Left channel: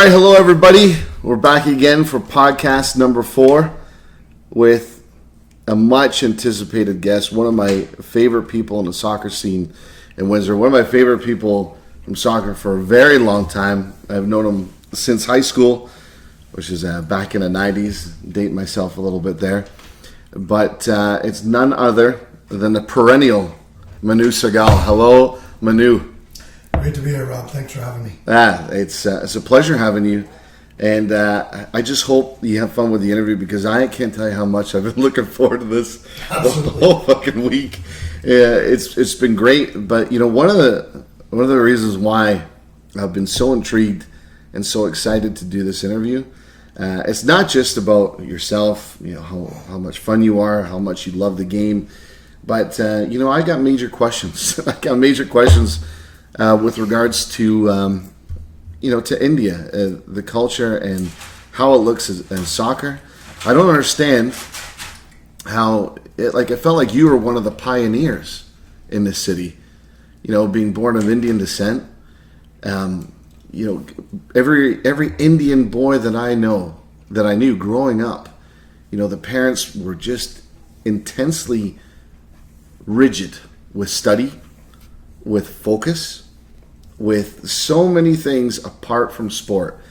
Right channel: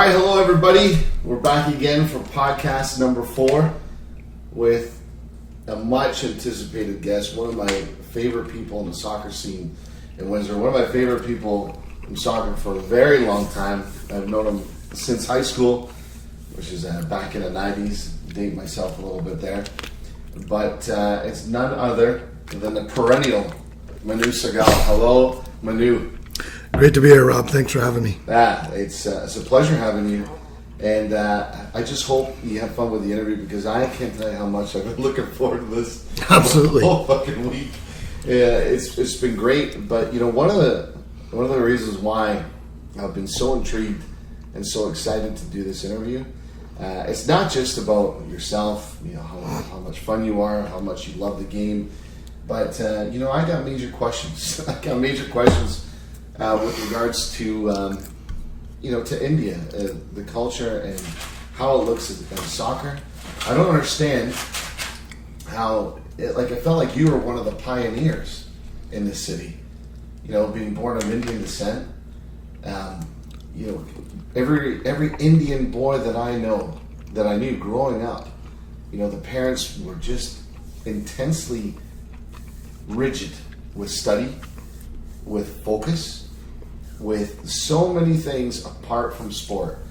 right, hello everybody. We're back again for podcast number 4 with a much anticipated guest, one of my favorite people in the soccer scene in Windsor, one of my favorite people from soccer for a very long time. I've known him since high school, which is back in the 90s, dating myself a little bit there. But it's none other than the perennial Manu Sehgal. Hello, Manu. Great to be here, Rob. Thanks for having me. It's a pleasure having you, and I just hope you have fun with the interview because I can't tell you how much I've been looking forward to this Absolutely. whole fucking week. It's been great, but you know one of the reasons why I've been so intrigued and so excited to do this interview, it's not just about yourself, you know how much fun you are, how much you love the game, but I got major questions. I got major questions. With regards to to India, the culture and how it looks in soccer. I don't understand how it felt like you were one of the pioneers in this city. You know, being born of Indian descent. Every Indian boy that I knew growing up, the parents were just intensely rigid with study, with focus, with so many things apart from sport.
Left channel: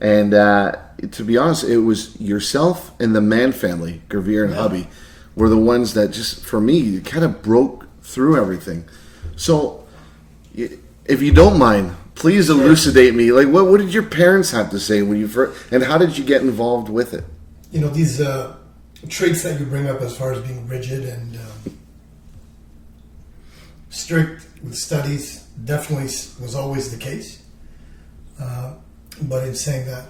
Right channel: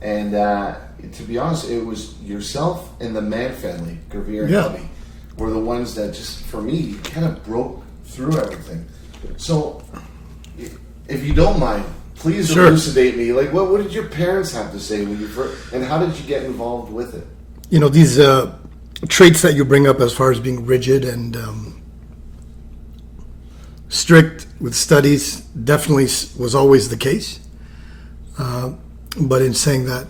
And to be honest, it was yourself and the Mann family, Gravir and hubby, were the ones that just, for me, kind of broke through everything. So, if you don't mind, please elucidate me. Like, what did your parents have to say when you first, and how did you get involved with it? You know, these traits that you bring up as far as being rigid and strict with studies definitely was always the case. But in saying that,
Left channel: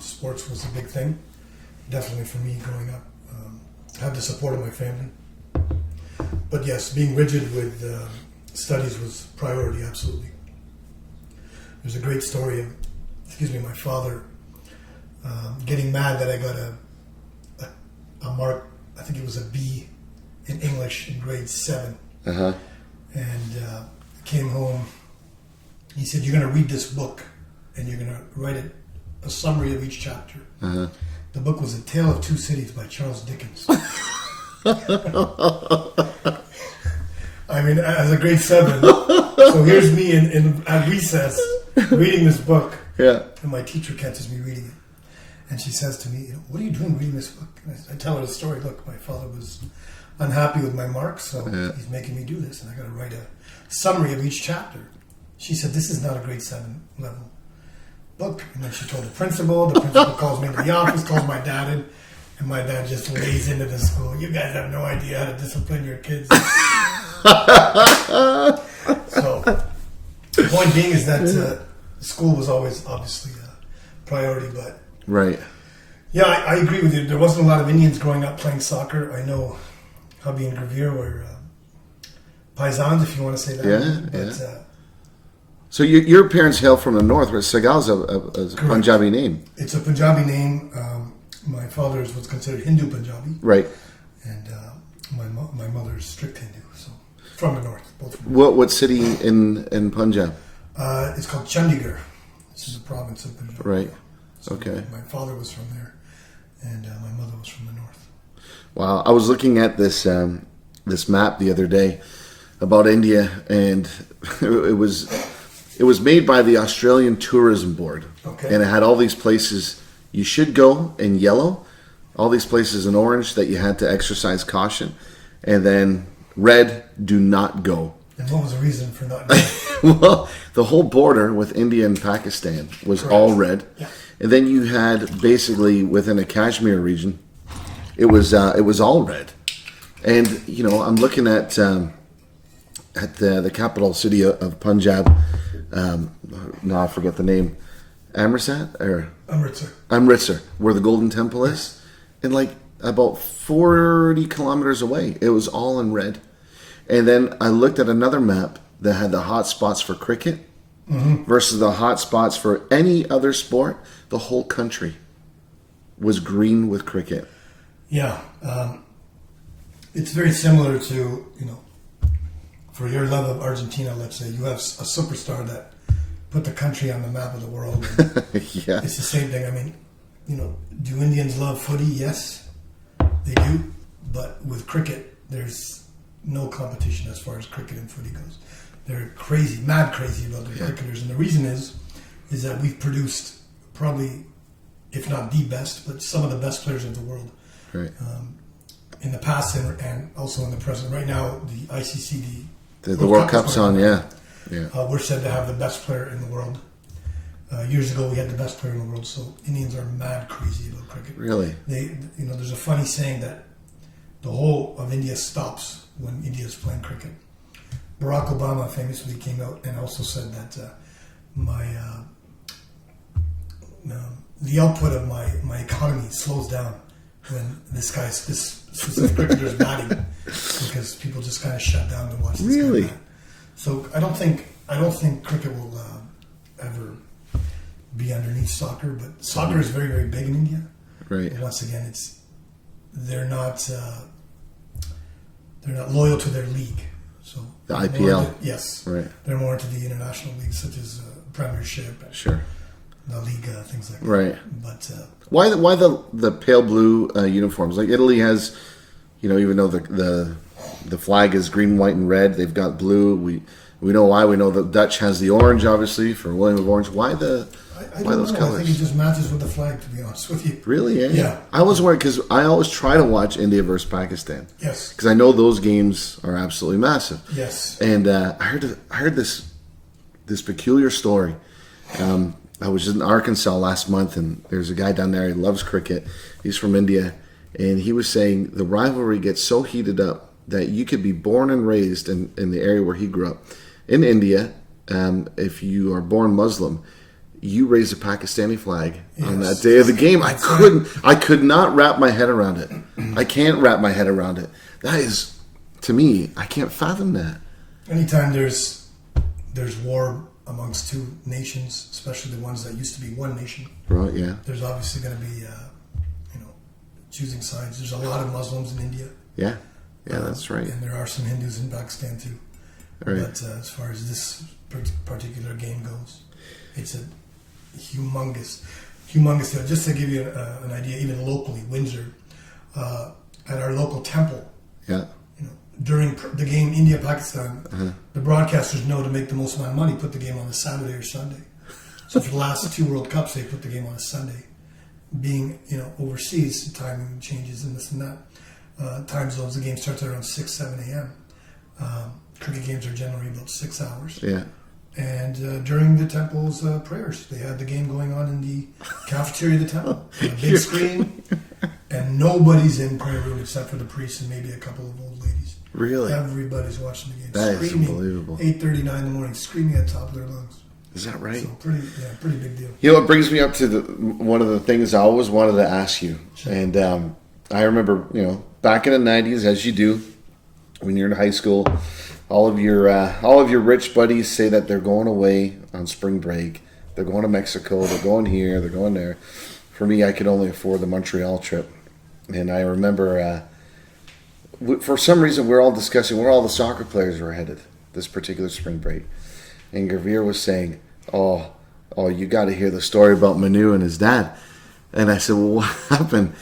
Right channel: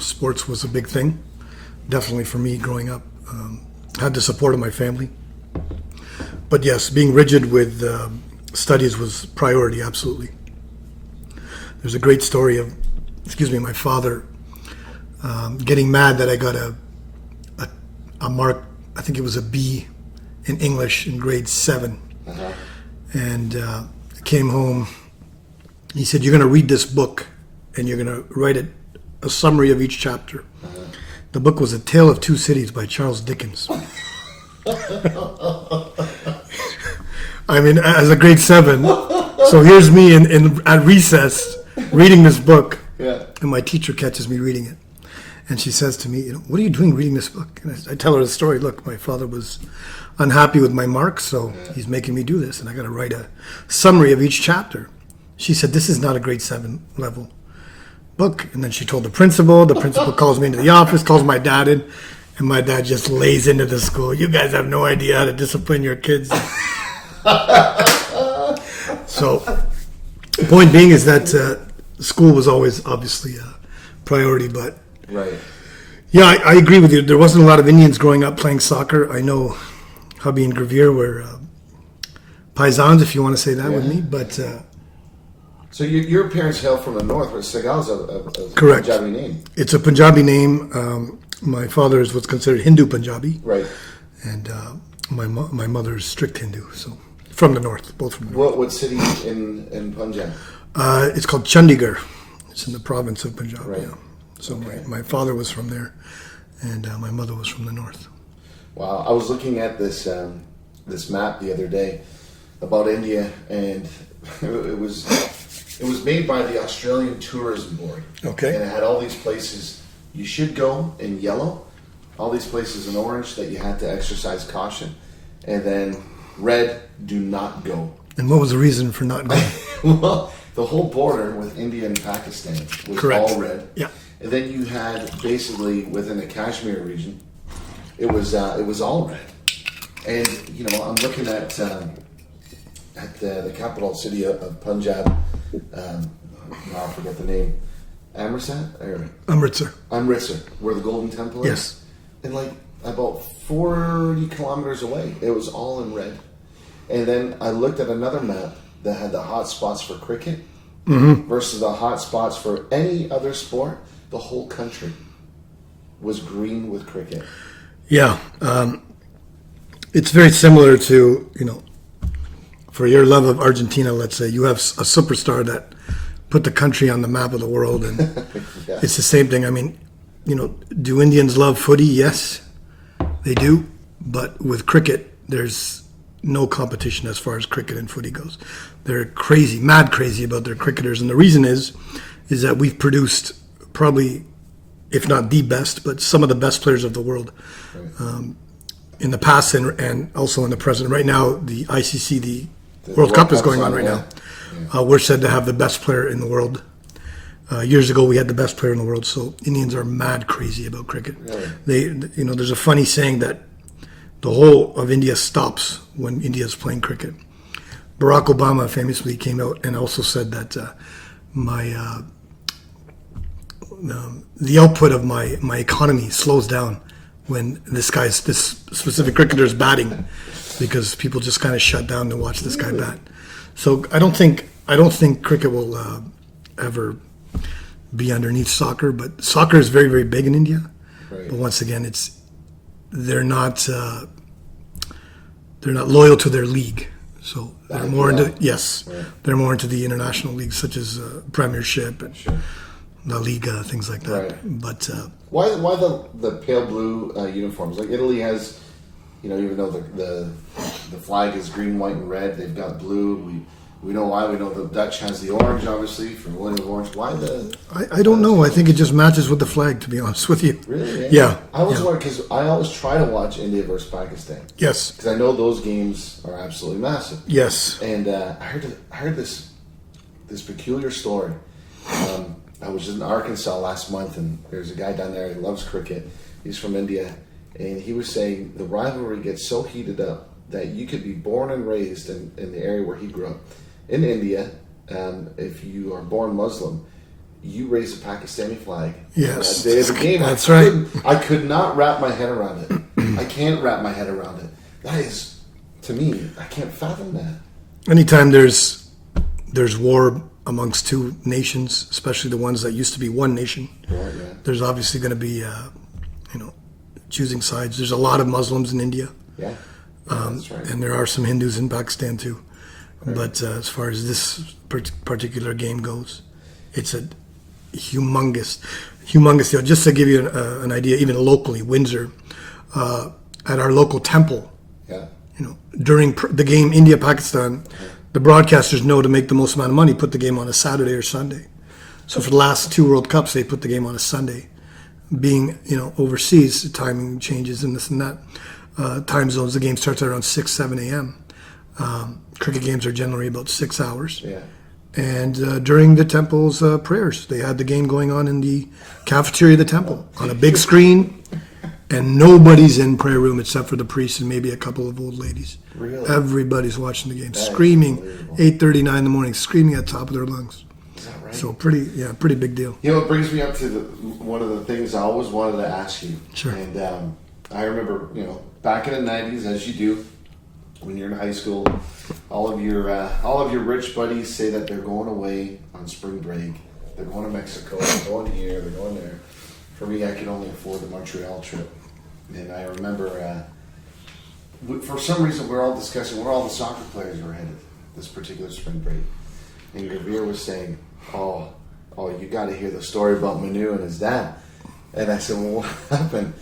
sports was a big thing. Definitely for me growing up. Had the support of my family. But yes, being rigid with studies was priority, absolutely. There's a great story of, my father getting mad that I got a mark, I think it was a B in English in grade 7. Uh-huh. And I came home. He said, "You're going to read this book, and you're going to write a summary of each chapter." Uh-huh. The book was A Tale of Two Cities by Charles Dickens. I mean, as a grade 7, so here's me at recess reading this book, and my teacher catches me reading it, and she says to me, "What are you doing reading this book?" And I tell her the story. Look, my father was unhappy with my marks, so he's making me do this, and I got to write a summary of each chapter. She said, "This is not a grade 7 level book." And then she told the principal. The principal calls me into the office, calls my dad in, and my dad just lays into the school. "You guys have no idea how to discipline your kids." So, point being is that school was always obviously a priority, but right. Yeah, I agree with you. There wasn't a lot of Indians growing up playing soccer. I know hubby and Gravir were paisans, if you want to say that with me. But so your parents hail from the north, where Sehgal's a Punjabi name. It's a Punjabi name. My father is what's considered Hindu Punjabi, right? And my mother is strict Hindu, so from the north, both from the north. What city in Punjab? It's called Chandigarh. It's in the province of Punjab. Right. So okay. My father was from there, and my mother was from the north. Wow, I was looking at this map the other day about India, and it was made by the Australian Tourism Board. Okay. And it had all these places you should go in yellow, all these places in orange that you had to exercise caution, and then red, do not go. And what was the reason for not going? Well, the whole border with India and Pakistan was all red. Yeah. And then you had basically within the Kashmir region, it was all red. And I'm looking at the capital city of Punjab. No, I forget the name. Amritsar, where the Golden Temple is, and like about 40 kilometers away, it was all in red. And then I looked at another map that had the hot spots for cricket versus the hot spots for any other sport. The whole country was green with cricket. Yeah, it's very similar to, for your love of Argentina, let's say, you have a superstar that put the country on the map of the world. And Yeah. it's the same thing. I mean, do Indians love footy? Yes, they do. But with cricket, there's no competition as far as cricket and footy goes. They're crazy, mad crazy about their cricketers. And the reason is that we've produced probably, if not the best, but some of the best players of the world. Right. In the past and also in the present. Right now, the ICC, the World Cup is Cup's going on right yeah. now. Yeah. We're said to have the best player in the world. Years ago, we had the best player in the world. So Indians are mad crazy about cricket. Really? There's a funny saying that the whole of India stops when India is playing cricket. Barack Obama famously came out and also said that the output of my economy slows down when this specific cricketer is batting, because people just kind of shut down to watch this Really? guy bat. So I don't think cricket will ever be underneath soccer, but soccer is very, very big in India. Right. But once again, they're not loyal to their league. So The they're more IPL? into, yes, Right. they're more into the international leagues such as Premiership and Sure. La Liga, things like that. Right. But Why the pale blue uniforms? Like Italy has, even though the flag is green, white, and red, they've got blue. We know why. We know the Dutch has the orange, obviously, for William of Orange. Why the? I don't know. I think it just matches with the flag, to be honest with you. Really? Eh? Yeah. I was wondering because I always try to watch India versus Pakistan Yes. because I know those games are absolutely massive. Yes. And I heard this peculiar story. I was in Arkansas last month, and there's a guy down there. He loves cricket. He's from India, and he was saying the rivalry gets so heated up that you could be born and raised in the area where he grew up. In India, if you are born Muslim, you raise a Pakistani flag on that day of the game. I could not wrap my head around it. I can't wrap my head around it. That is, to me, I can't fathom that. Anytime there's war amongst two nations, especially the ones that used to be one nation, Right? Yeah. there's obviously going to be, choosing sides. There's a lot of Muslims in India. Yeah. Yeah, that's right. And there are some Hindus in Pakistan too. Right. But as far as this particular game goes, it's a humongous deal. Just to give you an idea, even locally, Windsor, at our local temple, Yeah. during the game India-Pakistan, the broadcasters know to make the most amount of money, put the game on a Saturday or Sunday. So for the last two World Cups, they put the game on a Sunday. Being, overseas, the timing changes and this and that. Time zones, the game starts at around 6, 7 a.m. Cricket games are generally about 6 hours. Yeah. And during the temple's prayers, they had the game going on in the cafeteria of the temple on a big screen, and nobody's in prayer room except for the priest and maybe a couple of old ladies. Really? Everybody's watching the game, That is screaming, unbelievable. 8:39 in the morning, screaming at the top of their lungs. Is that right? So pretty big deal. It brings me up to one of the things I always wanted to ask you. Sure. And I remember, back in the 90s, as you do, when you're in high school, all of your rich buddies say that they're going away on spring break. They're going to Mexico. They're going here. They're going there. For me, I could only afford the Montreal trip. And I remember, for some reason, we're all discussing where all the soccer players were headed this particular spring break. And Gavir was saying, oh, you got to hear the story about Manu and his dad. And I said, well, what happened?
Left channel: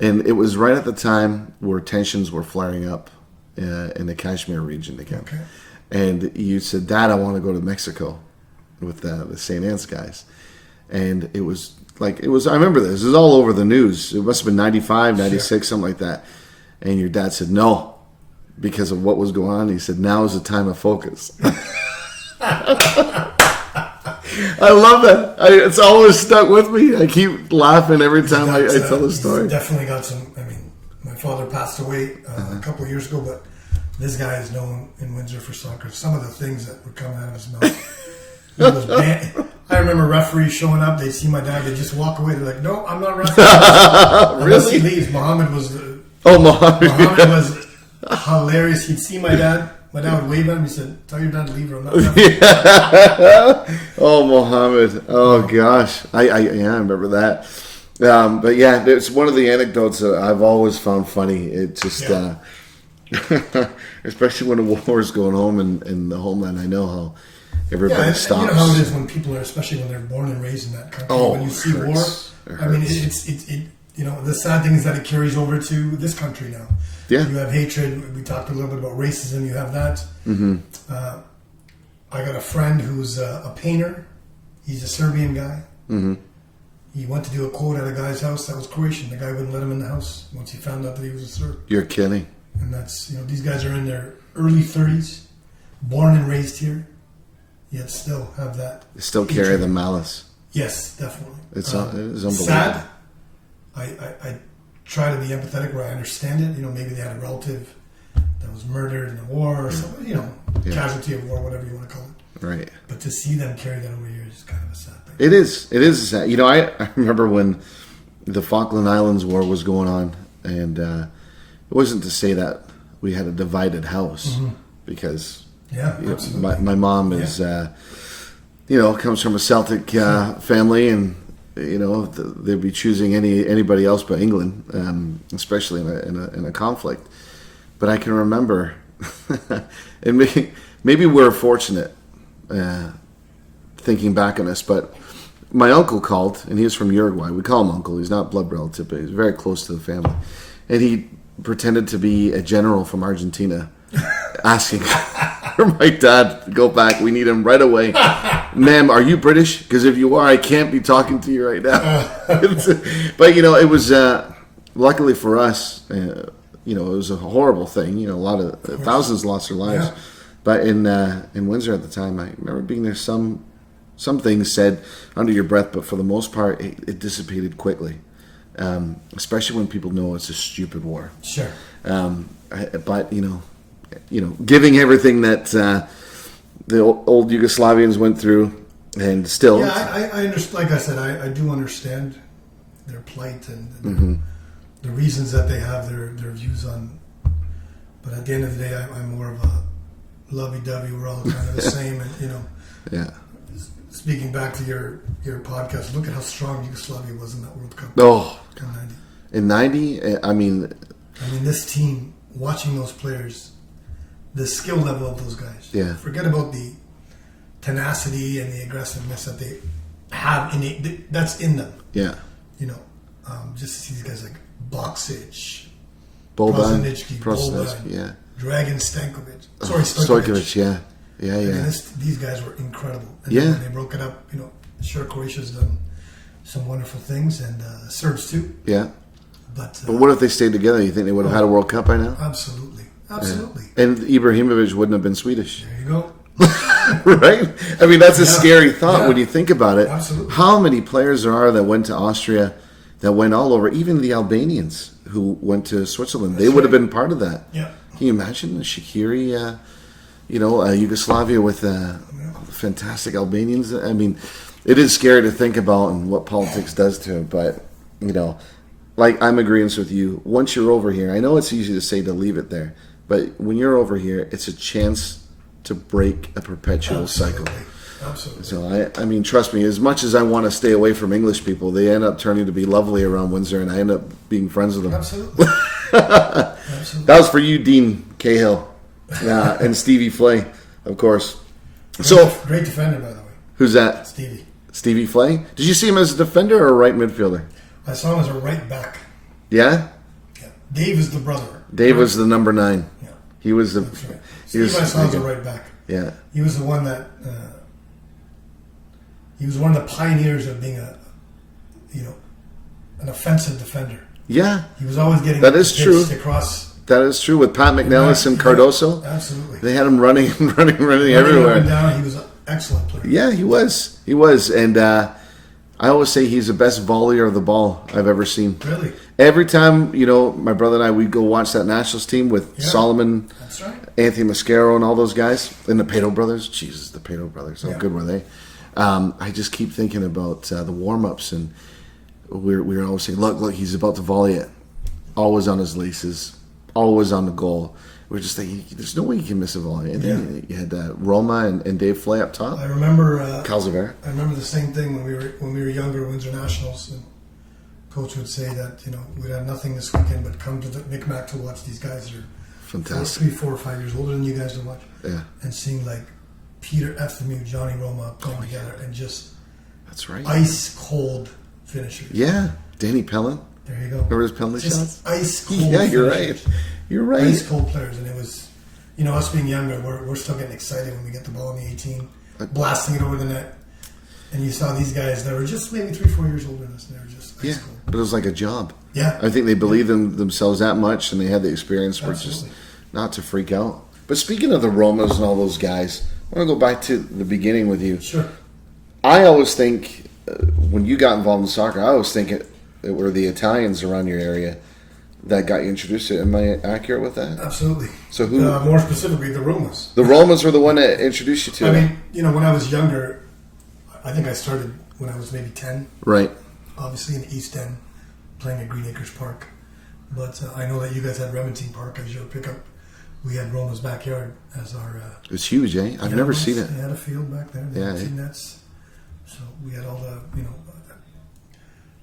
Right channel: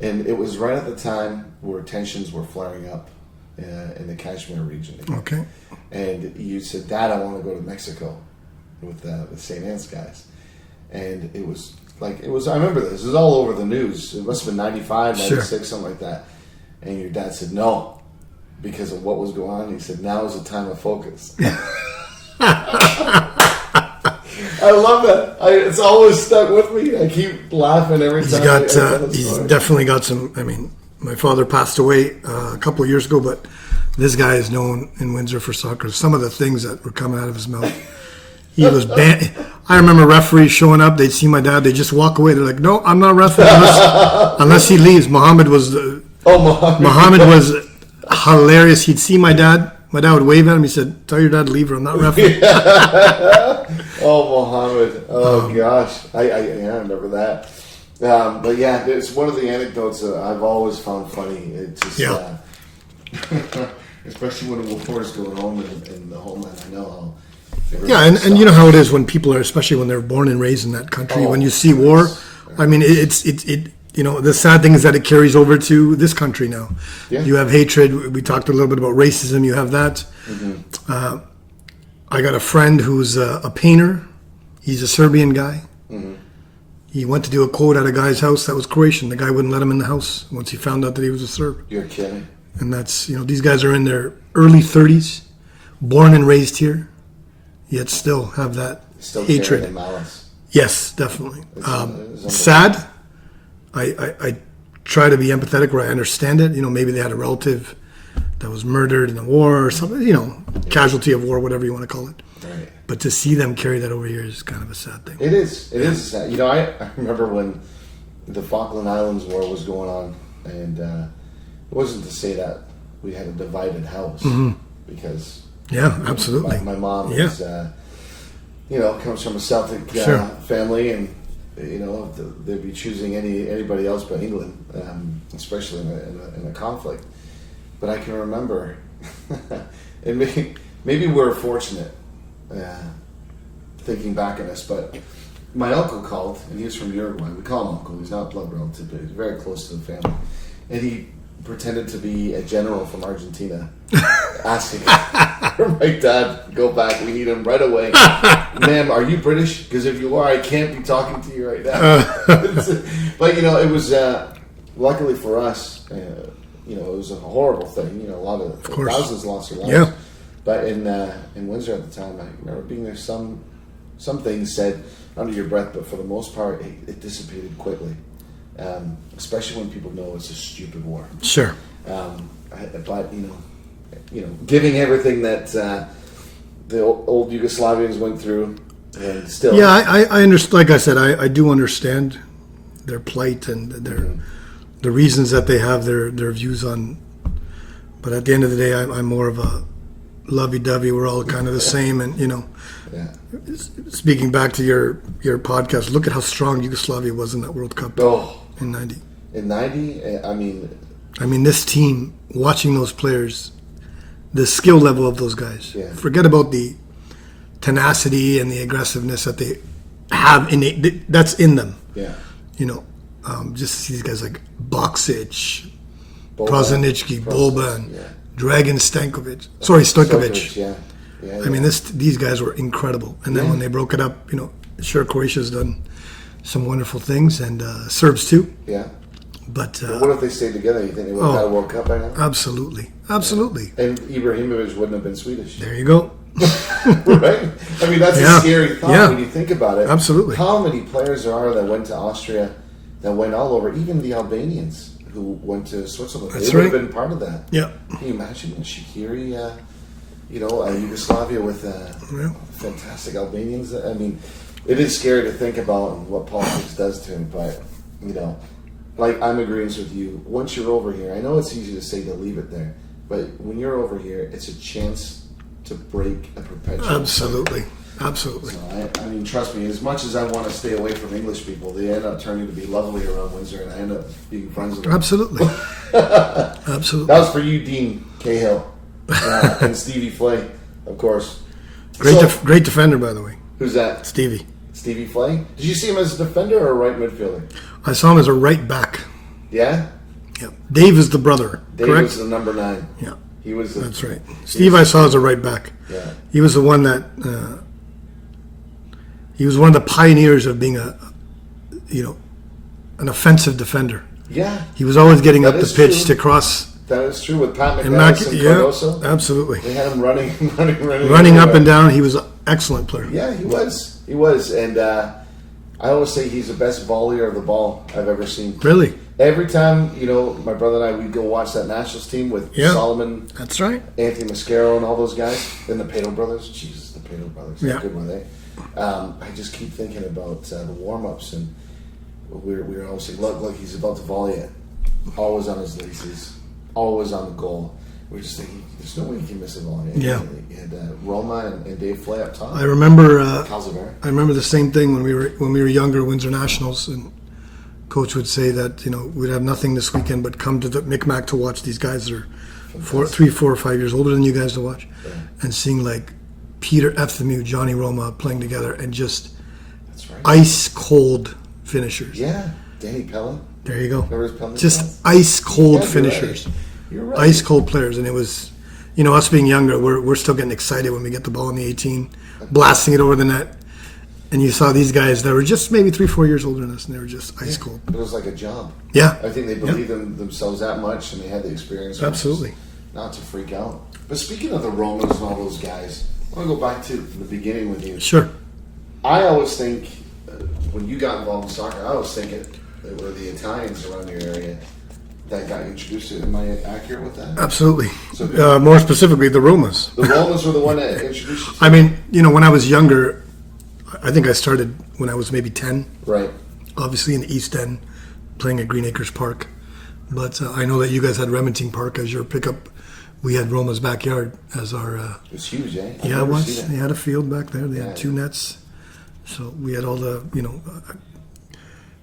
And it was right at the time where tensions were flaring up in the Kashmir region again. Okay. And you said, Dad, I want to go to Mexico with the St. Anne's guys. And it was I remember this. It was all over the news. It must have been 95, 96, Sure. something like that. And your dad said, no, because of what was going on. He said, now is the time of focus. I love that. It's always stuck with me. I keep laughing every time I tell the story. He's definitely got some. I mean, my father passed away a couple of years ago, but this guy is known in Windsor for soccer. Some of the things that were coming out of his mouth. He was banned. I remember referees showing up. They'd see my dad. They just walk away. They're like, "No, I'm not refereeing unless he leaves." Muhammad was was hilarious. He'd see my dad. My dad would wave at him. He said, "Tell your dad to leave, or I'm not refereeing." Oh, Mohammed. Oh, gosh. I remember that. But yeah, it's one of the anecdotes that I've always found funny. It just, especially when a war is going home in the homeland. I know Everybody and you know how it stops. is when people are, especially when they're born and raised in that country. Oh, when you see war, I mean, it. You know, the sad thing is that it carries over to this country now. Yeah. You have hatred. We talked a little bit about racism. You have that. I got a friend who's a painter. He's a Serbian guy. He went to do a quote at a guy's house that was Croatian. The guy wouldn't let him in the house once he found out that he was a Serb. You're kidding. And that's, you know, these guys are in their early 30s, born and raised here, yet still have that They still hatred. carry the malice. Yes, definitely. It's unbelievable. Sad. I try to be empathetic where I understand it. You know, maybe they had a relative that was murdered in the war or something, you know, casualty of war, whatever you want to call it. Right. But to see them carry that over here is kind of a sad thing. It is sad. You know, I remember when the Falkland Islands War was going on, and it wasn't to say that we had a divided house, because Yeah, absolutely. my mom is, you know, comes from a Celtic family, and you know they'd be choosing anybody else but England, especially in a conflict. But I can remember, and maybe we're fortunate. Thinking back on this, but my uncle called, and he was from Uruguay. We call him uncle. He's not blood relative, but he's very close to the family. And he pretended to be a general from Argentina, asking for my dad to go back. We need him right away. Ma'am, are you British? Because if you are, I can't be talking to you right now. But you know, it was luckily for us. You know, it was a horrible thing. You know, a lot of thousands lost their lives. Yeah. But in Windsor at the time, I remember being there. Some things said under your breath, but for the most part, it dissipated quickly. Especially when people know it's a stupid war. Sure. But you know, giving everything that the old Yugoslavians went through, and still. Yeah, I understand. Like I said, I do understand their plight and the reasons that they have their views on. But at the end of the day, I'm more of a lovey-dovey. We're all kind of the same, and you know. Yeah. Speaking back to your podcast, look at how strong Yugoslavia was in that World Cup in '90. In '90, I mean, this team, watching those players, the skill level of those guys. Yeah. Forget about the tenacity and the aggressiveness that they have that's in them. Yeah. You know, just to see these guys like Boksic, Boban, Prosinecki, Boban, yeah. Dragan Stankovic. Sorry, Stojkovic. Yeah. I mean, these guys were incredible. And then when they broke it up, you know, sure, Croatia's done some wonderful things, and Serbs too. Yeah. But what if they stayed together? You think they would have had a World Cup by now? Absolutely. Yeah. And Ibrahimovic wouldn't have been Swedish. There you go. Right? I mean, that's a scary thought when you think about it. Absolutely. How many players there are that went to Austria, that went all over, even the Albanians who went to Switzerland. They would have been part of that. Yeah. Can you imagine Shaqiri, Yugoslavia with fantastic Albanians? I mean, it is scary to think about and what politics does to it, but, you know, like I'm agreeing with you. Once you're over here, I know it's easy to say to leave it there, but when you're over here, it's a chance to break a perpetual cycle. Absolutely. So, I mean, trust me, as much as I want to stay away from English people, they end up turning to be lovely around Windsor, and I end up being friends with them. Absolutely. Absolutely. That was for you, Dean Cahill. And Stevie Flay, of course. Great defender, by the way. Who's that? Stevie Flay? Did you see him as a defender or a right midfielder? I saw him as a right back. Yeah? Yeah. Dave is the brother. Dave was the number 9. Yeah. He was the... That's right. Steve I saw as a right back. Yeah. He was the one that... he was one of the pioneers of being an offensive defender. Yeah. He was always getting up the pitch true. to cross... That is true with Pat McNellis and Cardoso. Absolutely. They had him running up and down. He was an excellent player. Yeah, he was. And I always say he's the best volleyer of the ball I've ever seen. Really? Every time, you know, my brother and I, we'd go watch that Nationals team with Solomon. That's right. Anthony Mascaro and all those guys. Then the Pato brothers. Jesus, the Pato brothers. How good were they? I just keep thinking about the warm-ups, and we were always saying, look, he's about to volley it. Always on his laces. Always on the goal. We're just thinking, there's no way he can miss a volley. And you had Roma and Dave Flay up top. I remember Calzavera. I remember the same thing when we were younger, Windsor Nationals, and Coach would say that, you know, we'd have nothing this weekend but come to the Micmac to watch these guys that are 3, 4, or 5 years older than you guys to watch, and seeing like Peter Efthimiou, Johnny Roma playing together, and just that's right, ice cold finishers. Yeah, Danny Pellin. There you go. Remember his penalty just shots? Ice cold finishers. You're right. Ice cold players, and it was, us being younger, we're still getting excited when we get the ball in the 18, blasting it over the net. And you saw these guys that were just maybe 3-4 years older than us, and they were just ice cold. But it was like a job. Yeah. I think they believed in themselves that much, and they had the experience. Absolutely. Not to freak out. But speaking of the Romas and all those guys, I want to go back to the beginning with you. Sure. I always think, when you got involved in soccer, I always think it were the Italians around your area that got you introduced to it. Am I accurate with that? Absolutely. So more specifically, the Romas. The Romas were the one that introduced you to it? I mean, when I was younger, I think I started when I was maybe 10. Right. Obviously in the East End, playing at Green Acres Park. But I know that you guys had Remington Park as your pickup. We had Roma's backyard as our... it was huge, eh? I've never seen it. They had a field back there. They had 2 nets. So we had all the,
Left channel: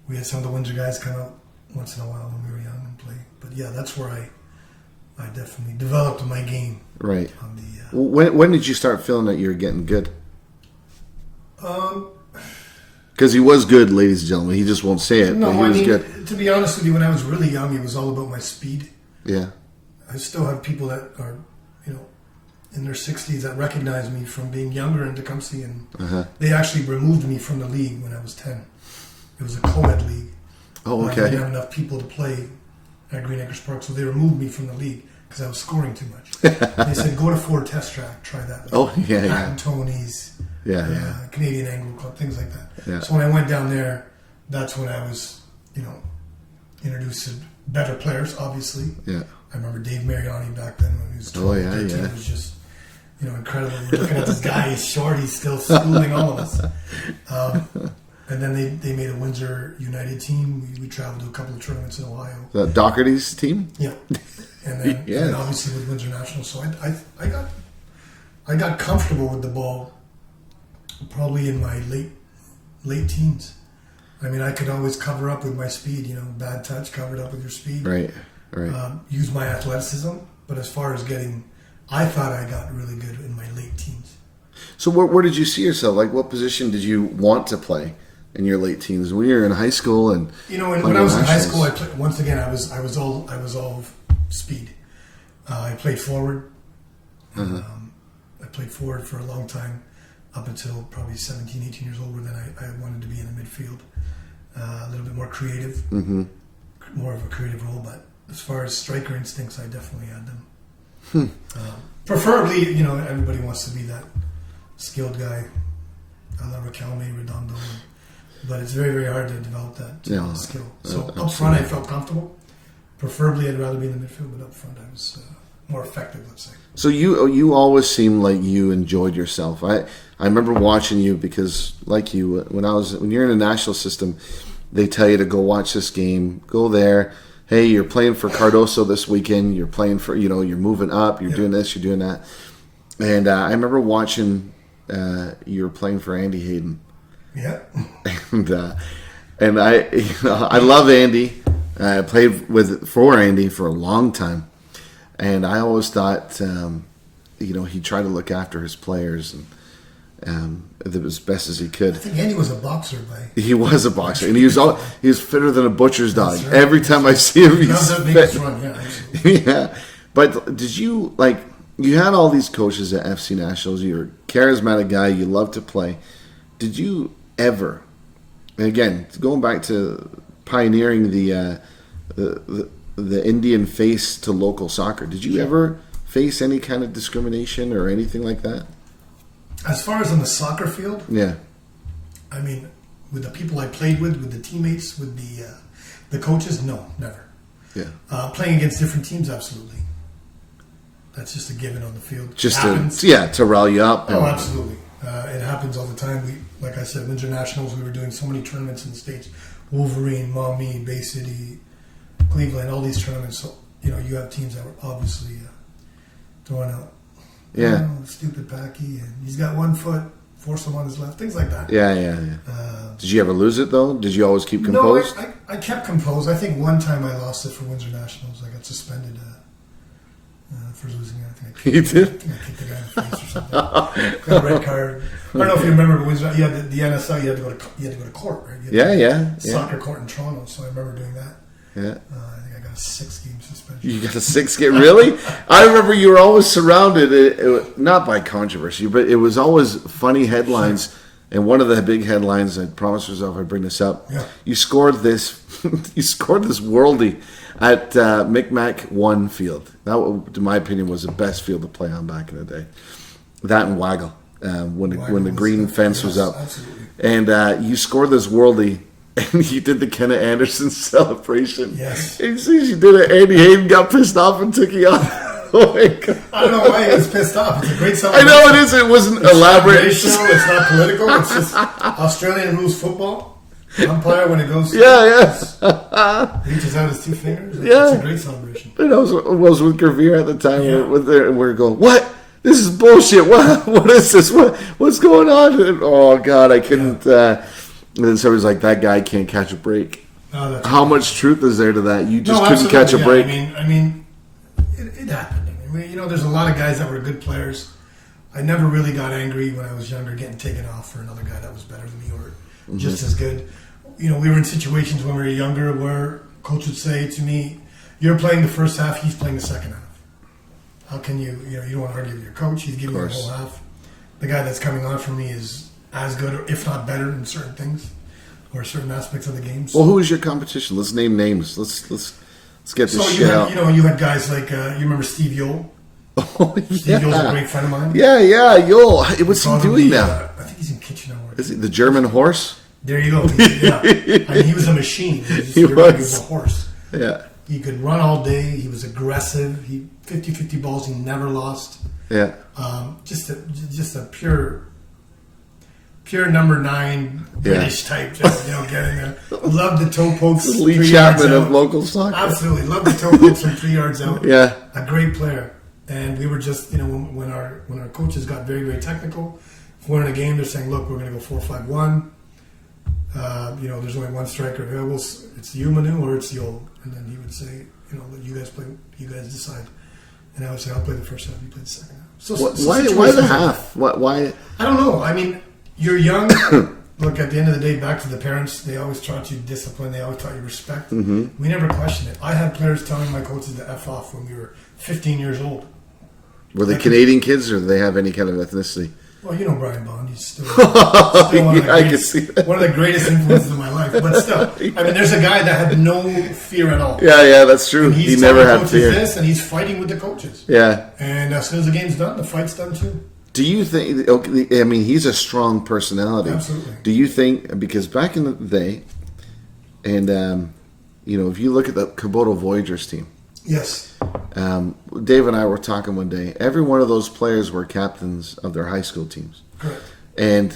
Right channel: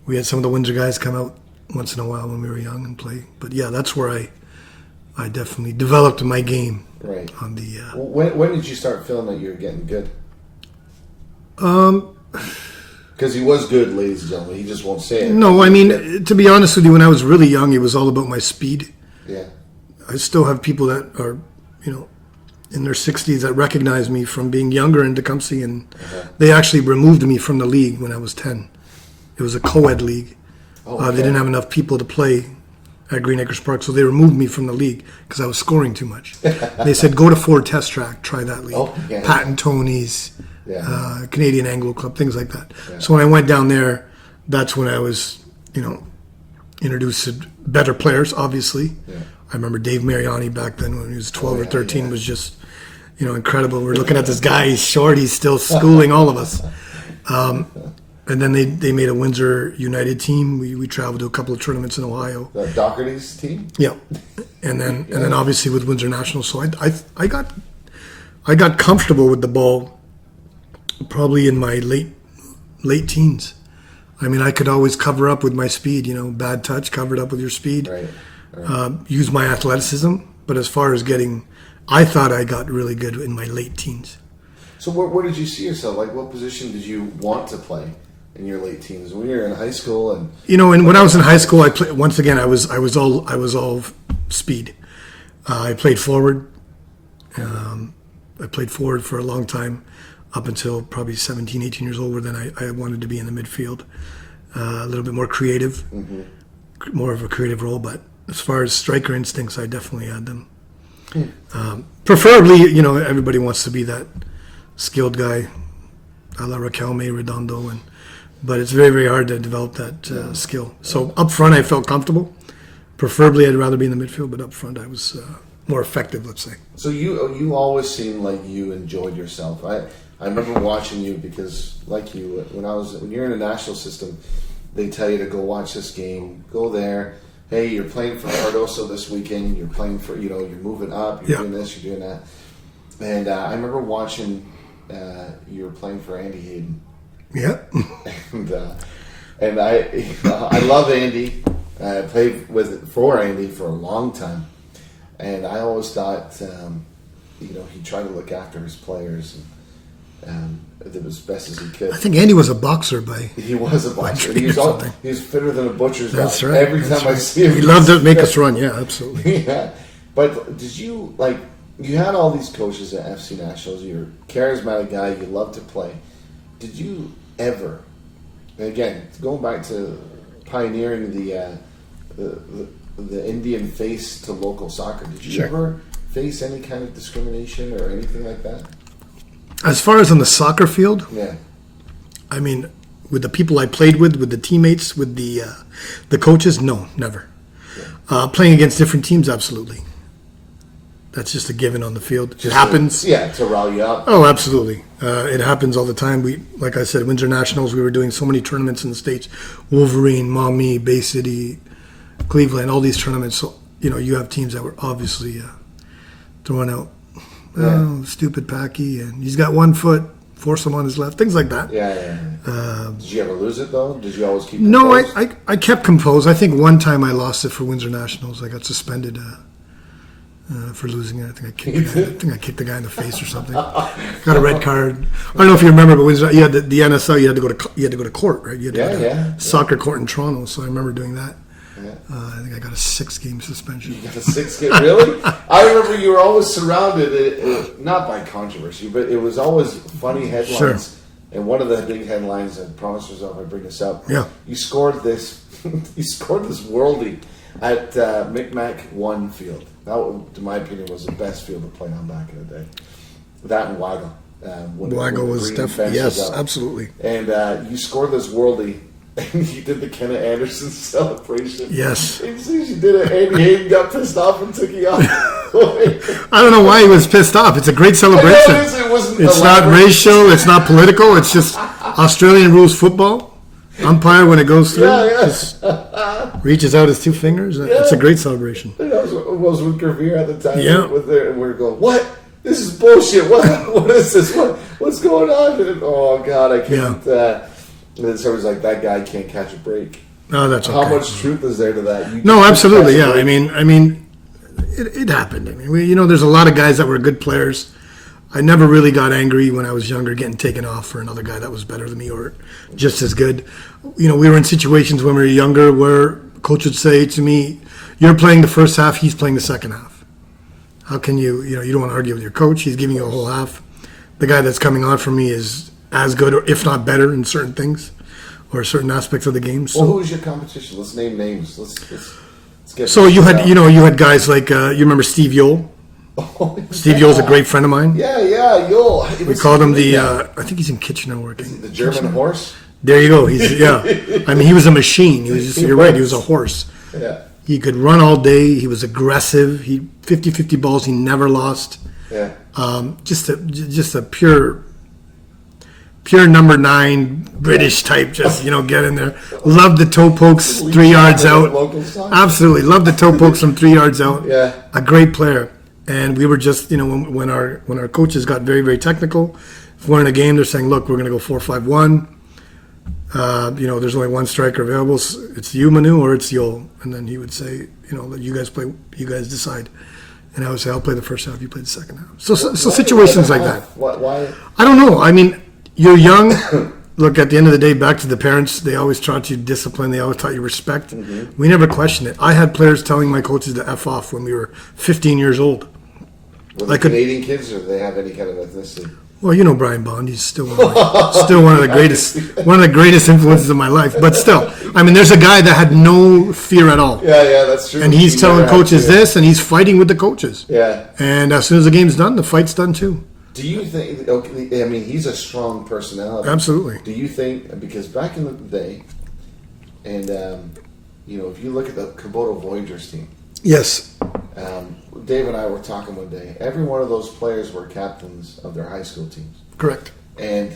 we had some of the Windsor guys come out once in a while when we were young and play. But yeah, that's where I definitely developed my game. Right. On the... when did you start feeling that you were getting good? Because he was good, ladies and gentlemen. He just won't say it. No, I mean, to be honest with you, when I was really young, it was all about my speed. Yeah. I still have people that are, in their 60s that recognize me from being younger in Tecumseh, and they actually removed me from the league when I was 10. It was a co-ed league. Oh, okay. They didn't have enough people to play at Green Acres Park, so they removed me from the league because I was scoring too much. They said, go to Ford Test Track, try that league. Oh, yeah. Pat and Tony's. Canadian Anglo Club, things like that. Yeah. So when I went down there, that's when I was, introduced to better players, obviously. Yeah. I remember Dave Mariani back then when he was 12 or 13 was just, incredible. We're looking at this guy, he's short, he's still schooling all of us. And then they made a Windsor United team. We traveled to a couple of tournaments in Ohio. The Doherty's team? Yeah. And then obviously with Windsor National. So I got comfortable with the ball probably in my late teens. I mean, I could always cover up with my speed, bad touch, covered up with your speed. Right. Use my athleticism. But as far as I thought I got really good in my late teens. So where did you see yourself? Like, what position did you want to play in your late teens? When you were in high school and... when I was in high school, I played, once again, I was all speed. I played forward. I played forward for a long time. Up until probably 17, 18 years old, then I wanted to be in the midfield, a little bit more creative, more of a creative role. But as far as striker instincts, I definitely had them. Preferably, everybody wants to be that skilled guy, a la Raquelme, Redondo, but it's very, very hard to develop that skill. So up front, I felt comfortable. Preferably, I'd rather be in the midfield, but up front, I was more effective, let's say. So you always seemed like you enjoyed yourself. I remember watching you because, like you, when you're in a national system, they tell you to go watch this game, go there. Hey, you're playing for Cardoso this weekend. You're playing for, you're moving up. You're doing this. You're doing that. And I remember watching you were playing for Andy Hayden. Yeah. And I love Andy. I played for Andy for a long time. And I always thought, he tried to look after his players and as best as he could. I think Andy was a boxer He was a boxer, and he was fitter than a butcher's dog. Right, Every time I see him, he loved to make us run. Yeah, absolutely. Yeah, but did you you had all these coaches at FC Nationals? You're a charismatic guy. You love to play. Did you ever? And again, going back to pioneering the Indian face to local soccer. Did you ever face any kind of discrimination or anything like that? As far as on the soccer field, yeah. I mean, with the people I played with the teammates, with the coaches, no, never. Yeah. Playing against different teams, absolutely. That's just a given on the field. Just it happens. To rile you up. Oh, absolutely. It happens all the time. Like I said, Windsor Nationals, we were doing so many tournaments in the States. Wolverine, Maumee, Bay City, Cleveland, all these tournaments. So, you have teams that were obviously throwing out, stupid Packy, and he's got 1 foot, force him on his left, things like that. Yeah. Did you ever lose it, though? Did you always keep composed? No, I kept composed. I think one time I lost it for Windsor Nationals. I got suspended for losing it. I think I kicked the guy in the face or something. Got a red card. I don't know if you remember, but when you had the NSL, you had to go to court, right? You had to soccer court in Toronto. So I remember doing that. Yeah. I think I got a 6-game suspension. You got a 6-game? Really? I remember you were always surrounded, not by controversy, but it was always funny headlines. Sure. And one of the big headlines, I promised myself I'd bring this up. Yeah. You scored this worldie at Micmac 1 field. That, in my opinion, was the best field to play on back in the day. That and Waggle, when the green fence was up. Absolutely. And you scored this worldie, and you did the Kenna Anderson celebration. Yes. And you did it, Andy Hayden got pissed off and took you out. I don't know why he was pissed off. It's a great celebration. I know it is. It wasn't it's elaborate. Not racial. It's not political. It's just Australian rules football. Umpire when it goes through. Yes. Reaches out his 2 fingers. Yeah. It's a great celebration. And I was with Gravere at the time. Yeah. And we were going, what? This is bullshit. What is this? What's going on? And, oh, God, I couldn't. And then somebody's like, that guy can't catch a break. Oh, that's How much truth is there to that? You just absolutely. Catch a break. I mean, it happened. I mean, there's a lot of guys that were good players. I never really got angry when I was younger, getting taken off for another guy that was better than me or just as good. We were in situations when we were younger where coach would say to me, "You're playing the first half, he's playing the second half. How can you don't want to argue with your coach. He's giving you a whole half. The guy that's coming on for me is as good or if not better in certain things or certain aspects of the game." So, well, who is your competition? Let's name names. Let's get. So you had guys like you remember Steve Yole. Oh, Steve Yole's a great friend of mine. Yeah, Yole. We called him the. I think he's in Kitchener. Is he the German horse? There you go. I mean, he was a machine. You're right. He was a horse. Yeah. He could run all day. He was aggressive. 50-50 balls. He never lost. Yeah. Just a pure number 9 British type. Just get in there. Loved the toe pokes 3 yards out. Local soccer. Absolutely. Loved the toe pokes from 3 yards out. Yeah. A great player. And we were just when our coaches got very, very technical. If we're in a game, they're saying, "Look, we're going to go 4-5-1. There's only one striker available. It's you, Manu, or it's Yole." And then he would say, "Let you guys play. You guys decide." And I would say, "I'll play the first half. You play the second half." So situations like that. Why? I don't know. I mean, you're young. Look, at the end of the day, back to the parents. They always taught you discipline. They always taught you respect. Mm-hmm. We never questioned it. I had players telling my coaches to F off when we were 15 years old. Were they Canadian kids, or do they have any kind of ethnicity? Well, Brian Bond. He's still one of the greatest influences in my life. But still, I mean, there's a guy that had no fear at all. Yeah, that's true. And he's telling coaches this, and he's fighting with the coaches. Yeah. And as soon as the game's done, the fight's done too. Do you think? Okay, I mean, he's a strong personality. Absolutely. Do you think? Because back in the day, and if you look at the Kubota Voyagers team. Yes. Dave and I were talking one day. Every one of those players were captains of their high school teams. Correct. And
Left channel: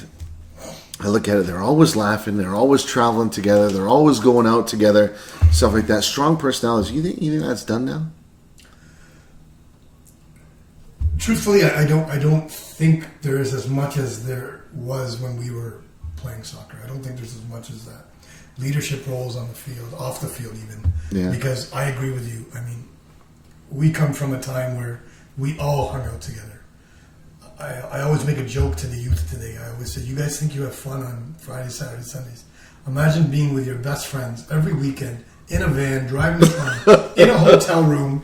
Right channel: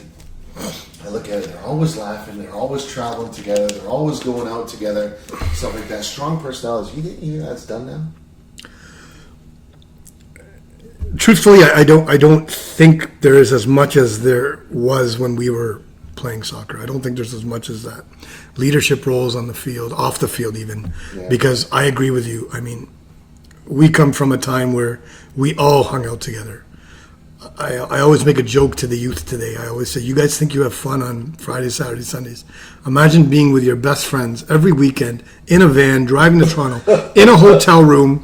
I look at it, they're always laughing, they're always traveling together, they're always going out together, stuff like that. Strong personalities. You think that's done now? Truthfully, I don't think there is as much as there was when we were playing soccer. I don't think there's as much as that. Leadership roles on the field, off the field even. Yeah. Because I agree with you. I mean, we come from a time where we all hung out together. I always make a joke to the youth today. I always say, you guys think you have fun on Fridays, Saturdays, Sundays. Imagine being with your best friends every weekend in a van, driving to Toronto, in a hotel room,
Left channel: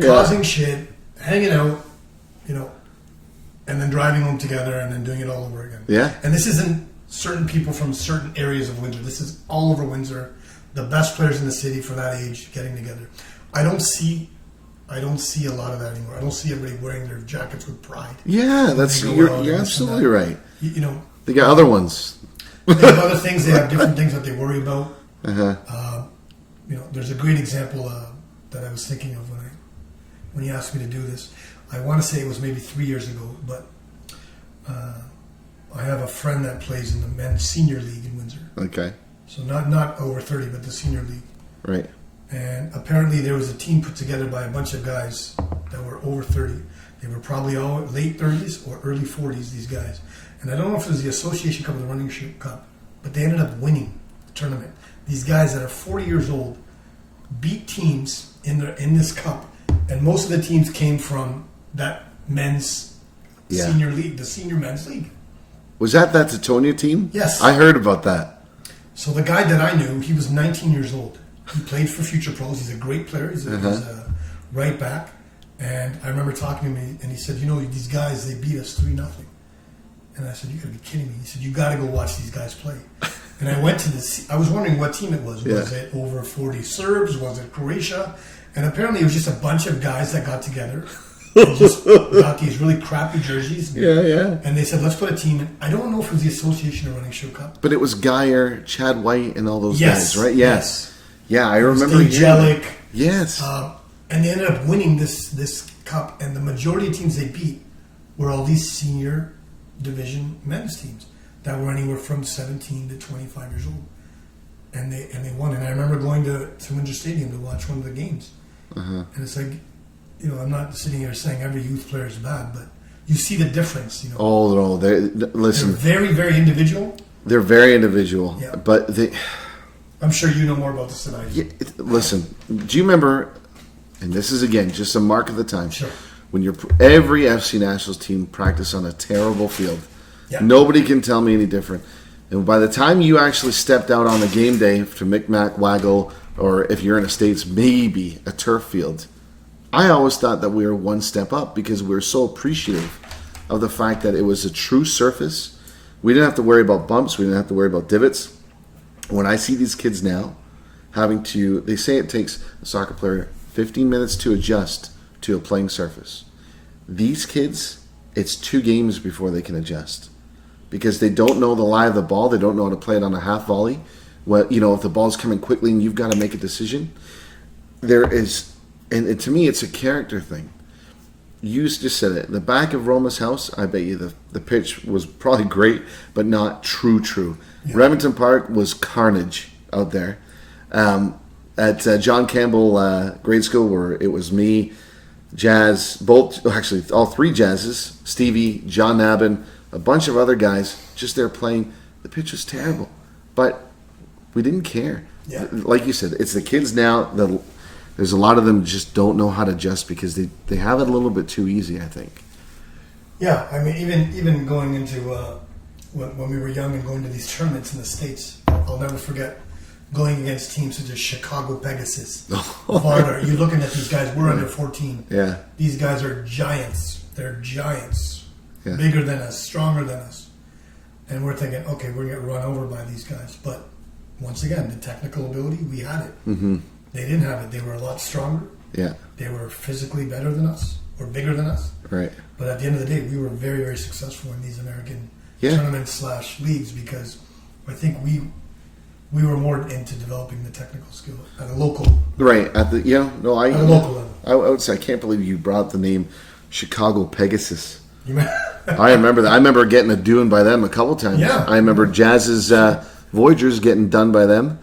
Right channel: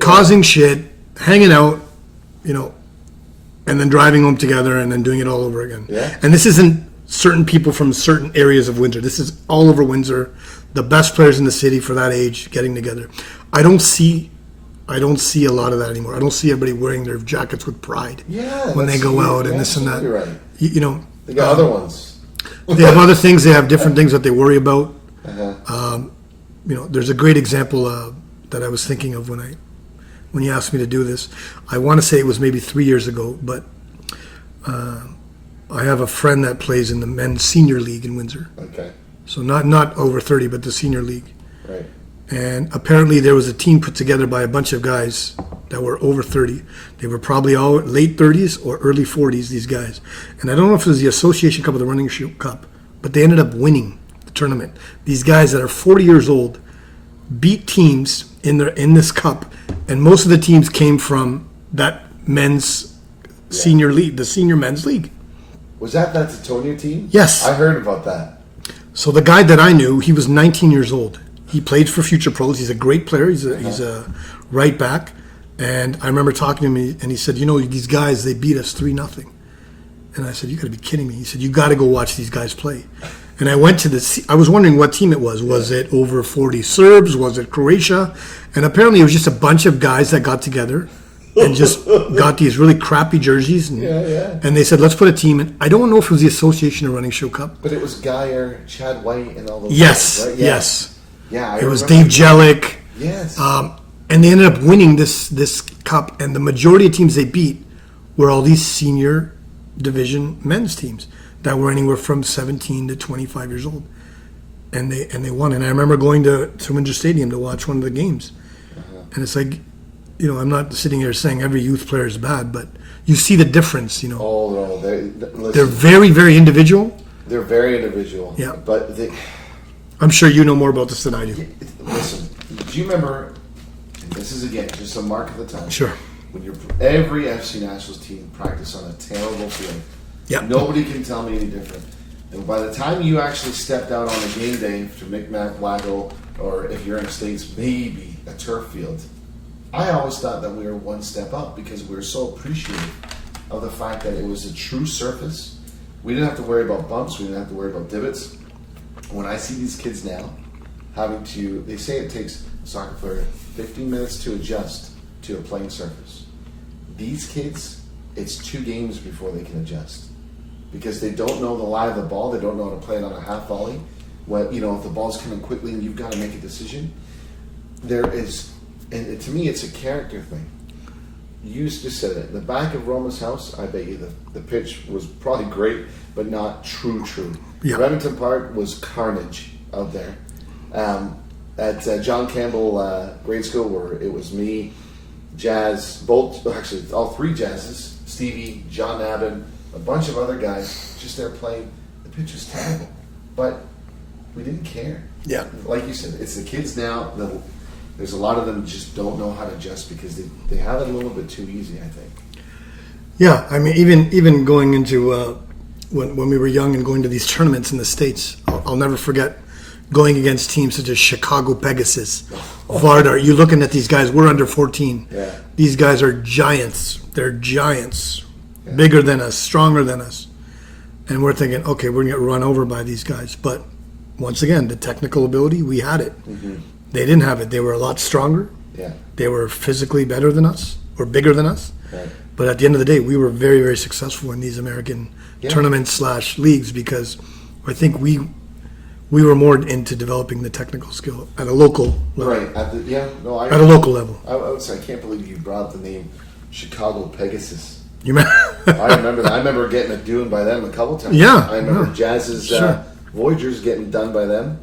causing shit, hanging out, and then driving home together and then doing it all over again. Yeah. And this isn't certain people from certain areas of Windsor. This is all over Windsor. The best players in the city for that age getting together. I don't see a lot of that anymore. I don't see everybody wearing their jackets with pride. Yeah, when they go out and this and that. You're right. They got other ones. They have other things. They have different things that they worry about. Uh-huh. There's a great example that I was thinking of when you asked me to do this. I want to say it was maybe 3 years ago, but I have a friend that plays in the men's senior league in Windsor. Okay. So not over 30, but the senior league. Right. And apparently there was a team put together by a bunch of guys that were over 30. They were probably all late 30s or early 40s, these guys. And I don't know if it was the Association Cup or the Running Shoe Cup, but they ended up winning the tournament. These guys that are 40 years old beat teams in this cup And most of the teams came from that men's senior league, the senior men's league. Was that Titonia team? Yes. I heard about that. So the guy that I knew, he was 19 years old. He played for Future Pros. He's a great player. He's a right back. And I remember talking to him, and he said, these guys, they beat us 3-0. And I said, you got to be kidding me. He said, you got to go watch these guys play. And I went to I was wondering what team it was. Was it over 40 Serbs? Was it Croatia? And apparently it was just a bunch of guys that got together and just got these really crappy jerseys. And, and they said, let's put a team in. I don't know if it was the Association of Running Show Cup. But it was Geyer, Chad White, and all those guys, right? Yes. Yeah, I remember. It was remember. Dave Jellick. Yes. And they ended up winning this cup. And the majority of teams they beat were all these senior division men's teams that were anywhere from 17 to 25 years old. And they won. And I remember going to Windsor Stadium to watch one of the games. And it's like, I'm not sitting here saying every youth player is bad, but you see the difference, Oh, no. They're very, very individual. They're very individual. Yeah. But I'm sure you know more about this than I do. Listen, do you remember, and this is, again, just a mark of the time. Sure. When every FC Nationals team practiced on a terrible field. Yeah. Nobody can tell me any different. And by the time you actually stepped out on a game day to Micmac Waggle, or if you're in the States, maybe a turf field, I always thought that we were one step up because we were so appreciative of the fact that it was a true surface. We didn't have to worry about bumps. We didn't have to worry about divots. When I see these kids now they say it takes a soccer player 15 minutes to adjust to a playing surface. These kids, it's 2 games before they can adjust because they don't know the lie of the ball. They don't know how to play it on a half volley. If the ball's coming quickly and you've got to make a decision, to me, it's a character thing. You just said it. The back of Roma's house, I bet you the pitch was probably great, but not true. Yeah. Remington Park was carnage out there. At John Campbell grade school, where it was me, Jazz, all 3 Jazzes, Stevie, John Nabin, a bunch of other guys, just there playing. The pitch was terrible, but we didn't care. Yeah. Like you said, it's the kids now. There's a lot of them just don't know how to adjust because they have it a little bit too easy, I think. Yeah, I mean, even going into when we were young and going to these tournaments in the States, I'll never forget going against teams such as Chicago Pegasus, Vardar. You're looking at these guys. We're under 14. Yeah. These guys are giants. They're giants, bigger than us, stronger than us, and we're thinking, okay, we're gonna get run over by these guys. But once again, the technical ability, we had it. Mm-hmm. They didn't have it. They were a lot stronger. Yeah. They were physically better than us or bigger than us. Right. But at the end of the day, we were very, very successful in these American tournaments / leagues because I think we were more into developing the technical skill at a local level. Right. At a local level. I would say I can't believe you brought up the name Chicago Pegasus. You remember? I remember that. I remember getting a doing by them a couple times. Yeah. I remember Jazz's Voyagers getting done by them.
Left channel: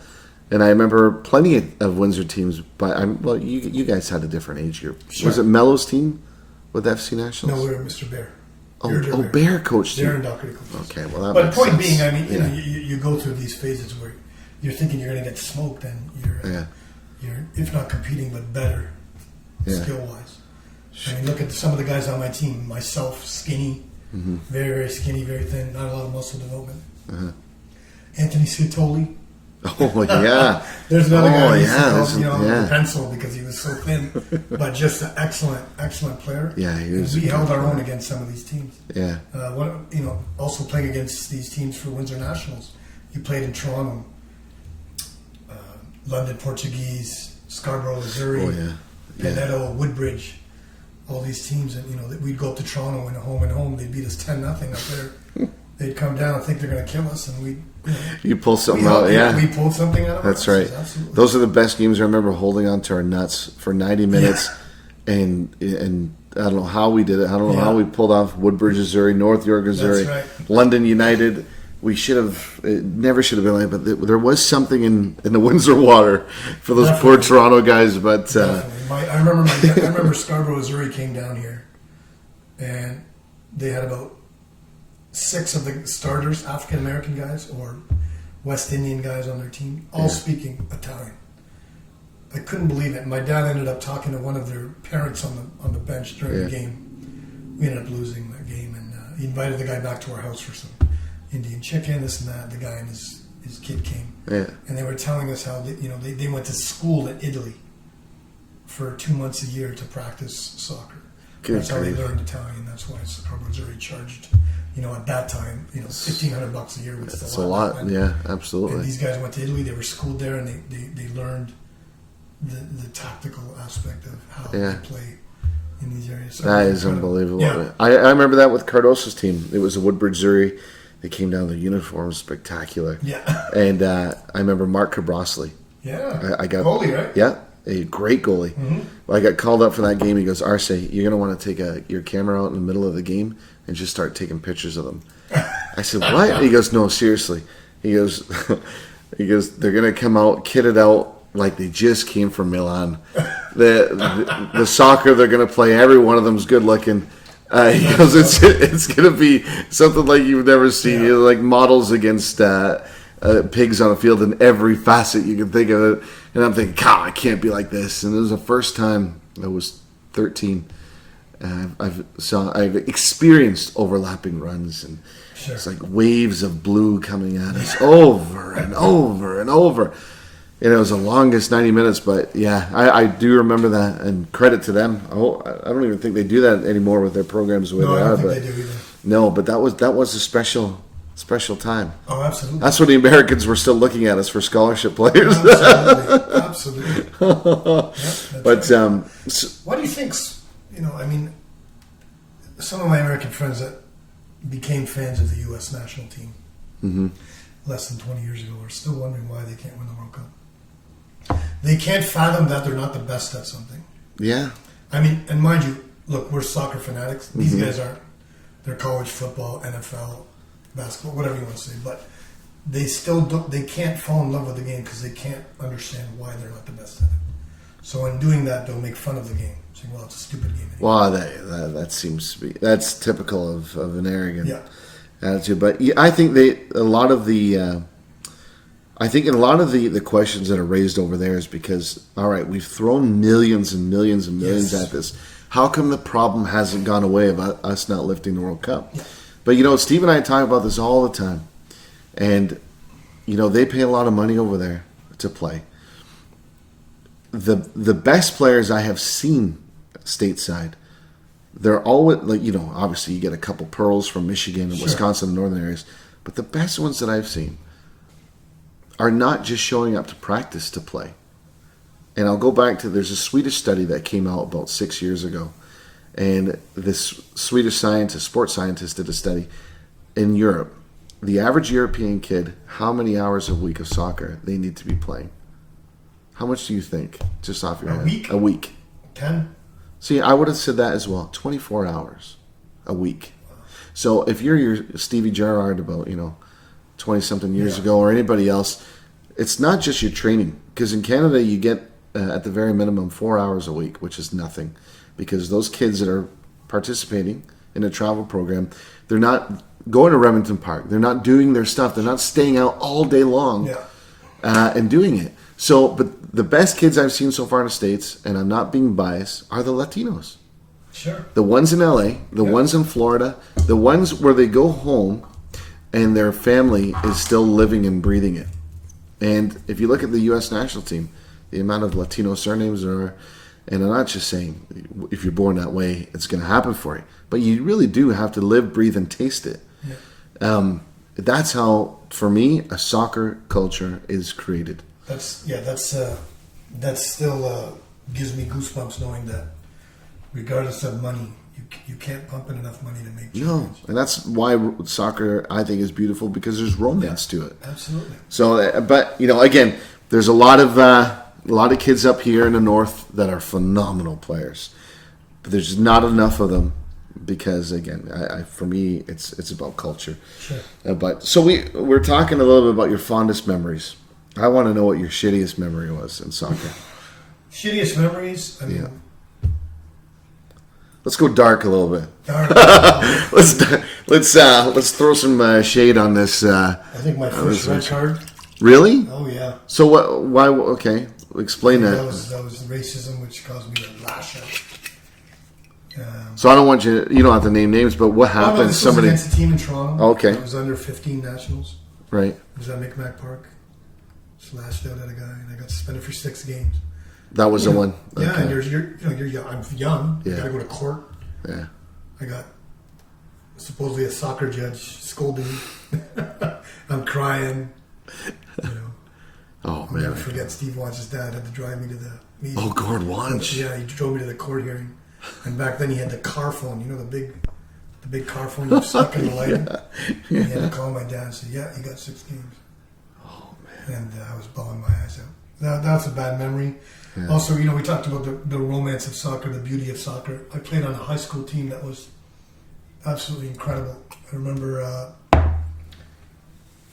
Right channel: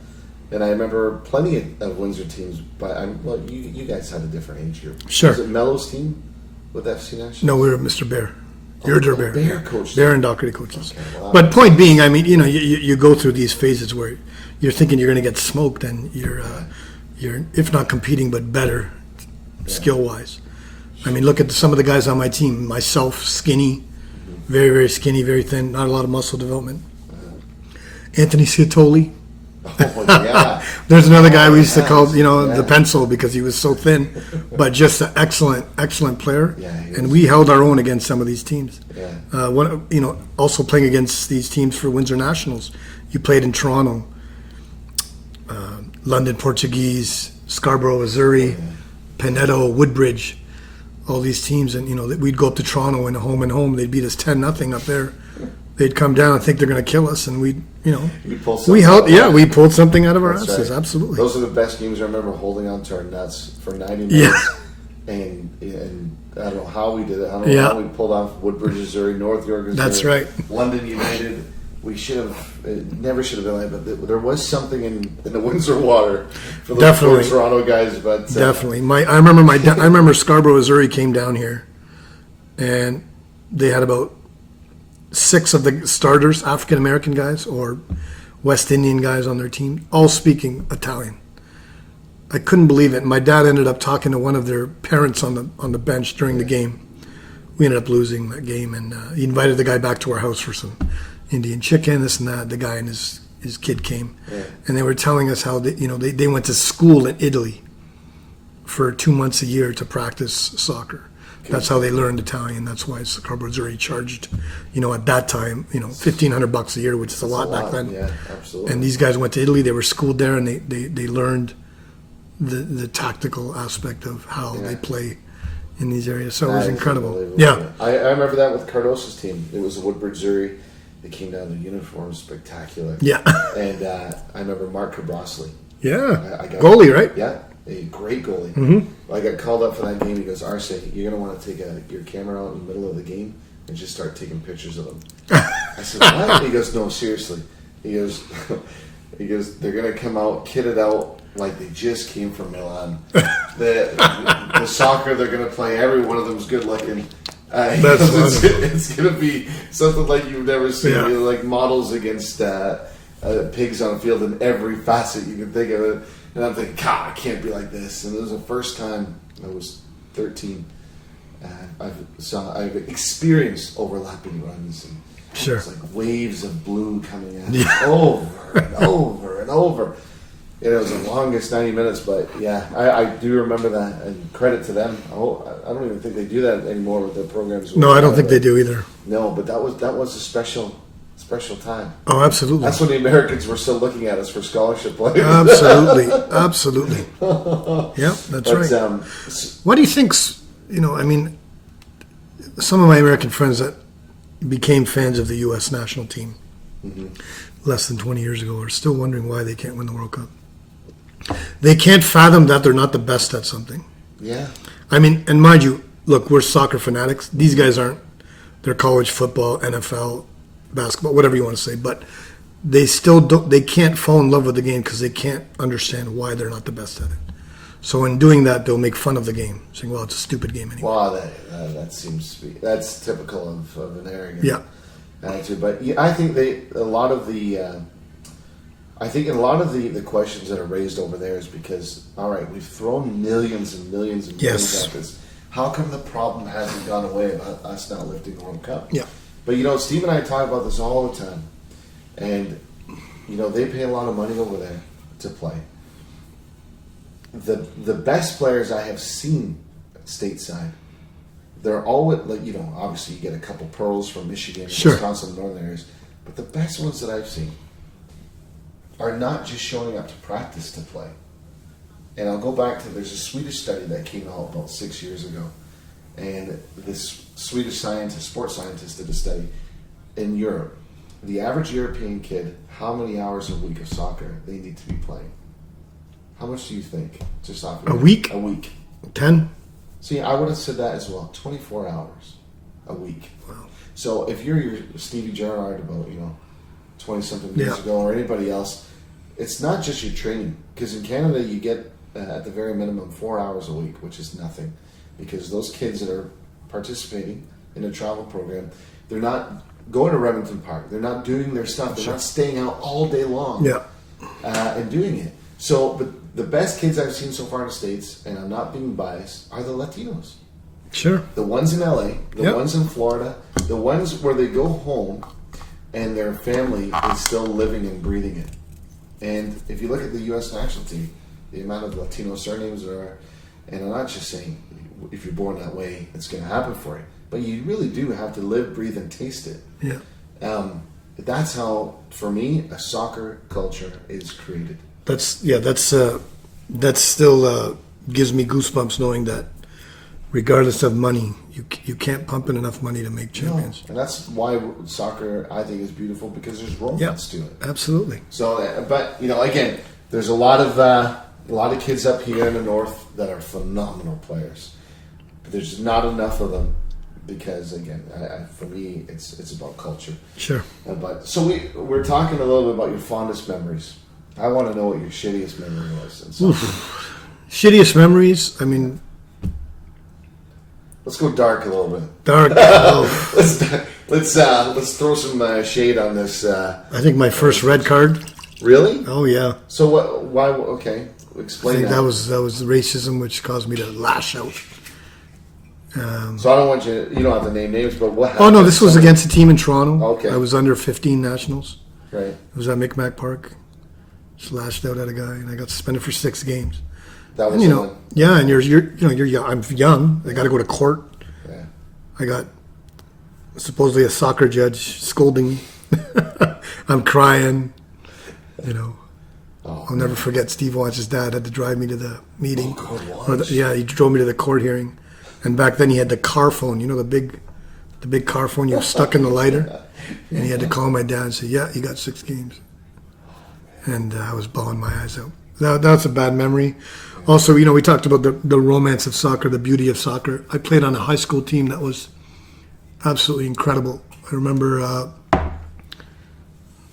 And I remember plenty of Windsor teams, but you guys had a different age group. Sure. Was it Mello's team with FC Nationals? No, we were Mr. Bear. Bear coach. Bear and Doherty coaches. Okay, but point being, I mean, you go through these phases where you're thinking you're going to get smoked, and you're if not competing, but better skill wise. I mean, look at some of the guys on my team. Myself, skinny, very, very skinny, very thin, not a lot of muscle development. Anthony Sciatoli. Oh, yeah. There's another guy we used to call, the pencil because he was so thin, but just an excellent, excellent player. Yeah, he was. And we held our own against some of these teams. Yeah. Also playing against these teams for Windsor Nationals. You played in Toronto, London Portuguese, Scarborough, Missouri, Pinedo, Woodbridge, all these teams. And, we'd go up to Toronto and home. They'd beat us 10-0 up there. They'd come down and think they're going to kill us, and you pull something. We pulled something out of our asses. Right. Absolutely. Those are the best games. I remember holding on to our nuts for 90 minutes, and I don't know how we did it. I don't know how we pulled off Woodbridge, Missouri, North York, Missouri, That's right. London United. We should have. It never should have been like, but there was something in the Windsor water for those poor Toronto guys. But definitely, I remember Scarborough, Missouri came down here, and they had about 6 of the starters, African American guys or West Indian guys on their team, all speaking Italian. I couldn't believe it. My dad ended up talking to one of their parents on the bench during the game. We ended up losing that game, and he invited the guy back to our house for some Indian chicken, this and that. The guy and his kid came, and they were telling us how they went to school in Italy for 2 months a year to practice soccer. That's how they learned Italian. That's why Scarborough already charged, at that time, $1,500 a year, which is a lot back then. Yeah, absolutely. And these guys went to Italy. They were schooled there, and they learned the tactical aspect of how they play in these areas. So that it was is incredible. Unbelievable. Yeah. I remember that with Cardoso's team. It was a Woodbridge Zuri. They came down. The uniforms spectacular. Yeah. And I remember Mark Cabrosely. Yeah. I got goalie, right? Yeah. A great goalie. Mm-hmm. I got called up for that game. He goes, Arce, you're going to want to take your camera out in the middle of the game and just start taking pictures of them. I said, what? He goes, no, seriously. He goes, they're going to come out, kitted out like they just came from Milan. The soccer they're going to play, every one of them's good looking. He goes, it's going to be something like you've never seen. Yeah. Like models against pigs on a field in every facet you can think of it. And I'm thinking, God, I can't be like this. And it was the first time I was 13. I've experienced overlapping runs, and it's like waves of blue coming at us over and over and over. And it was the longest 90 minutes, but I do remember that, and credit to them. I don't even think they do that anymore with their programs. No, I don't think they do either. No, but that was a special time. Oh, absolutely. That's when the Americans were still looking at us for scholarship players. Absolutely. Yeah, that's right. What do you think, some of my American friends that became fans of the U.S. national team less than 20 years ago are still wondering why they can't win the World Cup. They can't fathom that they're not the best at something. Yeah. And mind you, look, we're soccer fanatics. These guys aren't. They're college football, NFL, basketball, whatever you want to say, but they still don't. They can't fall in love with the game because they can't understand why they're not the best at it. So in doing that, they'll make fun of the game, saying, "Well, it's a stupid game anyway." Well, that seems to be that's typical of an arrogant attitude. But I think a lot of the questions that are raised over there is because, all right, we've thrown millions and millions and millions at this. How come the problem hasn't gone away about us not lifting the World Cup? Yeah. But, Steve and I talk about this all the time. And, they pay a lot of money over there to play. The best players I have seen stateside, they're always, obviously you get a couple pearls from Michigan and Wisconsin and northern areas. But the best ones that I've seen are not just showing up to practice to play. And I'll go back to, there's a Swedish study that came out about 6 years ago. And this Swedish sports scientist did a study in Europe. The average European kid, how many hours a week of soccer they need to be playing? How much do you think? Just off your head. A week? 10? See, I would have said that as well. 24 hours a week. Wow. So if you're your Stevie Gerrard about, 20-something years ago, or anybody else, it's not just your training. Because in Canada, you get, at the very minimum, 4 hours a week, which is nothing. Because those kids that are participating in a travel program, they're not going to Remington Park. They're not doing their stuff. They're not staying out all day long and doing it. So, but the best kids I've seen so far in the States, and I'm not being biased, are the Latinos. Sure. The ones in LA, the ones in Florida, the ones where they go home and their family is still living and breathing it. And if you look at the U.S. national team, the amount of Latino surnames there are, and I'm not just saying if you're born that way, it's going to happen for you. But you really do have to live, breathe, and taste it. Yeah. That's how, for me, a soccer culture is created. That still gives me goosebumps knowing that regardless of money, you can't pump in enough money to make champions. No. And that's why soccer, I think, is beautiful, because there's romance to it. Absolutely. So, but, again, there's a lot of kids up here in the north that are phenomenal players. But there's not enough of them because, again, for me, it's about culture. Sure. But so we're talking a little bit about your fondest memories. I want to know what your shittiest memory was in soccer. Shittiest memories? I mean... Let's go dark a little bit. Dark. Let's throw some shade on this. I think my first red card. Really? Oh, yeah. So what? Why? Okay. explain that. That was racism, which caused me to lash out. So I don't want you. You don't have to name names, but what happened? Oh no, this was against a team in Toronto. Okay. I was under 15 nationals. Right. It was at Micmac Park. Slashed out at a guy, and I got suspended for 6 games. That was the one. Yeah, and you're young. I'm young. I got to go to court. Yeah. I got supposedly a soccer judge scolding me. I'm crying. Oh, I'll never forget Steve Watch's dad had to drive me to the meeting. Oh, God, Watch. Yeah, he drove me to the court hearing. And back then he had the car phone, the big car phone you stuck in the lighter. And he had to call my dad and say, yeah, you got 6 games. Oh, man. And I was bawling my eyes out. That's a bad memory. Yeah. Also, we talked about the romance of soccer, the beauty of soccer. I played on a high school team that was absolutely incredible. I remember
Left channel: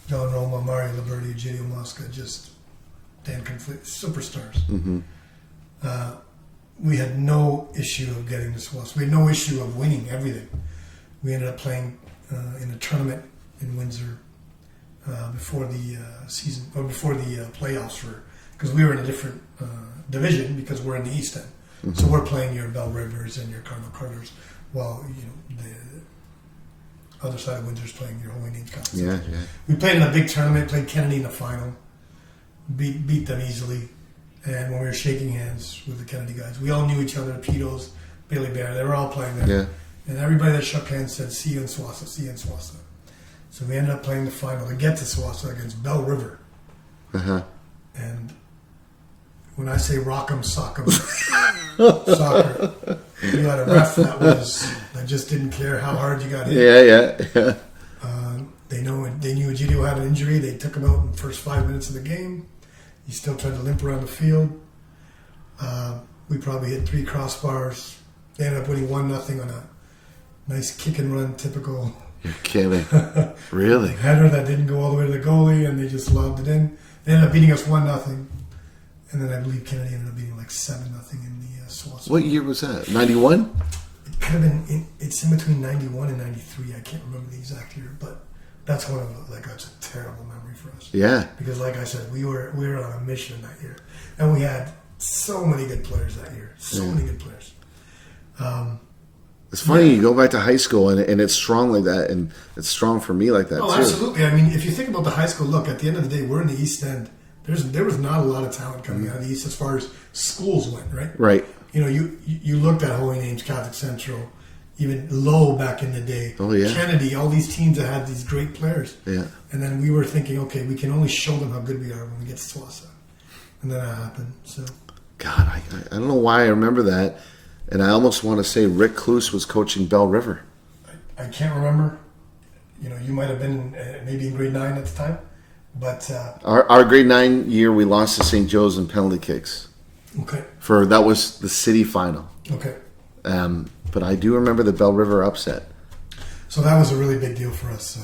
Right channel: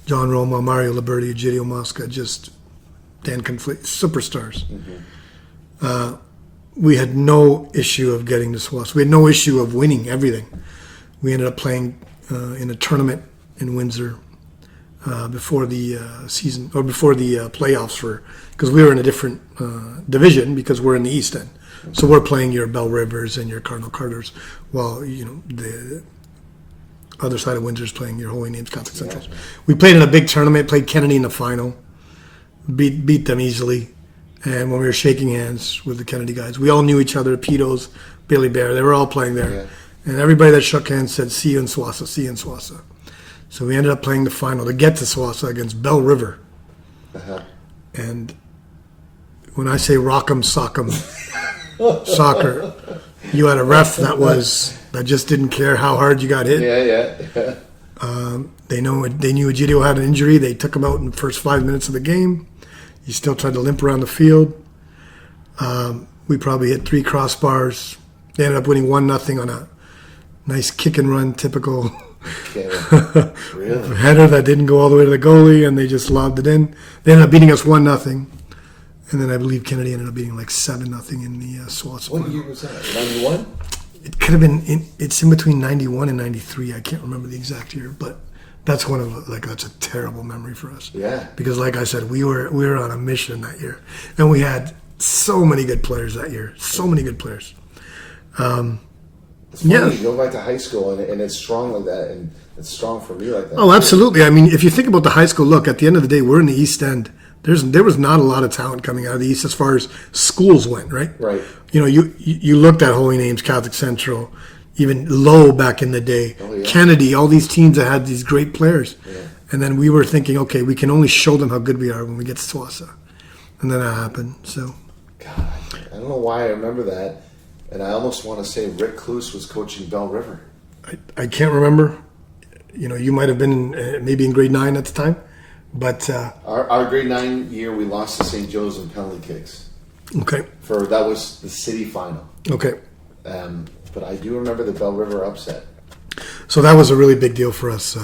John Roma, Mario Liberti, Gidio Mosca, just Dan Conflict, superstars. Mm-hmm. We had no issue of getting to SWAS. We had no issue of winning everything. We ended up playing in a tournament in Windsor before the season, or before the playoffs because we were in a different division because we're in the East End. Mm-hmm. So we're playing your Bell Rivers and your Cardinal Carters, while the other side of Windsor's playing your Holy Names Catholic Central. Yeah. We played in a big tournament, played Kennedy in the final, beat them easily. And when we were shaking hands with the Kennedy guys, we all knew each other, Petos, Billy Bear, they were all playing there. Yeah. And everybody that shook hands said, see you in SWASA, see you in SWASA. So we ended up playing the final to get to SWASA against Bell River. Uh-huh. And when I say rock'em sock'em soccer, you had a ref that just didn't care how hard you got hit. Yeah. They knew Egidio had an injury. They took him out in the first 5 minutes of the game. He still tried to limp around the field. We probably hit 3 crossbars. They ended up winning 1-0 on a nice kick and run, typical really header that didn't go all the way to the goalie, and they just lobbed it in. They ended up beating us 1-0, and then I believe Kennedy ended up beating like 7-0 in the SWAS. What year was that? 91? It could have been. It's in between 91 and 93. I can't remember the exact year, but that's that's a terrible memory for us. Yeah. Because like I said, we were on a mission that year, and we had so many good players that year. So many good players. It's funny, you go back to high school and it's strong like that, and it's strong for me like that. Oh, too. Absolutely. I mean, if you think about the high school, look, at the end of the day, we're in the East End. There was not a lot of talent coming out of the East as far as schools went, right? Right. You looked at Holy Names, Catholic Central, even Low back in the day, Kennedy, all these teams that had these great players. Yeah. And then we were thinking, okay, we can only show them how good we are when we get to SWASA. And then that happened. So, God, I don't know why I remember that. And I almost want to say Rick Kloos was coaching Bell River. I can't remember. You might have been maybe in grade 9 at the time. But our grade 9 year, we lost to St. Joe's in penalty kicks. Okay. That was the city final. Okay. But I do remember the Bell River upset. So that was a really big deal for us.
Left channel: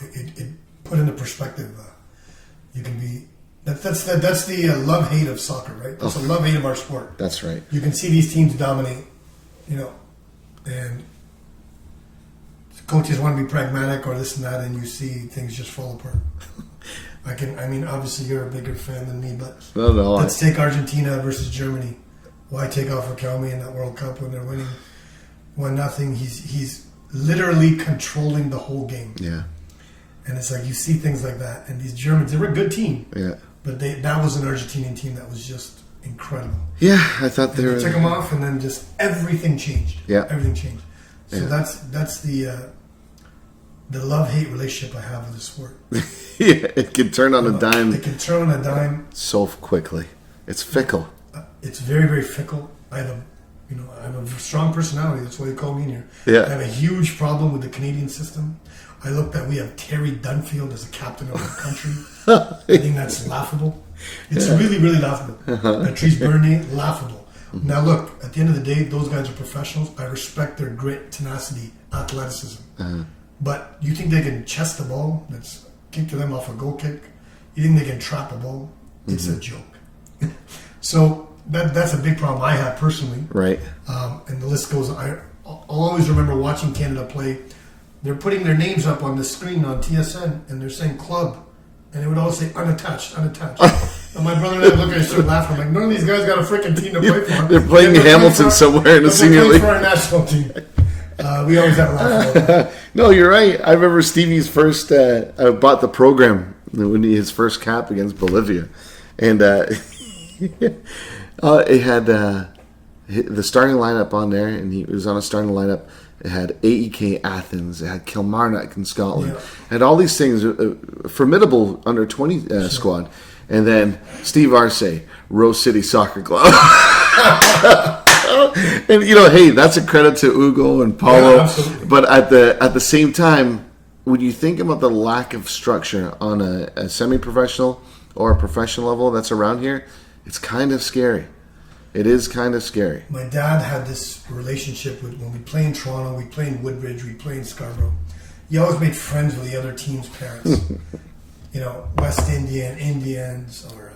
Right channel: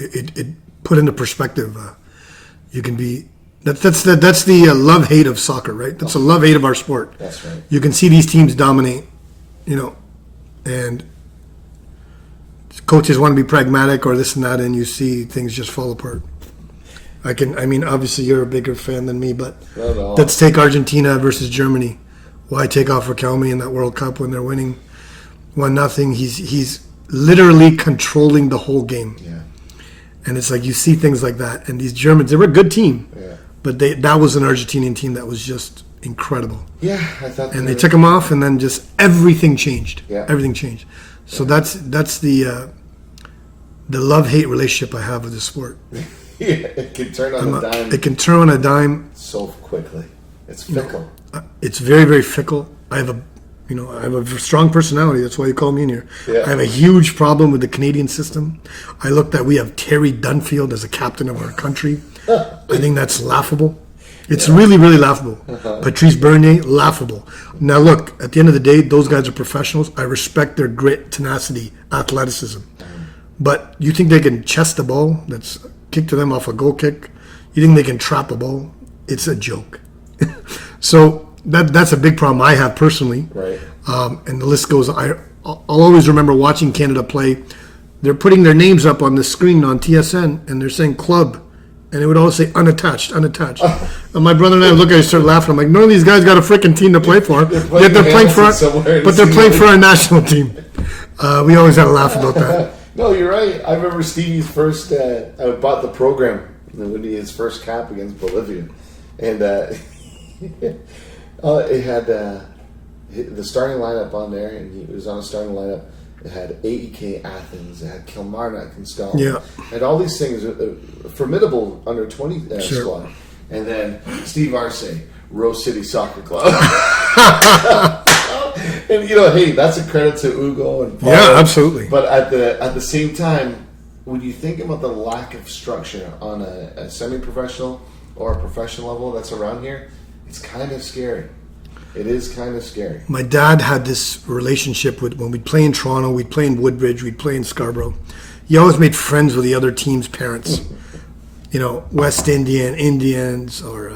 It put into perspective. You can be. That's the love-hate of soccer, right? That's a love-hate of our sport. That's right. You can see these teams dominate, and coaches want to be pragmatic or this and that, and you see things just fall apart. Obviously you're a bigger fan than me, but let's take Argentina versus Germany. Why take off Riquelme in that World Cup when they're winning 1-0? He's literally controlling the whole game. Yeah. And it's like you see things like that, and these Germans, they were a good team. Yeah. But that was an Argentinian team that was just incredible. Yeah, I thought they took them off, and then just everything changed. Yeah, everything changed. So that's the love-hate relationship I have with the sport. Yeah, it can turn on a dime. It can turn on a dime so quickly. It's fickle. It's very, very fickle. I have a strong personality. That's why you call me in here. Yeah. I have a huge problem with the Canadian system. I looked at we have Terry Dunfield as a captain of our country. I think that's laughable. It's really, really laughable. Patrice Bernier, laughable. Now look, at the end of the day, those guys are professionals. I respect their grit, tenacity, athleticism. But you think they can chest the ball that's kicked to them off a goal kick? You think they can trap a ball? It's a joke. So that's a big problem I have personally. Right. And the list goes. I'll always remember watching Canada play. They're putting their names up on the screen on TSN, and they're saying club, and it would always say unattached. And my brother and I look at each other, start laughing. I'm like, none of these guys got a freaking team to play for. They're playing Hamilton somewhere. But they're playing for our national team. We always had a laugh about that. No, you're right. I remember Stevie's first. I bought the program when his first cap against Bolivia, and it had the starting lineup on there, and he was on a starting lineup. It had AEK Athens, it had Kilmarnock in Scotland, it had all these things, a formidable under 20 squad, and then Steve Arce, Rose City Soccer Club. And hey, that's a credit to Ugo and Paul. Yeah, absolutely. But at the same time, when you think about the lack of structure on a semi-professional or a professional level that's around here, it's kind of scary. It is kind of scary. My dad had this relationship with, when we'd play in Toronto, we'd play in Woodbridge, we'd play in Scarborough. He always made friends with the other team's parents. West Indians or,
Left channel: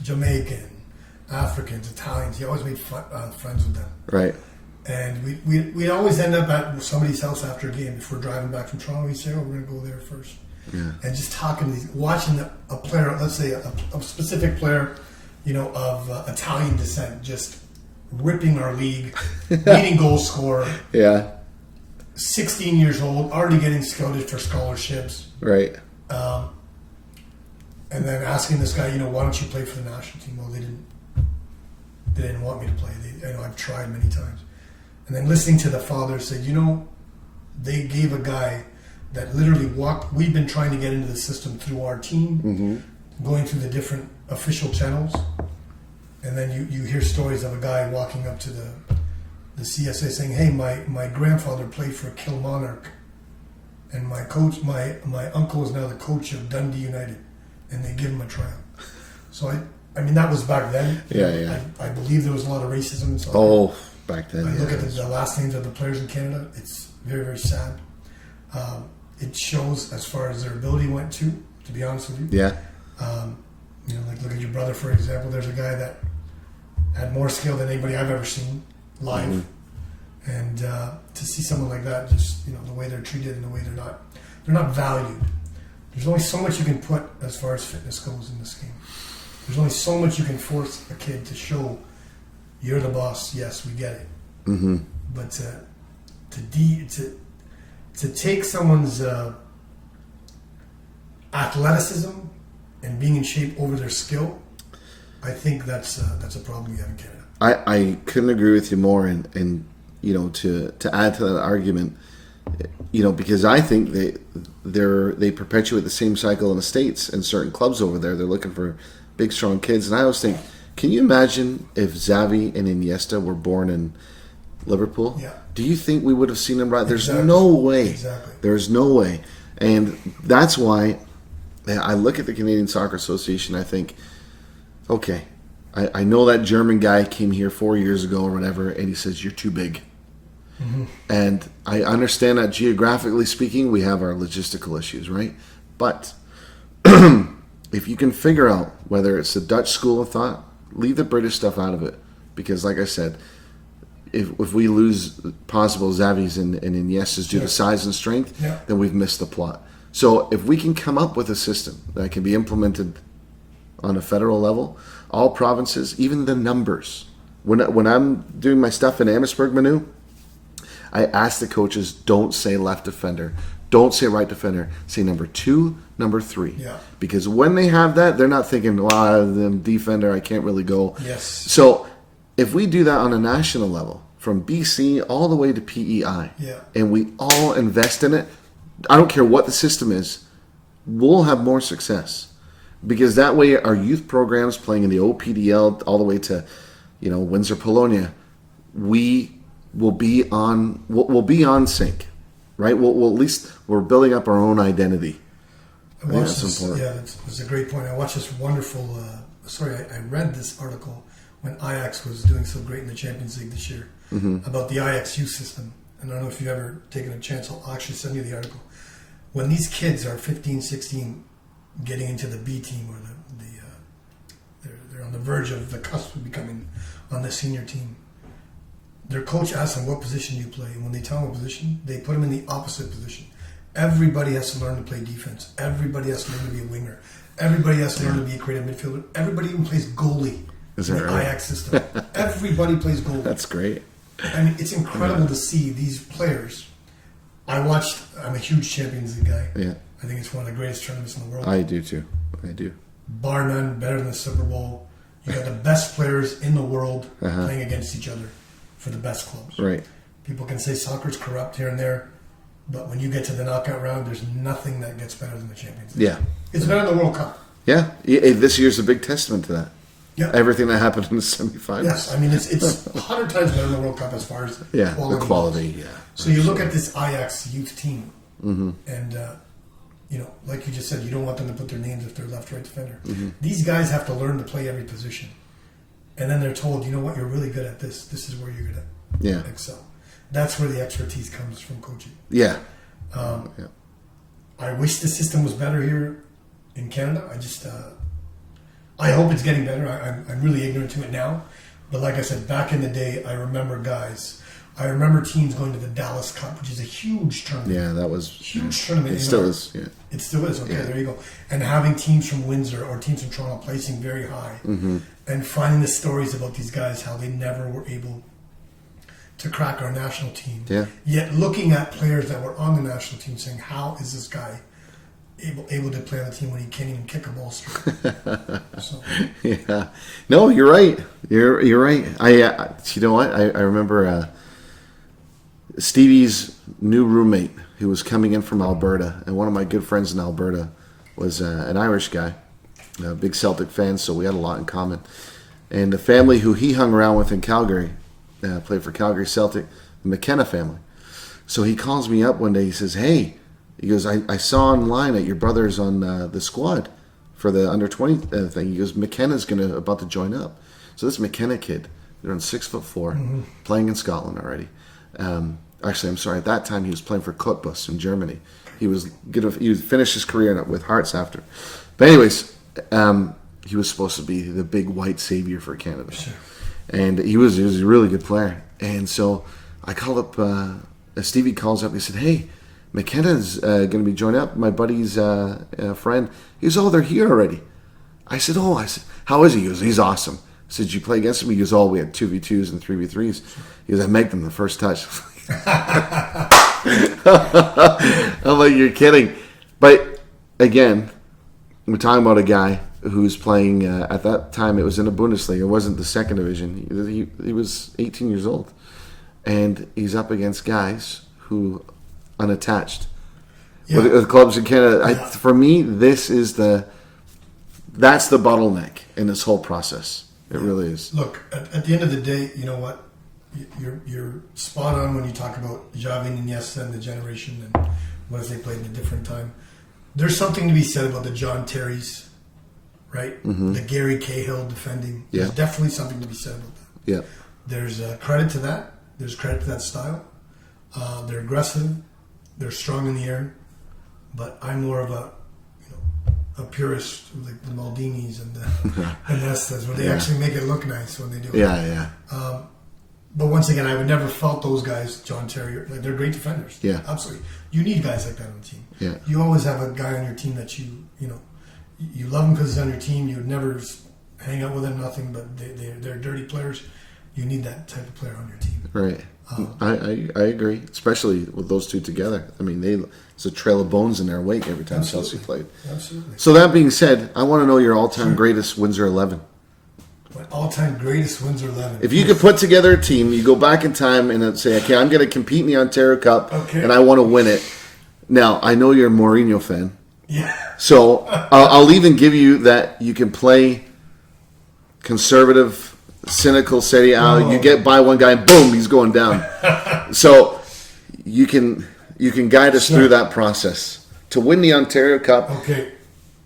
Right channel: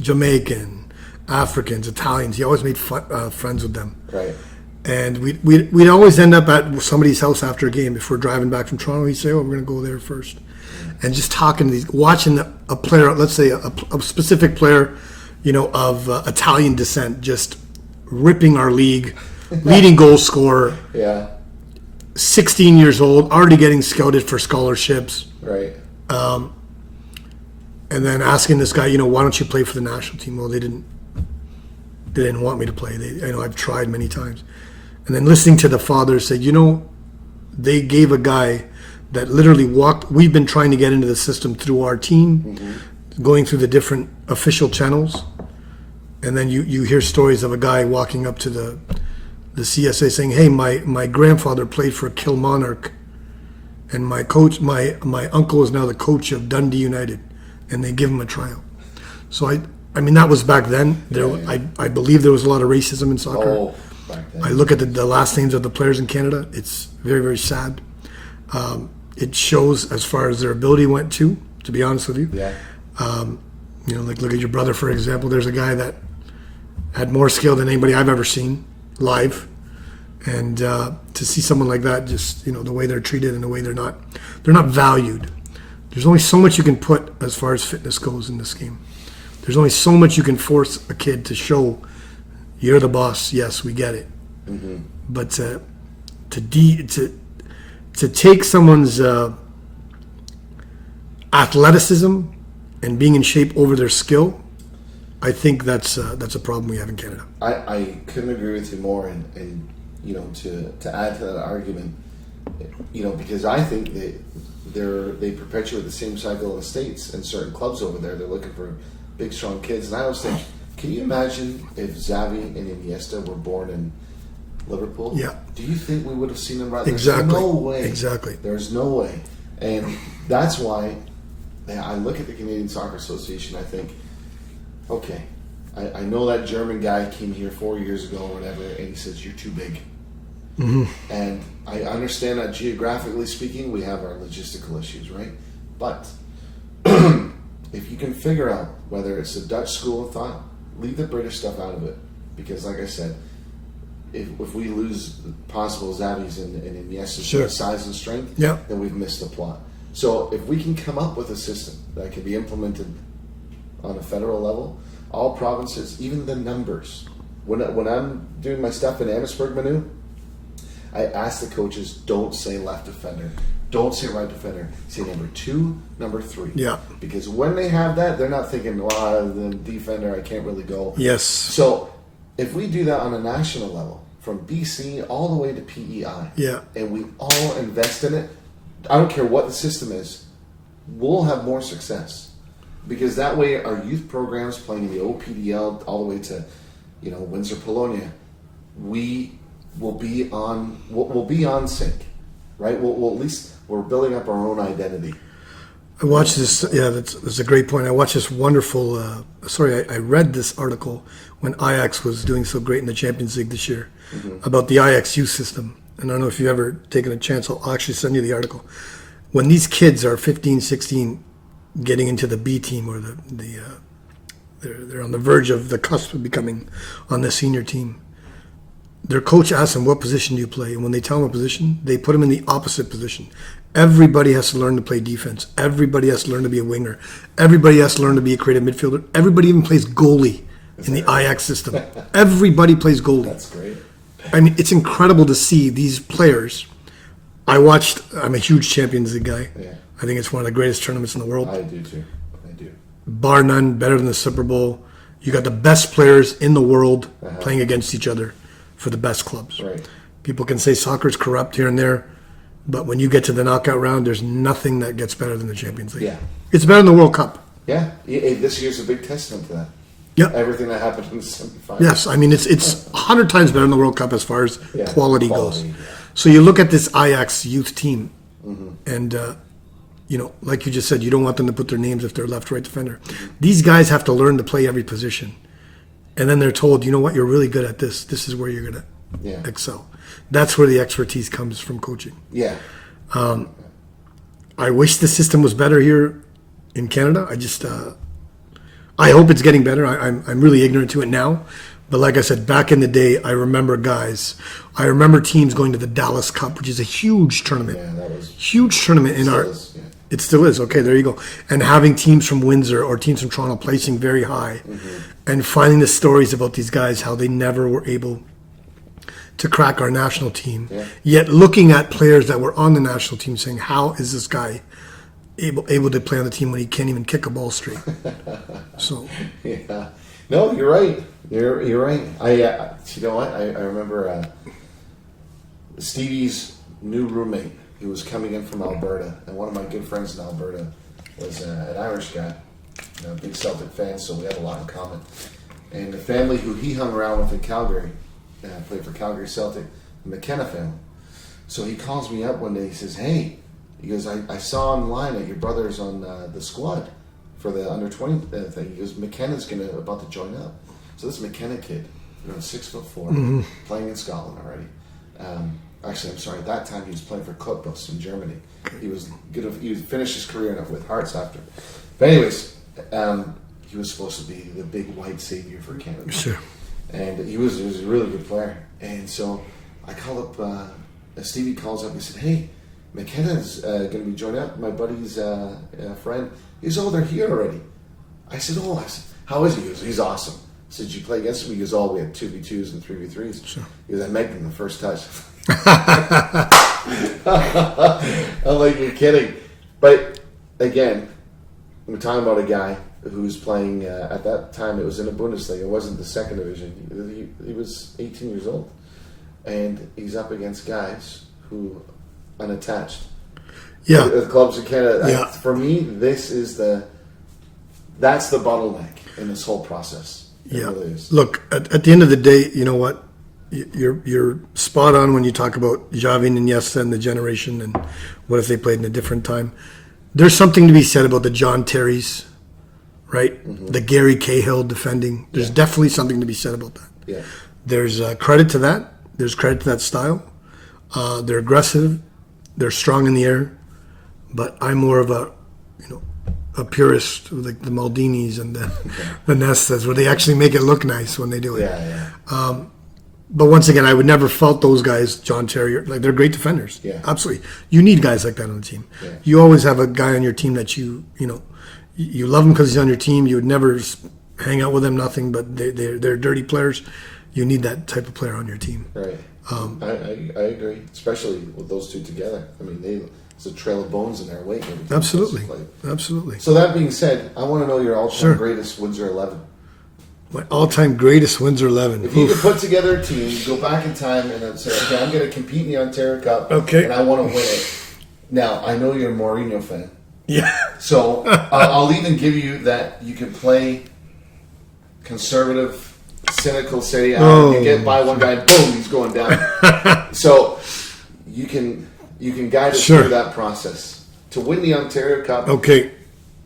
Jamaican, Africans, Italians. He always made friends with them. Right. And we'd always end up at somebody's house after a game. If we're driving back from Toronto, he'd say, "Oh, we're going to go there first." Yeah. And just talking to these, watching a player, let's say a specific player, of Italian descent, just ripping our league, leading goal scorer. Yeah. 16 years old, already getting scouted for scholarships. Right. And then asking this guy, why don't you play for the national team? Well, they didn't want me to play. I've tried many times. And then listening to the father say, they gave a guy that literally we've been trying to get into the system through our team, going through the different official channels. And then you hear stories of a guy walking up to the CSA saying, "Hey, my grandfather played for Kilmarnock, and my uncle is now the coach of Dundee United," and they give him a tryout. So I mean that was back then. I believe there was a lot of racism in soccer. Oh, back then. I look at the last names of the players in Canada. It's very, very sad. It shows as far as their ability went to be honest with you. Yeah. Look at your brother, for example. There's a guy that had more skill than anybody I've ever seen live. And to see someone like that, just, the way they're treated and the way they're not valued. There's only so much you can put as far as fitness goes in this game. There's only so much you can force a kid to show you're the boss. Yes, we get it. Mm-hmm. But to take someone's athleticism and being in shape over their skill, I think that's a problem we have in Canada. I couldn't agree with you more, and to add to that argument, because I think they perpetuate the same cycle in the States and certain clubs over there. They're looking for big, strong kids, and I always think, can you imagine if Xavi and Iniesta were born in Liverpool? Yeah. Do you think we would have seen them right? There's Exactly. no way. Exactly. There's no way, and that's why I look at the Canadian Soccer Association. I think, okay, I know that German guy came here 4 years ago or whatever, and he says you're too big. Mm-hmm. And I understand that geographically speaking, we have our logistical issues, right? But if you can figure out whether it's a Dutch school of thought, leave the British stuff out of it. Because like I said, if we lose possible Xavis and Iniestas due to size and strength, then we've missed the plot. So if we can come up with a system that can be implemented on a federal level, all provinces, even the numbers. When I'm doing my stuff in Amherstburg, Manu, I ask the coaches, don't say left defender, don't say right defender, say number 2, number 3. Yeah. Because when they have that, they're not thinking, the defender, I can't really go. Yes. So if we do that on a national level, from BC all the way to PEI, and we all invest in it, I don't care what the system is, we'll have more success. Because that way our youth programs playing in the OPDL all the way to, Windsor, Polonia, we will be on sync, right? We'll at least we're building up our own identity. I watched this. Yeah, that's a great point. I watched this wonderful. I read this article when Ajax was doing so great in the Champions League this year about the Ajax youth system. And I don't know if you've ever taken a chance. I'll actually send you the article. When these kids are 15, 16, getting into the B team or they're on the verge of the cusp of becoming on the senior team. Their coach asks them, "What position do you play?" And when they tell them a position, they put them in the opposite position. Everybody has to learn to play defense. Everybody has to learn to be a winger. Everybody has to learn to be a creative midfielder. Everybody even plays goalie in the Ajax system. Everybody plays goalie. That's great. I mean, it's incredible to see these players. I'm a huge Champions League guy. Yeah. I think it's one of the greatest tournaments in the world. I do too. I do. Bar none, better than the Super Bowl. You got the best players in the world playing against each other for the best clubs. Right. People can say soccer's corrupt here and there, but when you get to the knockout round, there's nothing that gets better than the Champions League. Yeah. It's better than the World Cup. Yeah. This year's a big testament to that. Yeah. Everything that happened in the semifinals. Yes, I mean, it's 100 times better than the World Cup as far as quality goes. Yeah. So you look at this Ajax youth team, and, like you just said, you don't want them to put their names if they're left-right defender. These guys have to learn to play every position. And then they're told, you know what, you're really good at this. This is where you're going to excel. That's where the expertise comes from coaching. Yeah. I wish the system was better here in Canada. I hope it's getting better. I'm really ignorant to it now. But like I said, back in the day, I remember teams going to the Dallas Cup, which is a huge tournament. Yeah, that was... Huge tournament in our... It still is. Okay, there you go. And having teams from Windsor or teams from Toronto placing very high and finding the stories about these guys, how they never were able to crack our national team. Yeah. Yet looking at players that were on the national team saying, how is this guy able to play on the team when he can't even kick a ball straight? So yeah, no, you're right. You're right. You know what? I remember Stevie's new roommate who was coming in from Alberta, and one of my good friends in Alberta was an Irish guy, a big Celtic fan, so we had a lot in common. And the family who he hung around with in Calgary, played for Calgary Celtic, the McKenna family. So he calls me up one day. He says, "Hey," he goes, I saw online that your brother's on the squad for the under-20 thing. He goes, McKenna's about to join up. So this McKenna kid, they're on 6'4", playing in Scotland already. Actually, I'm sorry. At that time, he was playing for Cottbus in Germany. He would finish his career with Hearts after. But anyways, he was supposed to be the big white savior for Canada. Sure. And he was a really good player. And so I called up. Stevie calls up. He said, "Hey, McKenna's going to be joining up. My buddy's friend." He goes, "Oh, they're here already." I said, "How is he?" He goes, "He's awesome." I said, "Did you play against him?" He goes, "Oh, we had 2v2s and 3v3s." Sure. He goes, "I make them the first touch." I'm like, "You're kidding." But again, we're talking about a guy who's playing, at that time it was in the Bundesliga. It wasn't the second division. He was 18 years old. And he's up against guys who unattached. Yeah. The clubs in Canada. Yeah. For me, that's the bottleneck in this whole process. It really is. Look, at the end of the day, you know what? You're spot on when you talk about Xavi and Iniesta and the generation and what if they played in a different time. There's something to be said about the John Terrys, right? Mm-hmm. The Gary Cahill defending. There's definitely something to be said about that. Yeah. There's credit to that. There's credit to that style. They're aggressive. They're strong in the air. But I'm more of a purist, like the Maldinis and the Nestas, where they actually make it look nice when they do it. Yeah. But once again, I would never fault those guys, John Terry. Like, they're great defenders. Yeah. Absolutely. You need guys like that on the team. Yeah. You always have a guy on your team that you love him because he's on your team. You would never hang out with him, nothing, but they're dirty players. You need that type of player on your team. Right. I agree, especially with those two together. I mean, there's a trail of bones in their wake every time Chelsea played. Absolutely. So that being said, I want to know your all-time greatest Windsor 11. My all-time greatest Windsor 11. If you could put together a team, you go back in time and say, okay, I'm going to compete in the Ontario Cup, and I want to win it. Now, I know you're a Mourinho fan. Yeah. So I'll even give you that you can play conservative, cynical, say, you get by one guy, and boom, he's going down. So you can guide us through that process to win the Ontario Cup. Okay.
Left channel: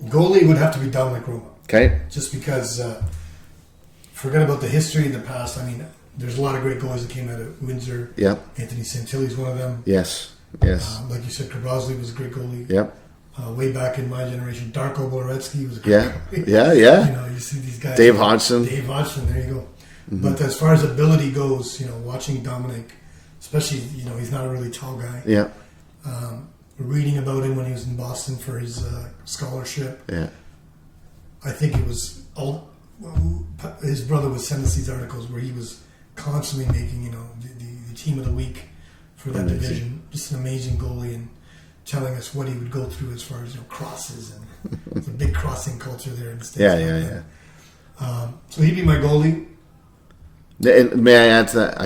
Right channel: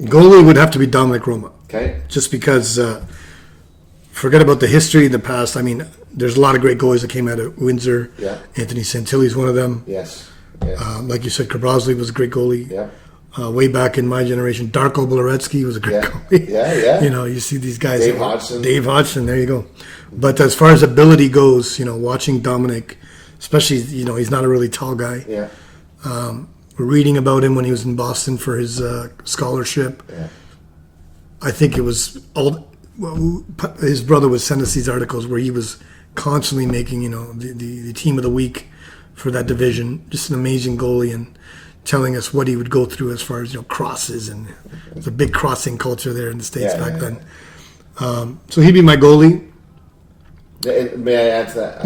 Goalie would have to be Dominic Roma. Okay. Just because, forget about the history, the past. I mean, there's a lot of great goalies that came out of Windsor. Yeah. Anthony Santilli's one of them. Yes. Like you said, Krabrowski was a great goalie. Yep. Way back in my generation, Darko Boloretsky was a great goalie. Yeah. You see these guys. Dave Hodgson, there you go. Mm-hmm. But as far as ability goes, watching Dominic, especially, he's not a really tall guy. Yeah. reading about him when he was in Boston for his scholarship. Yeah. I think it was his brother would send us these articles where he was constantly making, the team of the week for that division. Just an amazing goalie, and telling us what he would go through as far as crosses, and it's a big crossing culture there in the States back then. So he'd be my goalie. And may I add to that?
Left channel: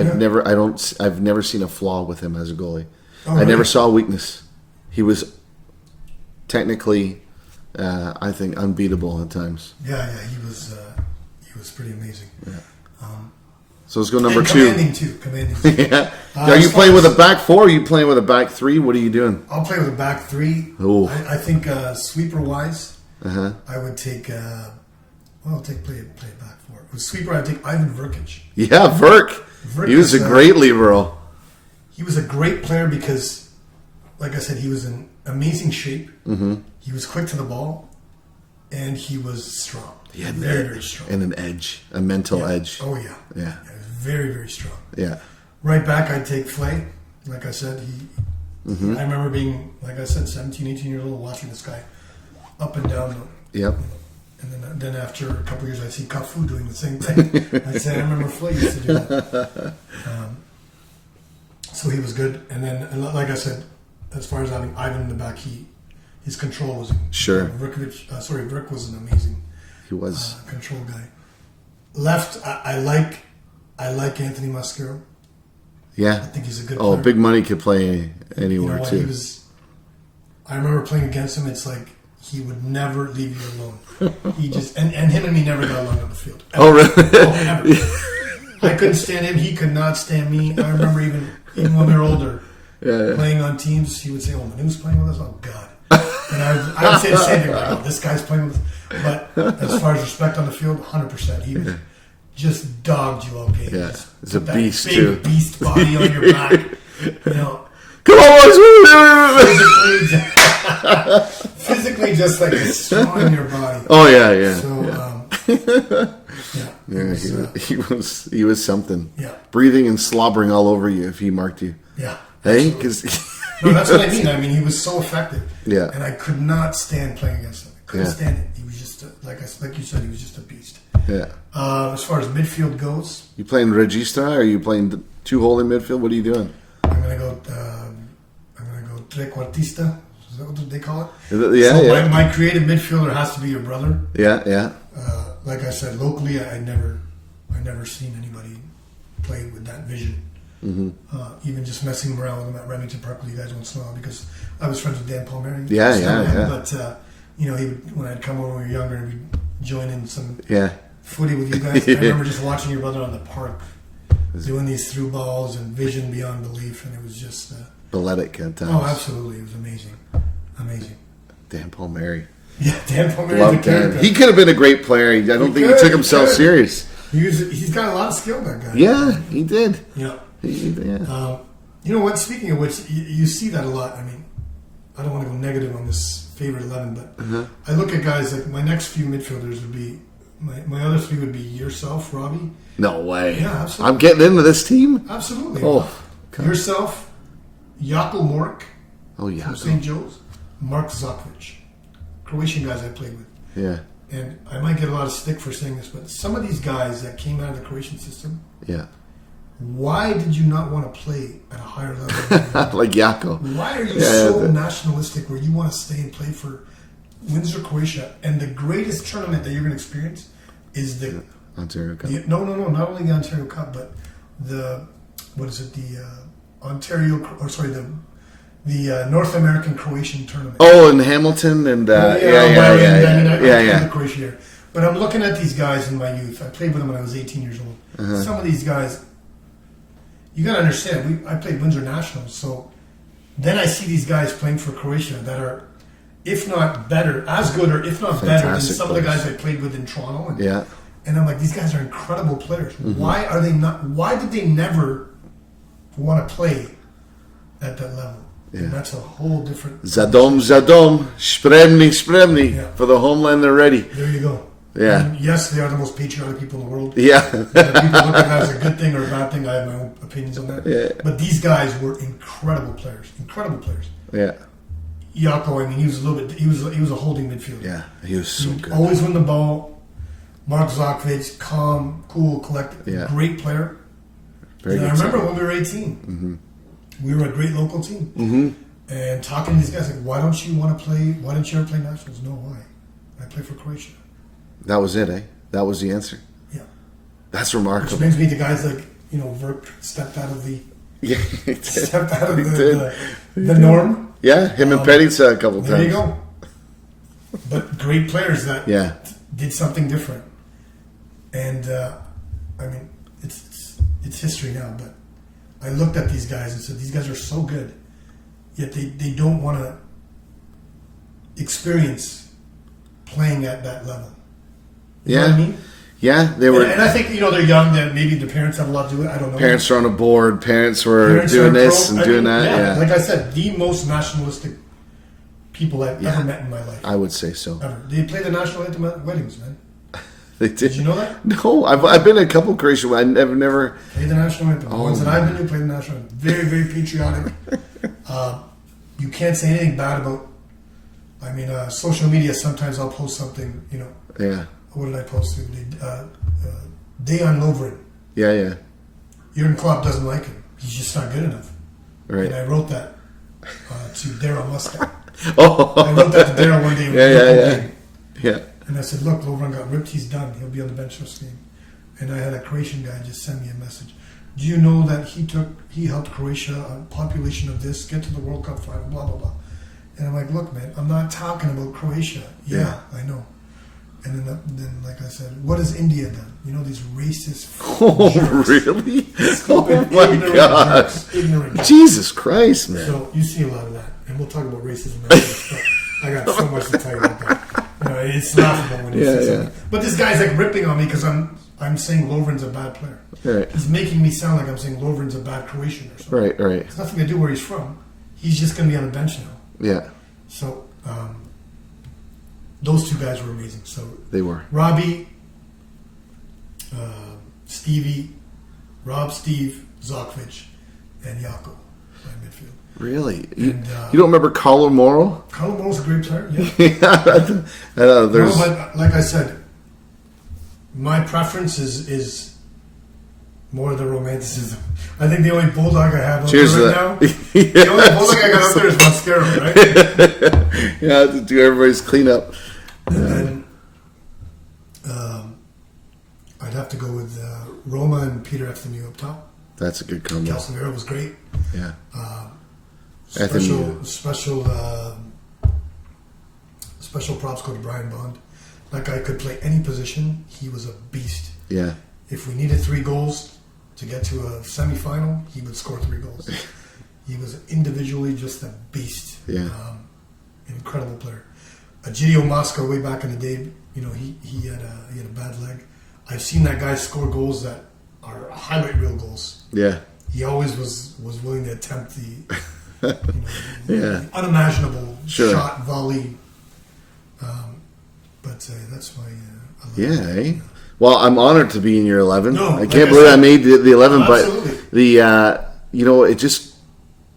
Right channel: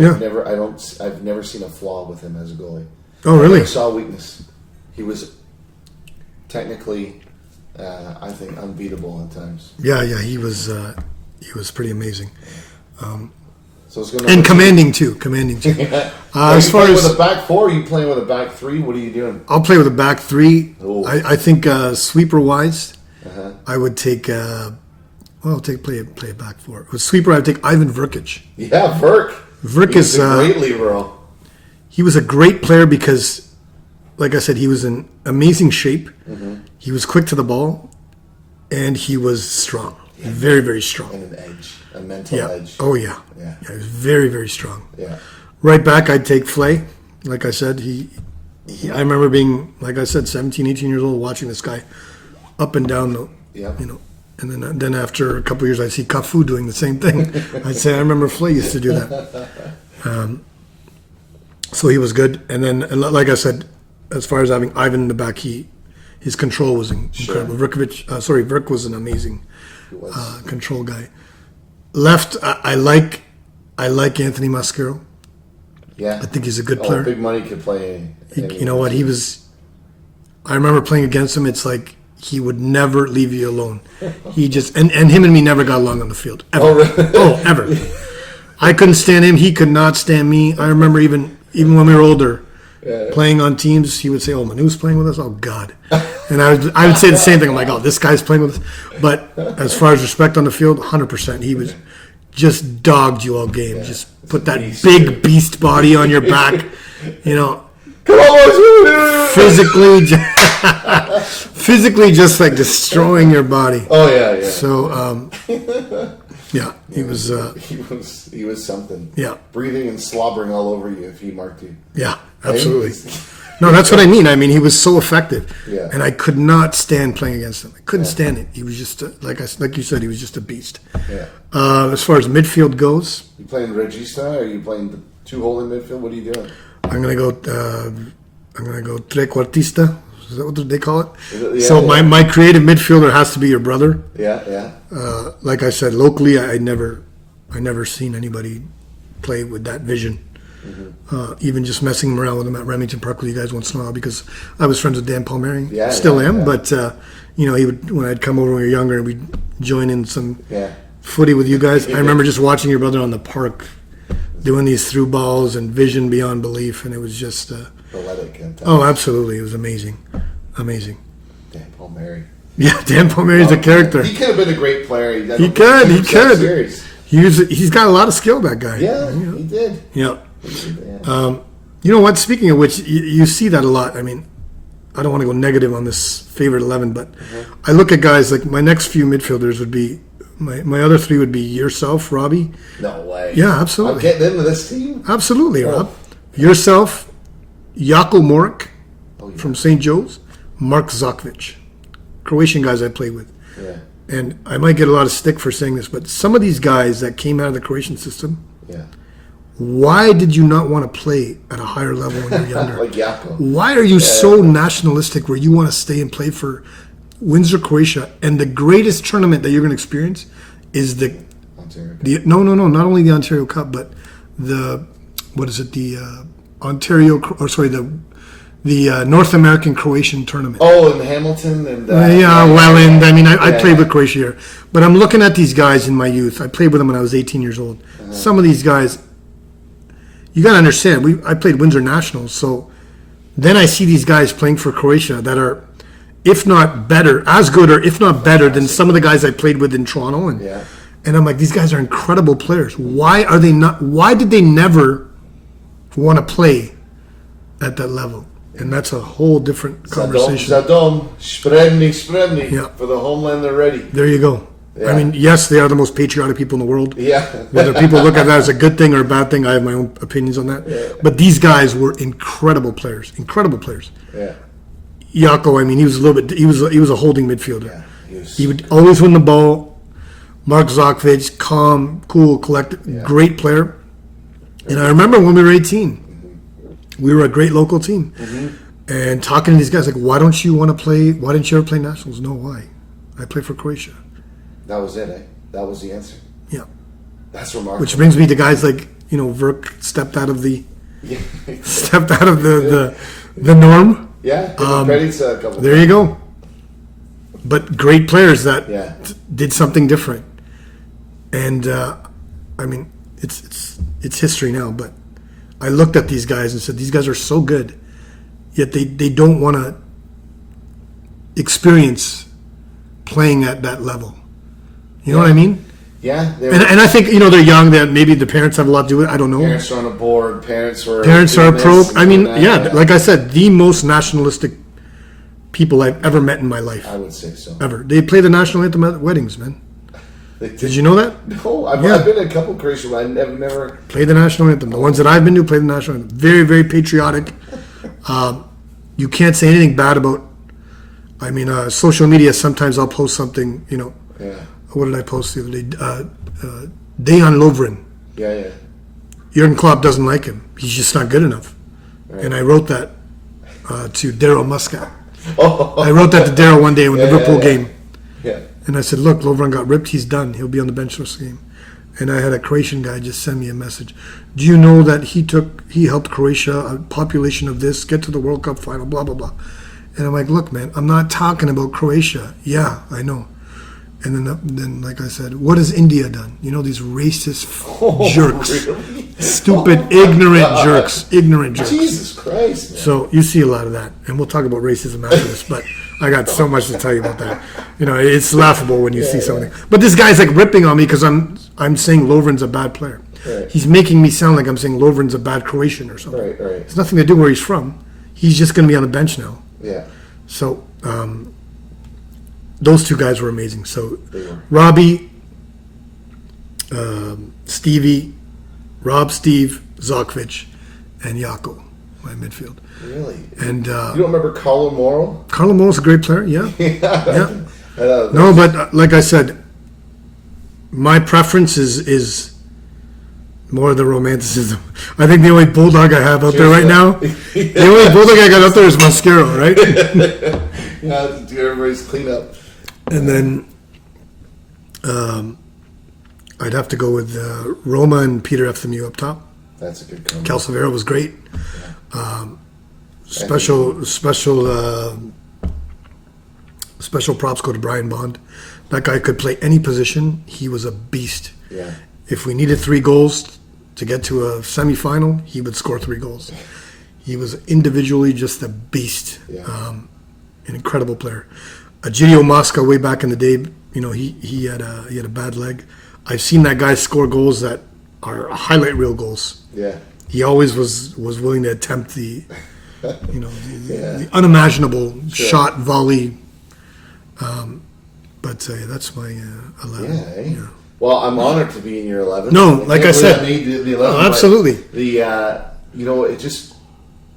I've never seen a flaw with him as a goalie. Oh, really? I never saw a weakness. He was technically, I think, unbeatable at times. Yeah, he was pretty amazing. Yeah. So let's go number 2. And commanding too. Yeah. Are you playing with a back 4? Or are you playing with a back 3? What are you doing? I'll play with a back 3. Oh. I think sweeper wise, I would take. Play a back 4. With sweeper, I'd take Ivan Vrkic. Yeah, Vrk. He was a great libero. He was a great player because, like I said, he was in amazing shape. Mm-hmm. He was quick to the ball, and he was strong. Yeah, very, very strong. And an edge, a mental edge. Oh, yeah. Yeah. He was very, very strong. Yeah. Right back, I'd take Flay. Like I said, I remember being, like I said, 17, 18 years old, watching this guy up and down the, and then after a couple of years, I'd see Cafu doing the same thing. I'd say, I remember Flay used to do that. So he was good. And then, like I said, as far as having Ivan in the back, his control was incredible. Vrk was an amazing control guy. Left, I like Anthony Mascaro. Yeah. I think he's a good player. Big money could play anywhere. You know what? Too. I remember playing against him. It's like he would never leave you alone. He just, and him and me never got along on the field. Ever. Oh, really? Oh, ever. I couldn't stand him. He could not stand me. I remember even when we were older, playing on teams, he would say, "Oh, Manu's playing with us. Oh, God." And I would say the same thing. I'm like, "Oh, this guy's playing with us." But as far as respect on the field, 100%. He was just dogged you all game. Yeah, just put that big beast body on your back. Come on, physically just like destroying your body. Oh yeah. So he was something. Yeah, breathing and slobbering all over you if he marked you. Yeah, absolutely. No, that's what I mean. I mean, he was so effective. Yeah, and I could not stand playing against him. I couldn't stand it. He was just like you said, he was just a beast. Yeah. As far as midfield goes, you playing regista? Or are you playing the 2-hole in midfield? What are you doing? I'm gonna go trequartista. Is that what they call it? Yeah, so my creative midfielder has to be your brother. Yeah. Like I said, locally, I never seen anybody play with that vision. Mm-hmm. Even just messing around with him at Remington Park with you guys once in a while, because I was friends with Dan Palmieri. Still am. But he would, when I'd come over when we were younger, and we'd join in some footy with you guys. I remember just watching your brother on the park doing these through balls and vision beyond belief, and it was just balletic at times. Oh, absolutely, it was amazing. Dan Palmieri. Yeah, Dan Palmieri's a character. He could have been a great player. I don't think he took himself serious. He's got a lot of skill, that guy. Yeah, he did. Yeah. You know what? Speaking of which, you see that a lot. I mean, I don't want to go negative on this favorite 11, but I look at guys like my next few midfielders would be my other 3 would be yourself, Robbie. No way. Yeah, absolutely. I'm getting into this team. Absolutely. Oh. Yourself, Jako Moric from St. Joe's, Mark Zokovic, Croatian guys I played with. Yeah. And I might get a lot of stick for saying this, but some of these guys that came out of the Croatian system. Yeah. Why did you not want to play at a higher level when you were younger? Like Jako. Why are you so nationalistic where you want to stay and play for Windsor, Croatia, and the greatest tournament that you're going to experience is the Ontario Cup? No, not only the Ontario Cup, but the North American Croatian tournament. Oh, in Hamilton and I mean, I played with Croatia here, but I'm looking at these guys in my youth. I played with them when I was 18 years old. Some of these guys, you got to understand. I played Windsor Nationals, so then I see these guys playing for Croatia that are, if not better, as good or if not better than some of the guys I played with in Toronto. And I'm like, these guys are incredible players. Mm-hmm. Why are they not? Why did they never want to play at that level? Yeah. And that's a whole different conversation. Zadom, spremni, for the homeland they're ready. There you go. Yeah. I mean, yes, they are the most patriotic people in the world. Yeah. Whether people look at that as a good thing or a bad thing, I have my own opinions on that. Yeah. But these guys were incredible players. Incredible players. Yeah. Jaco, I mean, he was a little bit. He was a holding midfielder. Yeah, he was. He So would good. always win the ball. Mark Zokovic, calm, cool, collected, Yeah. great player. Very And I good remember when we were 18, we were a great local team. And talking to these guys, like, why don't you want to play? Why didn't you ever play nationals? No, why? I play for Croatia. That was it, eh? That was the answer. Yeah. That's remarkable. Which brings me to guys like, Verk stepped out of the Yeah, the norm. yeah, him and Petty's a couple. There you go. But great players that Yeah. did something different. And I mean, it's history now. But I looked at these guys and said, these guys are so good, yet they don't want to experience playing at that level. You know what I mean? Yeah, they were. And I think they're young. That maybe the parents have a lot to do with it. I don't know. Parents were on a board. Parents are Pro. this and I mean, doing that, yeah, like I said, the most nationalistic people I've ever met in my life. I would say so. Ever. They play the national anthem at weddings, man. They did. Did you know that? No, I've been to a couple Croatian. I've never. Play the national anthem. The ones that I've been to play the national anthem. Very, very patriotic. You can't say anything bad about. I mean, social media. Sometimes I'll post something. Yeah. What did I post the other day? Dejan Lovren. Yeah. Jurgen Klopp doesn't like him. He's just not good enough. Right. And I wrote that to Daryl Muscat. Oh. I wrote that to Daryl one day in the Liverpool game. Yeah. And I said, look, Lovren got ripped. He's done. He'll be on the bench this game. And I had a Croatian guy just send me a message. Do you know that he helped Croatia, a population of this, get to the World Cup final, blah, blah, blah. And I'm like, look, man, I'm not talking about Croatia. Yeah, I know. And then, like I said, what has India done? These racist jerks. Really? Stupid, Oh my ignorant God. jerks. Ignorant jerks. Jesus Christ, man. So you see a lot of that. And we'll talk about racism after this, but I got so much to tell you about that. It's laughable when you see something. But this guy's like ripping on me because I'm saying Lovren's a bad player. Right. He's making me sound like I'm saying Lovren's a bad Croatian or something. Right. It's nothing to do where he's from. He's just going to be on the bench now. Yeah. So those two guys were amazing. So They were. Robbie, Stevie, Steve, Zokovic, and Jaco, my midfield. Really? And you don't remember Carlo Moro? Carlo Moro's a great player, yeah. Yeah. No, but like I said, my preference is more the romanticism. I think the only bulldog I have out Cheers there to right that. now, the only bulldog I got out there is Mascaro, right? Yeah, to do everybody's cleanup. And then I'd have to go with Roma and Peter Efthimiou up top. That's a good comment. Calcevero was great. Yeah. Special props go to Brian Bond. That guy could play any position. He was a beast. Yeah. If we needed 3 goals to get to a semifinal, he would score 3 goals. He was individually just a beast. Yeah. An incredible player. Egidio Mosca, way back in the day, he had a bad leg. I've seen that guy score goals that are highlight reel goals. Yeah. He always was willing to attempt the Yeah. unimaginable Sure. shot, volley. But that's my 11. Yeah, eh? Well, I'm honored to be in your 11. No, I like can't I believe said- I made the 11. Oh, absolutely. But it just,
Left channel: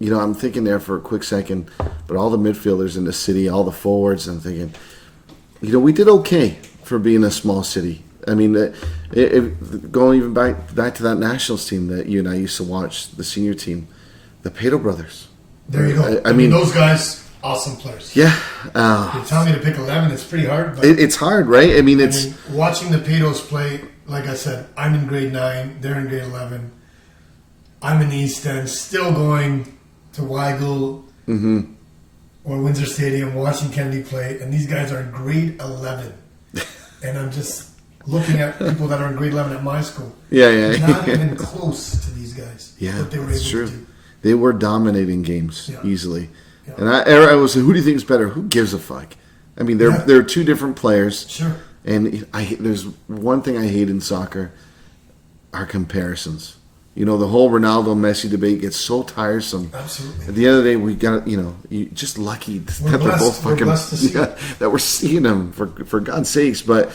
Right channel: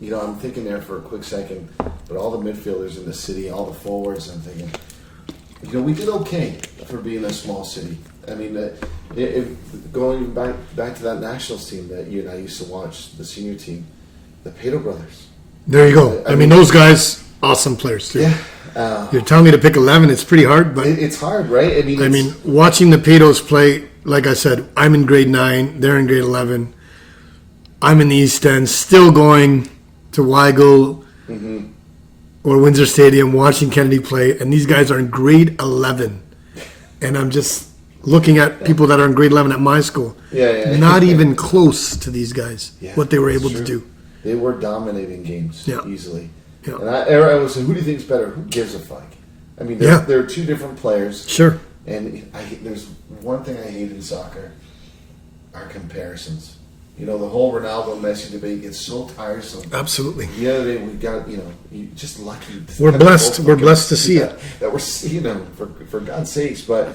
I'm thinking there for a quick second, but all the midfielders in the city, all the forwards, I'm thinking, we did okay for being a small city. I mean, going even back to that nationals team that you and I used to watch, the senior team, the Pato brothers. There you go. I I mean, mean, those guys, awesome players. Yeah. You're telling me to pick 11. It's pretty hard, but It's hard, right? I mean, watching the Patos play, like I said, I'm in grade 9. They're in grade 11. I'm in the East End, still going to Weigel or Windsor Stadium, watching Kennedy play, and these guys are in grade 11. And I'm just looking at people that are in grade 11 at my school. Yeah. Not even close to these guys, Yeah, what they were it's able true. to do. They were dominating games Yeah. easily. Yeah. And I was like, who do you think is better? Who gives a fuck? I mean, they're 2 different players. Sure. And there's one thing I hate in soccer, are comparisons. The whole Ronaldo Messi debate gets so tiresome. Absolutely. At the end of the day, we got you just lucky. We're that they're blessed. both We're fucking- blessed to see it. that we're seeing them for God's sakes. But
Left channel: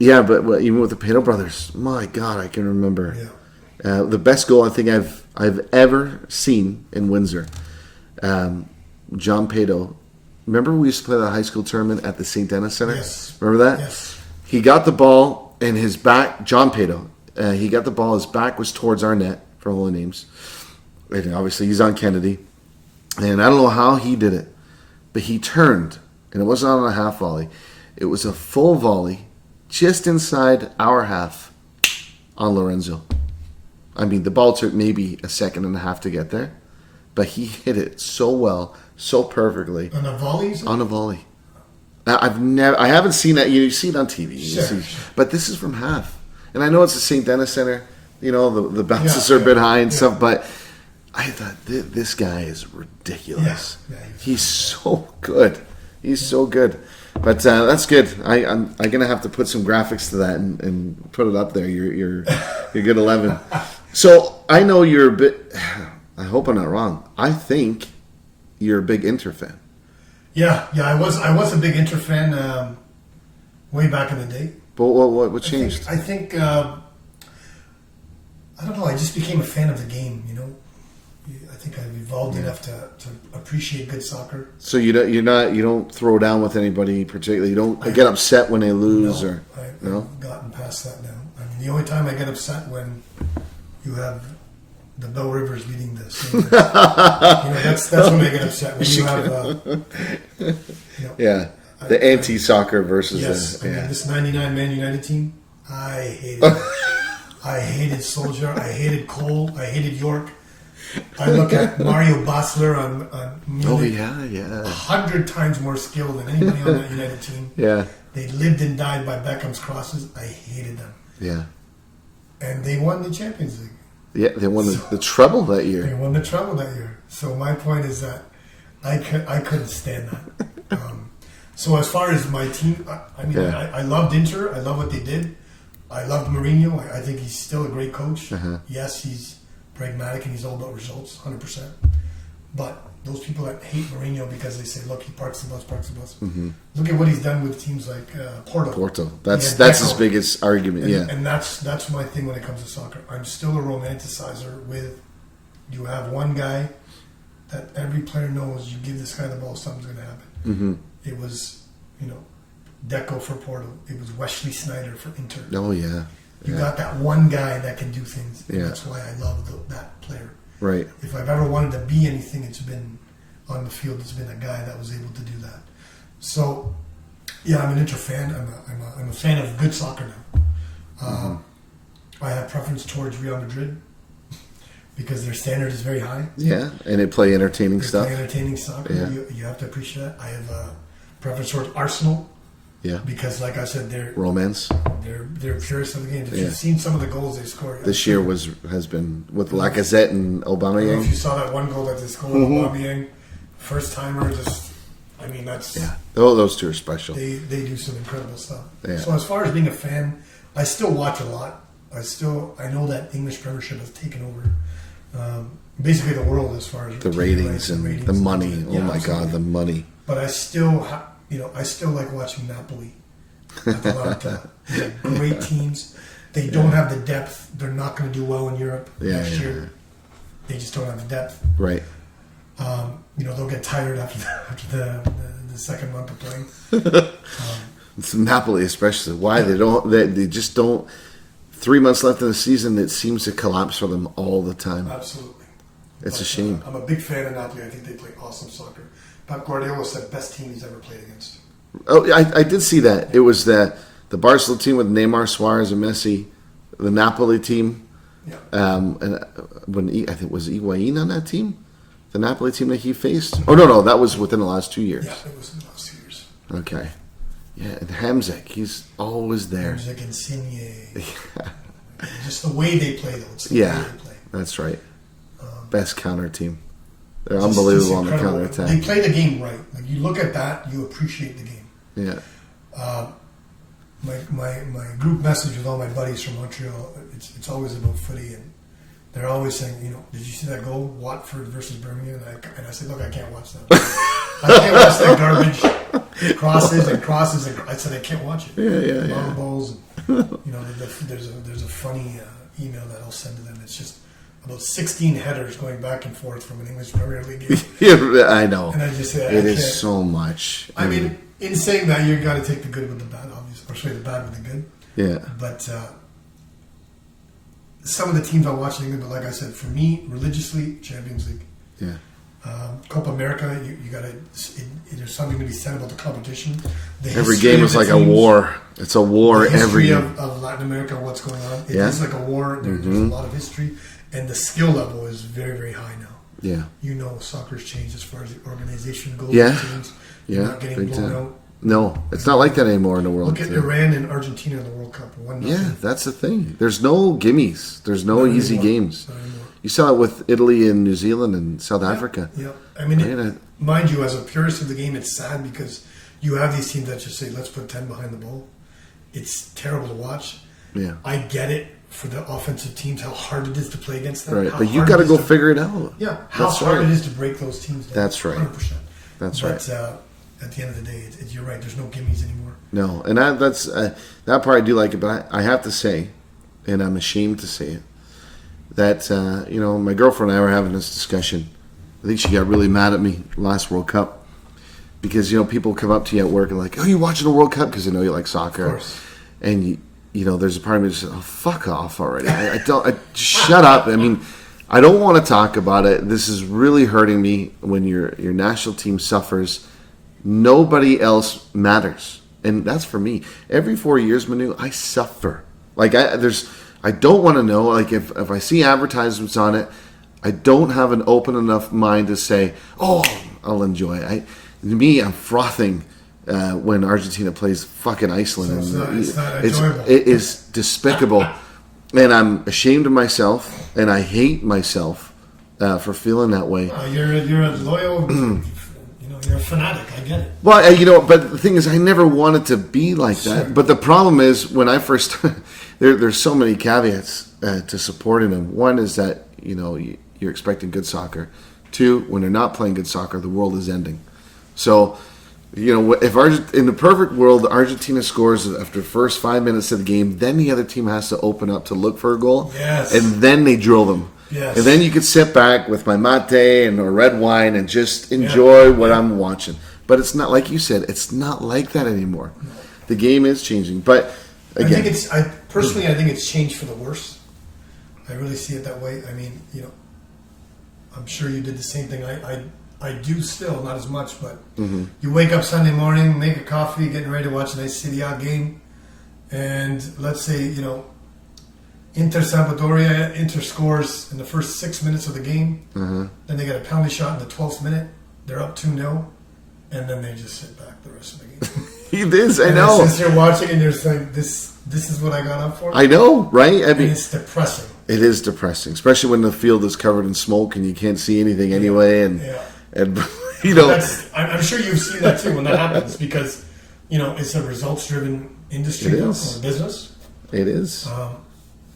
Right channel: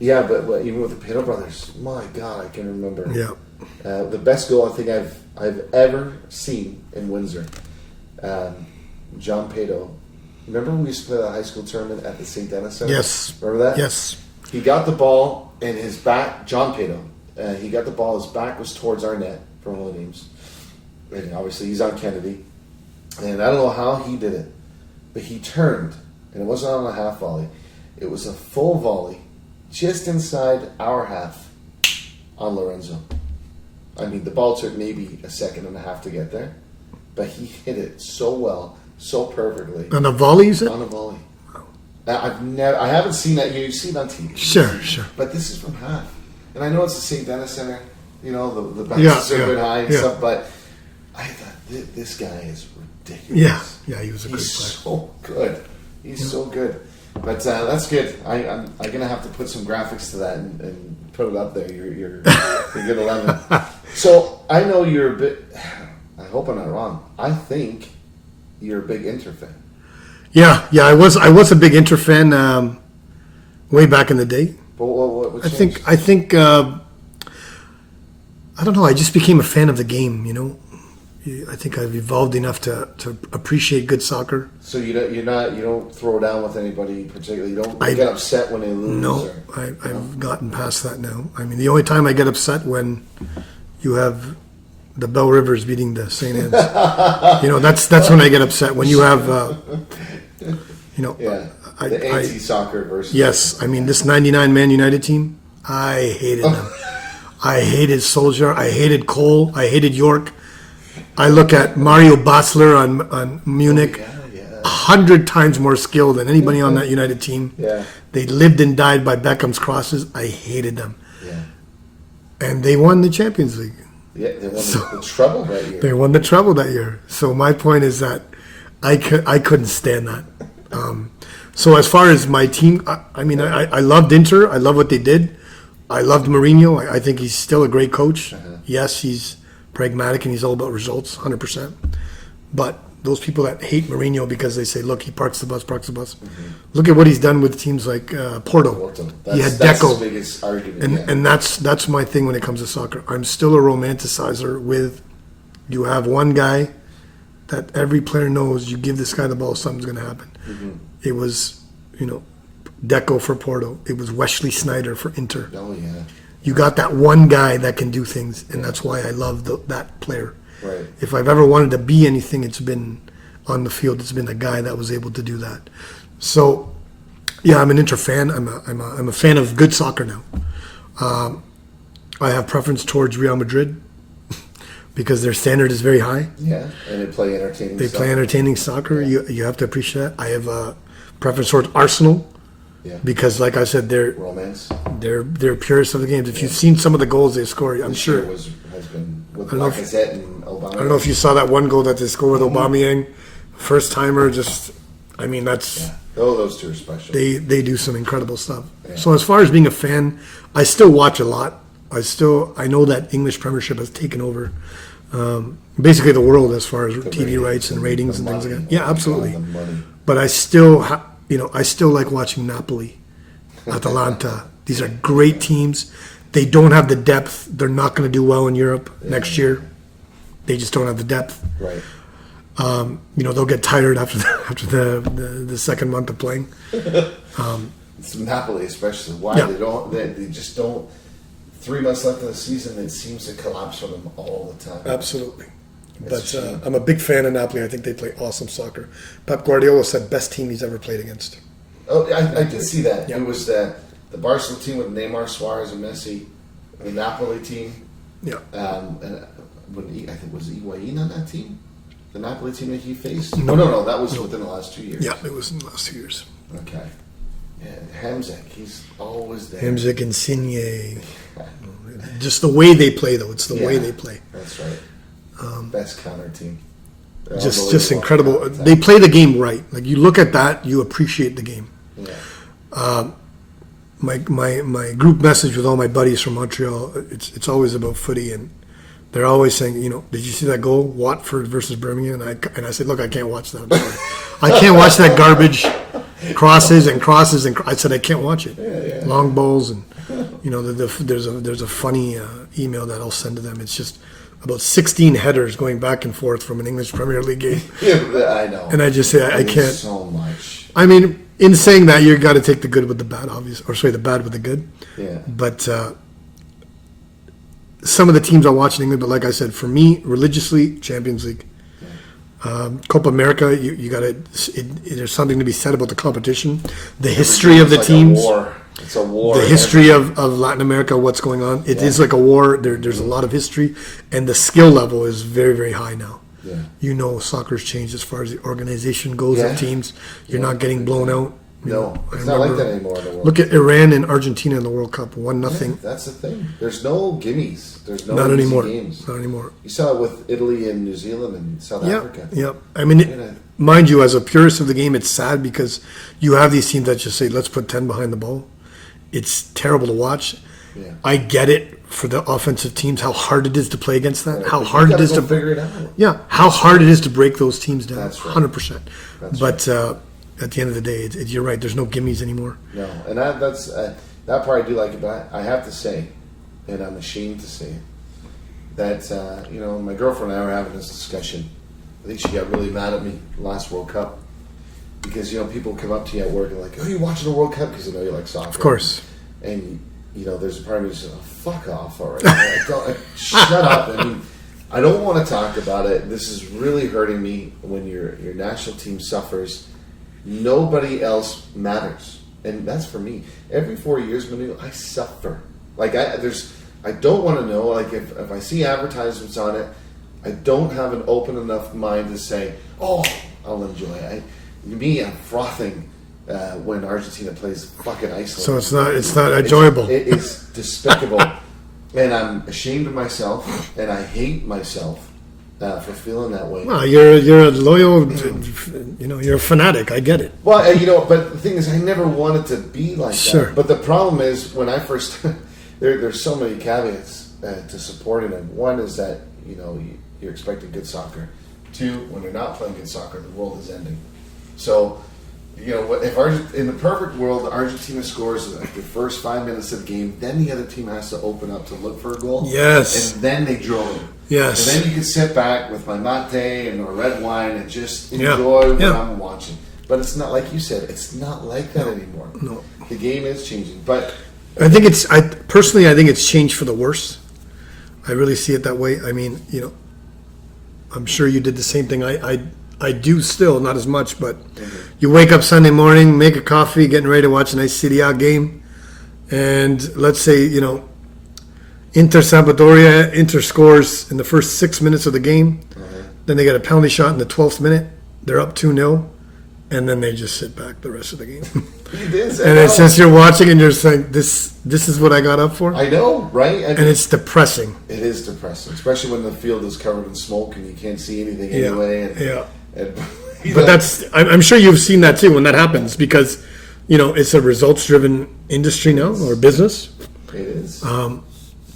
even with the Pato brothers, my God, I can remember. Yeah. The best goal I think I've ever seen in Windsor. John Pato Remember we used to play the high school tournament at the St. Denis Center? Yes. Remember that? Yes. He got the ball and his back, John Pato, he got the ball, his back was towards our net, for Holy Names. And obviously he's on Kennedy. And I don't know how he did it, but he turned, and it wasn't on a half volley. It was a full volley, just inside our half on Lorenzo. I mean, the ball took maybe a second and a half to get there, but he hit it so well, so perfectly. On a volley, is it? On a volley. Now, I haven't seen that. You see it on TV. Sure. But this is from half. And I know it's the St. Denis Center. You know, the bounces are a bit high and stuff, but I thought, this guy is ridiculous. Yeah, he's so good. He's so good. But that's good. I'm going to have to put some graphics to that and put it up there. You're good 11. So I know you're a bit, I hope I'm not wrong. I think you're a big Inter fan. Yeah, I was a big Inter fan way back in the day. But what changed? I think I don't know. I just became a fan of the game. You know, I think I've evolved enough to appreciate good soccer. So you don't throw down with anybody particularly. You don't get upset when they lose. No, I've gotten past that now. I mean, the only time I get upset when you have the Bell Rivers beating the St. Louis. That's when I get upset. When you have, the anti-soccer versus. Yes, I mean this '99 Man United team. I hated them. I hated Solskjaer. I hated Cole. I hated York. I look at Mario Basler on Munich. 100 times more skilled than anybody on that United team. Yeah, they lived and died by Beckham's crosses. I hated them. Yeah, and they won the Champions League. Yeah, they won the treble that year. They won the treble that year. So my point is that I couldn't stand that. So as far as my team, I loved Inter. I love what they did. I loved Mourinho. I think he's still a great coach. Uh-huh. Yes, he's pragmatic and he's all about results, 100%. But those people that hate Mourinho because they say, look, he parks the bus. Mm-hmm. Look at what he's done with teams like Porto. That's his biggest argument. And that's my thing when it comes to soccer. I'm still a romanticizer with, you have one guy that every player knows, you give this guy the ball, something's going to happen. Mm-hmm. It was, Deco for Porto. It was Wesley Sneijder for Inter. Oh, yeah. You got that one guy that can do things, and that's why I love that player. Right. If I've ever wanted to be anything, it's been on the field. It's been a guy that was able to do that. So, yeah, I'm an Inter fan. I'm a fan of good soccer now. I have preference towards Real Madrid because their standard is very high. Yeah, and they play entertaining stuff. They play entertaining soccer. Yeah. You have to appreciate that. I have a preference towards Arsenal. Yeah. Because, like I said, they're romance. They're purists of the game. If you've seen some of the goals they score, this year has been with Lacazette and Aubameyang. I don't know if you saw that one goal that they scored with Aubameyang, first timer. That's those two are special. They do some incredible stuff. Yeah. So as far as being a fan, I still watch a lot. I know that English Premiership has taken over basically the world as far as the TV rights and ratings. The money. Absolutely. God, the money. But I still I still like watching Napoli, Atalanta. These are great teams. They don't have the depth. They're not going to do well in Europe next year. They just don't have the depth. Right. They'll get tired after the second month of playing. It's Napoli, especially. Why they just don't. 3 months left in the season, it seems to collapse for them all the time. Absolutely. It's a shame. I'm a big fan of Napoli. I think they play awesome soccer. Pep Guardiola said best team he's ever played against. Oh, I did see that. Yeah. It was the Barcelona team with Neymar, Suarez, and Messi. The Napoli team. Yeah. And I think was Higuain on that team, the Napoli team that he faced. Oh no, that was within the last 2 years. Yeah, it was in the last 2 years. Okay. Yeah, and Hamzak, he's always there. Hamzak and Insigne. Just the way they play, though. It's the way they play. That's right. Best counter team. They're just incredible. They play the game right. Like you look at that, you appreciate the game. Yeah. My group message with all my buddies from Montreal, it's always about footy, and they're always saying, did you see that goal, Watford versus Birmingham? And I said, look, I can't watch that. I can't watch that garbage. Crosses. I said I can't watch it. Yeah. Long balls, and there's a funny email that I'll send to them. It's just about 16 headers going back and forth from an English Premier League game. Yeah, I know. And I just say, I can't. So much. I mean, in saying that, you got to take the good with the bad, obviously. Or sorry, the bad with the good. Yeah. But some of the teams I watch in England, but like I said, for me, religiously, Champions League. Yeah. Copa America, you got to. There's something to be said about the competition, the Every history game of the is teams. like a war. It's a war. The history of Latin America, what's going on. It is like a war. There's a lot of history, and the skill level is very, very high now. Yeah. Soccer's changed as far as the organization goes. Yeah. Teams, you're not getting blown out. No, it's not like that anymore in the world. Look at Iran and Argentina in the World Cup, 1-0. Yeah, that's the thing. There's no gimmies. There's no easy games. Not anymore. You saw it with Italy and New Zealand and South Africa. Yep. I mean, mind you, as a purist of the game, it's sad because you have these teams that just say, let's put 10 behind the ball. It's terrible to watch. Yeah. I get it for the offensive teams, how hard it is to play against that. Right. How but hard you got it is to figure it out. Yeah. How hard it is to break those teams down. That's right. 100%. That's right. But at the end of the day, you're right. There's no gimmies anymore. No, and that's that part I do like it. But I have to say, and I'm ashamed to say it, that my girlfriend and I were having this discussion. I think she got really mad at me last World Cup because people come up to you at work and like, oh, you watching the World Cup because they know you like soccer, of course, and there's a part of me that says, oh, fuck off already. I don't shut up. I mean, I don't want to talk about it. This is really hurting me when your national team suffers. Nobody else matters, and that's for me. Every 4 years, Manu, I suffer. Like I don't want to know. Like if I see advertisements on it, I don't have an open enough mind to say, oh, I'll enjoy it. I'm frothing when Argentina plays fucking Iceland. So it's not enjoyable. It is despicable, and I'm ashamed of myself, and I hate myself for feeling that way. Well, you're a loyal, you're a fanatic. I get it. Well, but the thing is, I never wanted to be like Sure. that. But the problem is, when I first, there's so many caveats to supporting them. One is that you're expecting good soccer. Two, when they're not playing good soccer, the world is ending. So, if in the perfect world, Argentina scores after the first 5 minutes of the game, then the other team has to open up to look for a goal. Yes. And then they drill them. Yes. And then you can sit back with my mate and a red wine and just enjoy what I'm watching. But it's not, like you said, it's not like that anymore. No. The game is changing. But again, I think it's changed for the worse. I really see it that way. I mean, I'm sure you did the same thing. I do still, not as much, but you wake up Sunday morning, make a coffee, getting ready to watch a nice Serie A game, and let's say, Inter scores in the first 6 minutes of the game, then they get a penalty shot in the 12th minute, they're up 2-0, and then they just sit back the rest of the game. It is, I and know. it's just you're watching and you're saying, this is what I got up for? I know, right? And it's depressing. It is depressing, especially when the field is covered in smoke and you can't see anything anyway, and I'm sure you've seen that too when that happens because it's a results-driven industry now or business. It is.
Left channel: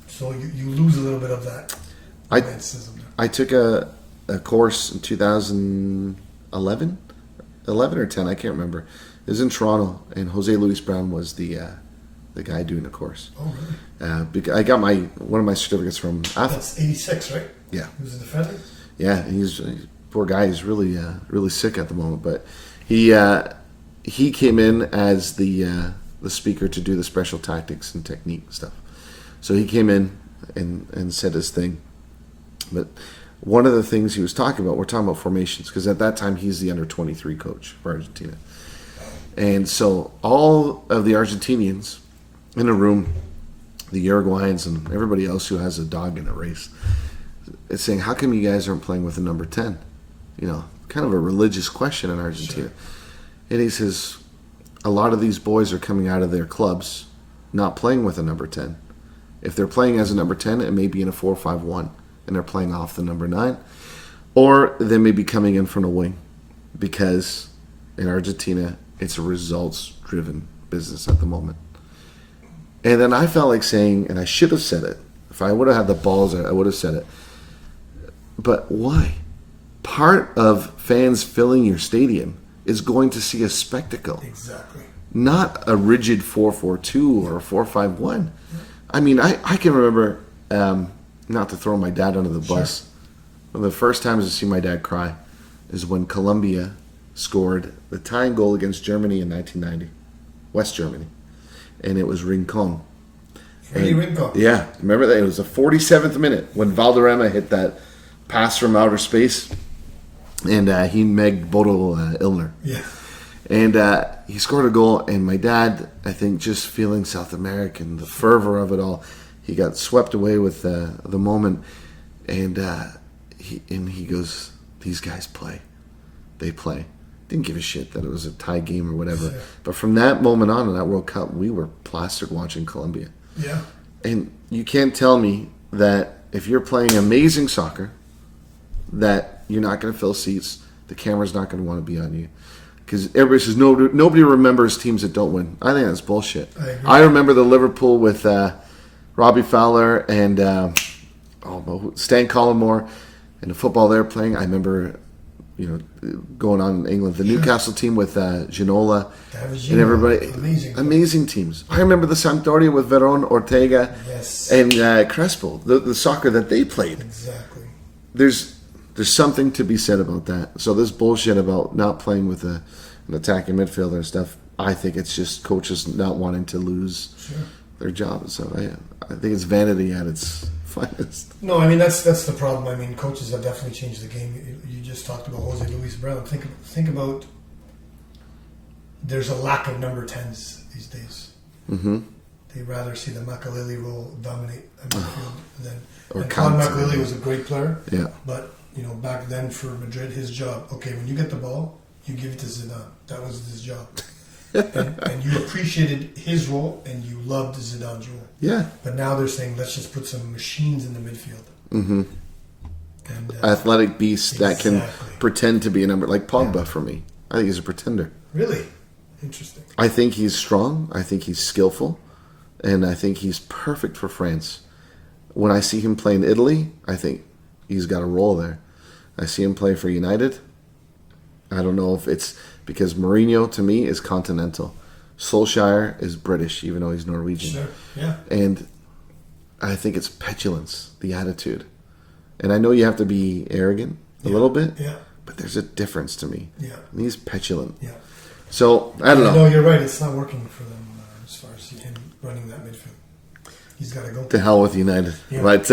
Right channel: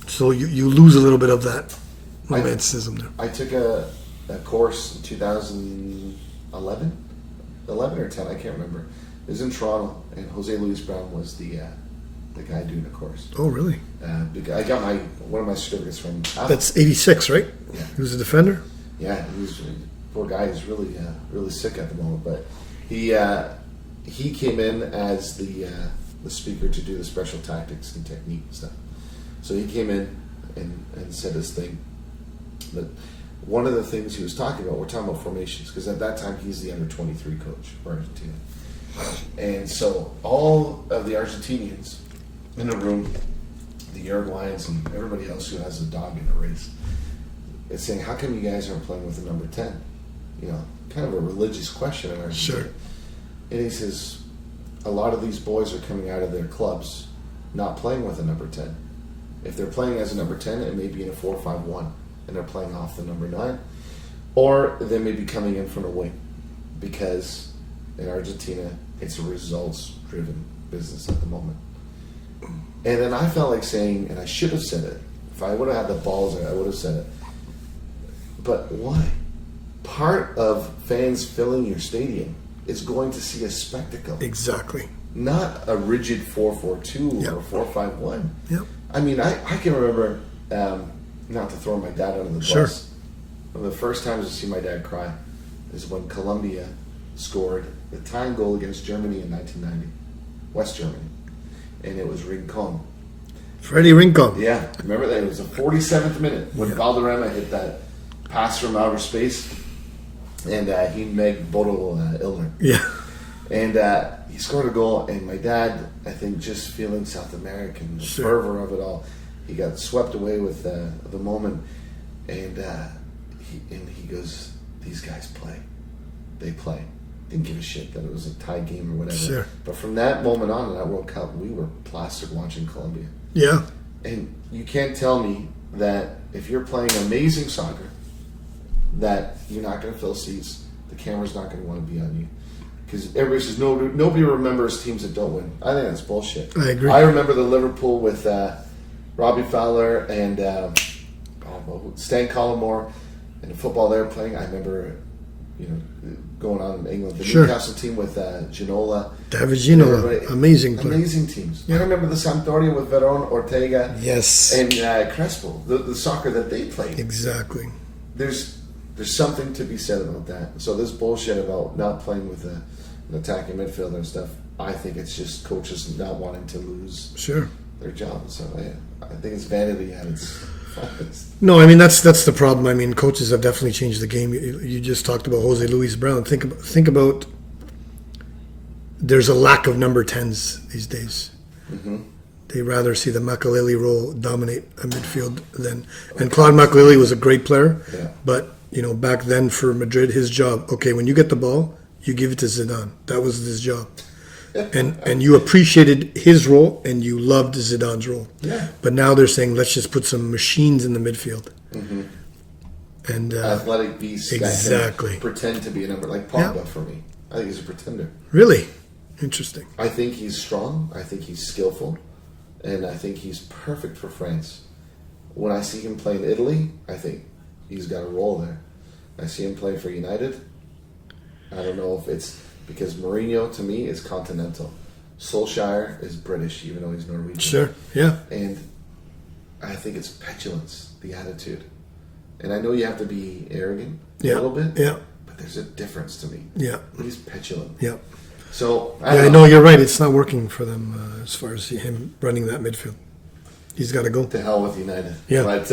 So you lose a little bit of that romanticism there. I took a course in 2011 or 10, I can't remember. It was in Toronto, and Jose Luis Brown was the guy doing the course. Oh, really? I got one of my certificates from. That's 86, right? Yeah. He was a defender. Yeah, and he's poor guy. He's really really sick at the moment, but he came in as the speaker to do the special tactics and technique stuff. So he came in and said his thing. But one of the things he was talking about, we're talking about formations, because at that time he's the under-23 coach for Argentina. And so all of the Argentinians in a room, the Uruguayans and everybody else who has a dog in the race, it's saying, how come you guys aren't playing with a number 10? Kind of a religious question in Argentina. Sure. And he says, a lot of these boys are coming out of their clubs not playing with a number 10. If they're playing as a number 10, it may be in a 4-5-1, and they're playing off the number 9. Or they may be coming in from a wing, because in Argentina, it's a results-driven business at the moment. And then I felt like saying, and I should have said it, if I would have had the balls, I would have said it. But why? Part of fans filling your stadium is going to see a spectacle. Exactly. Not a rigid 4-4-2 or 4-5-1. Yep. I mean, I can remember not to throw my dad under the bus, one of the first times I see my dad cry is when Colombia scored the tying goal against Germany in 1990, West Germany, and it was Rincon. Freddie Rincon. Yeah, remember that? It was the 47th minute when Valderrama hit that pass from outer space, and he megged Bodo Illner. Yeah. And he scored a goal, and my dad, I think, just feeling South American, the fervor of it all, he got swept away with the moment, and he goes, "These guys play. They play." Didn't give a shit that it was a tie game or whatever. Sure. But from that moment on in that World Cup, we were plastic watching Colombia. Yeah. And you can't tell me that if you're playing amazing soccer, that you're not going to fill seats, the camera's not going to want to be on you. Because everybody says nobody remembers teams that don't win. I think that's bullshit. I agree. I remember the Liverpool with Robbie Fowler and Stan Collymore and the football they were playing. I remember, going on in England, the Newcastle team with Ginola. David Ginola, amazing teams. I remember the Sampdoria with Veron, Ortega, yes, and Crespo. The soccer that they played. Exactly. There's something to be said about that. So this bullshit about not playing with an attacking midfielder and stuff, I think it's just coaches not wanting to lose their job. So I think it's vanity at its finest. No, I mean that's the problem. I mean, coaches have definitely changed the game. You just talked about Jose Luis Brown. Think about there's a lack of number 10s these days. Mm-hmm. They rather see the Makaleli role dominate a midfield than. And Claude Makaleli was a great player. Yeah. But back then for Madrid, his job. Okay, when you get the ball, you give it to Zidane. That was his job. and you appreciated his role and you loved Zidane's role. Yeah. But now they're saying let's just put some machines in the midfield. Mm-hmm. And athletic beasts that can pretend to be a number, like Pogba for me. I think he's a pretender. Really? Interesting. I think he's strong. I think he's skillful. And I think he's perfect for France. When I see him play in Italy, I think he's got a role there. I see him play for United. I don't know if it's because Mourinho, to me, is continental. Solskjaer is British, even though he's Norwegian. Sure, yeah. And I think it's petulance, the attitude. And I know you have to be arrogant a little bit, but there's a difference to me. Yeah. He's petulant. Yeah. So, I don't know. No, you're right. It's not working for them as far as him running that midfield. He's got to go. To hell with United. Yeah. But,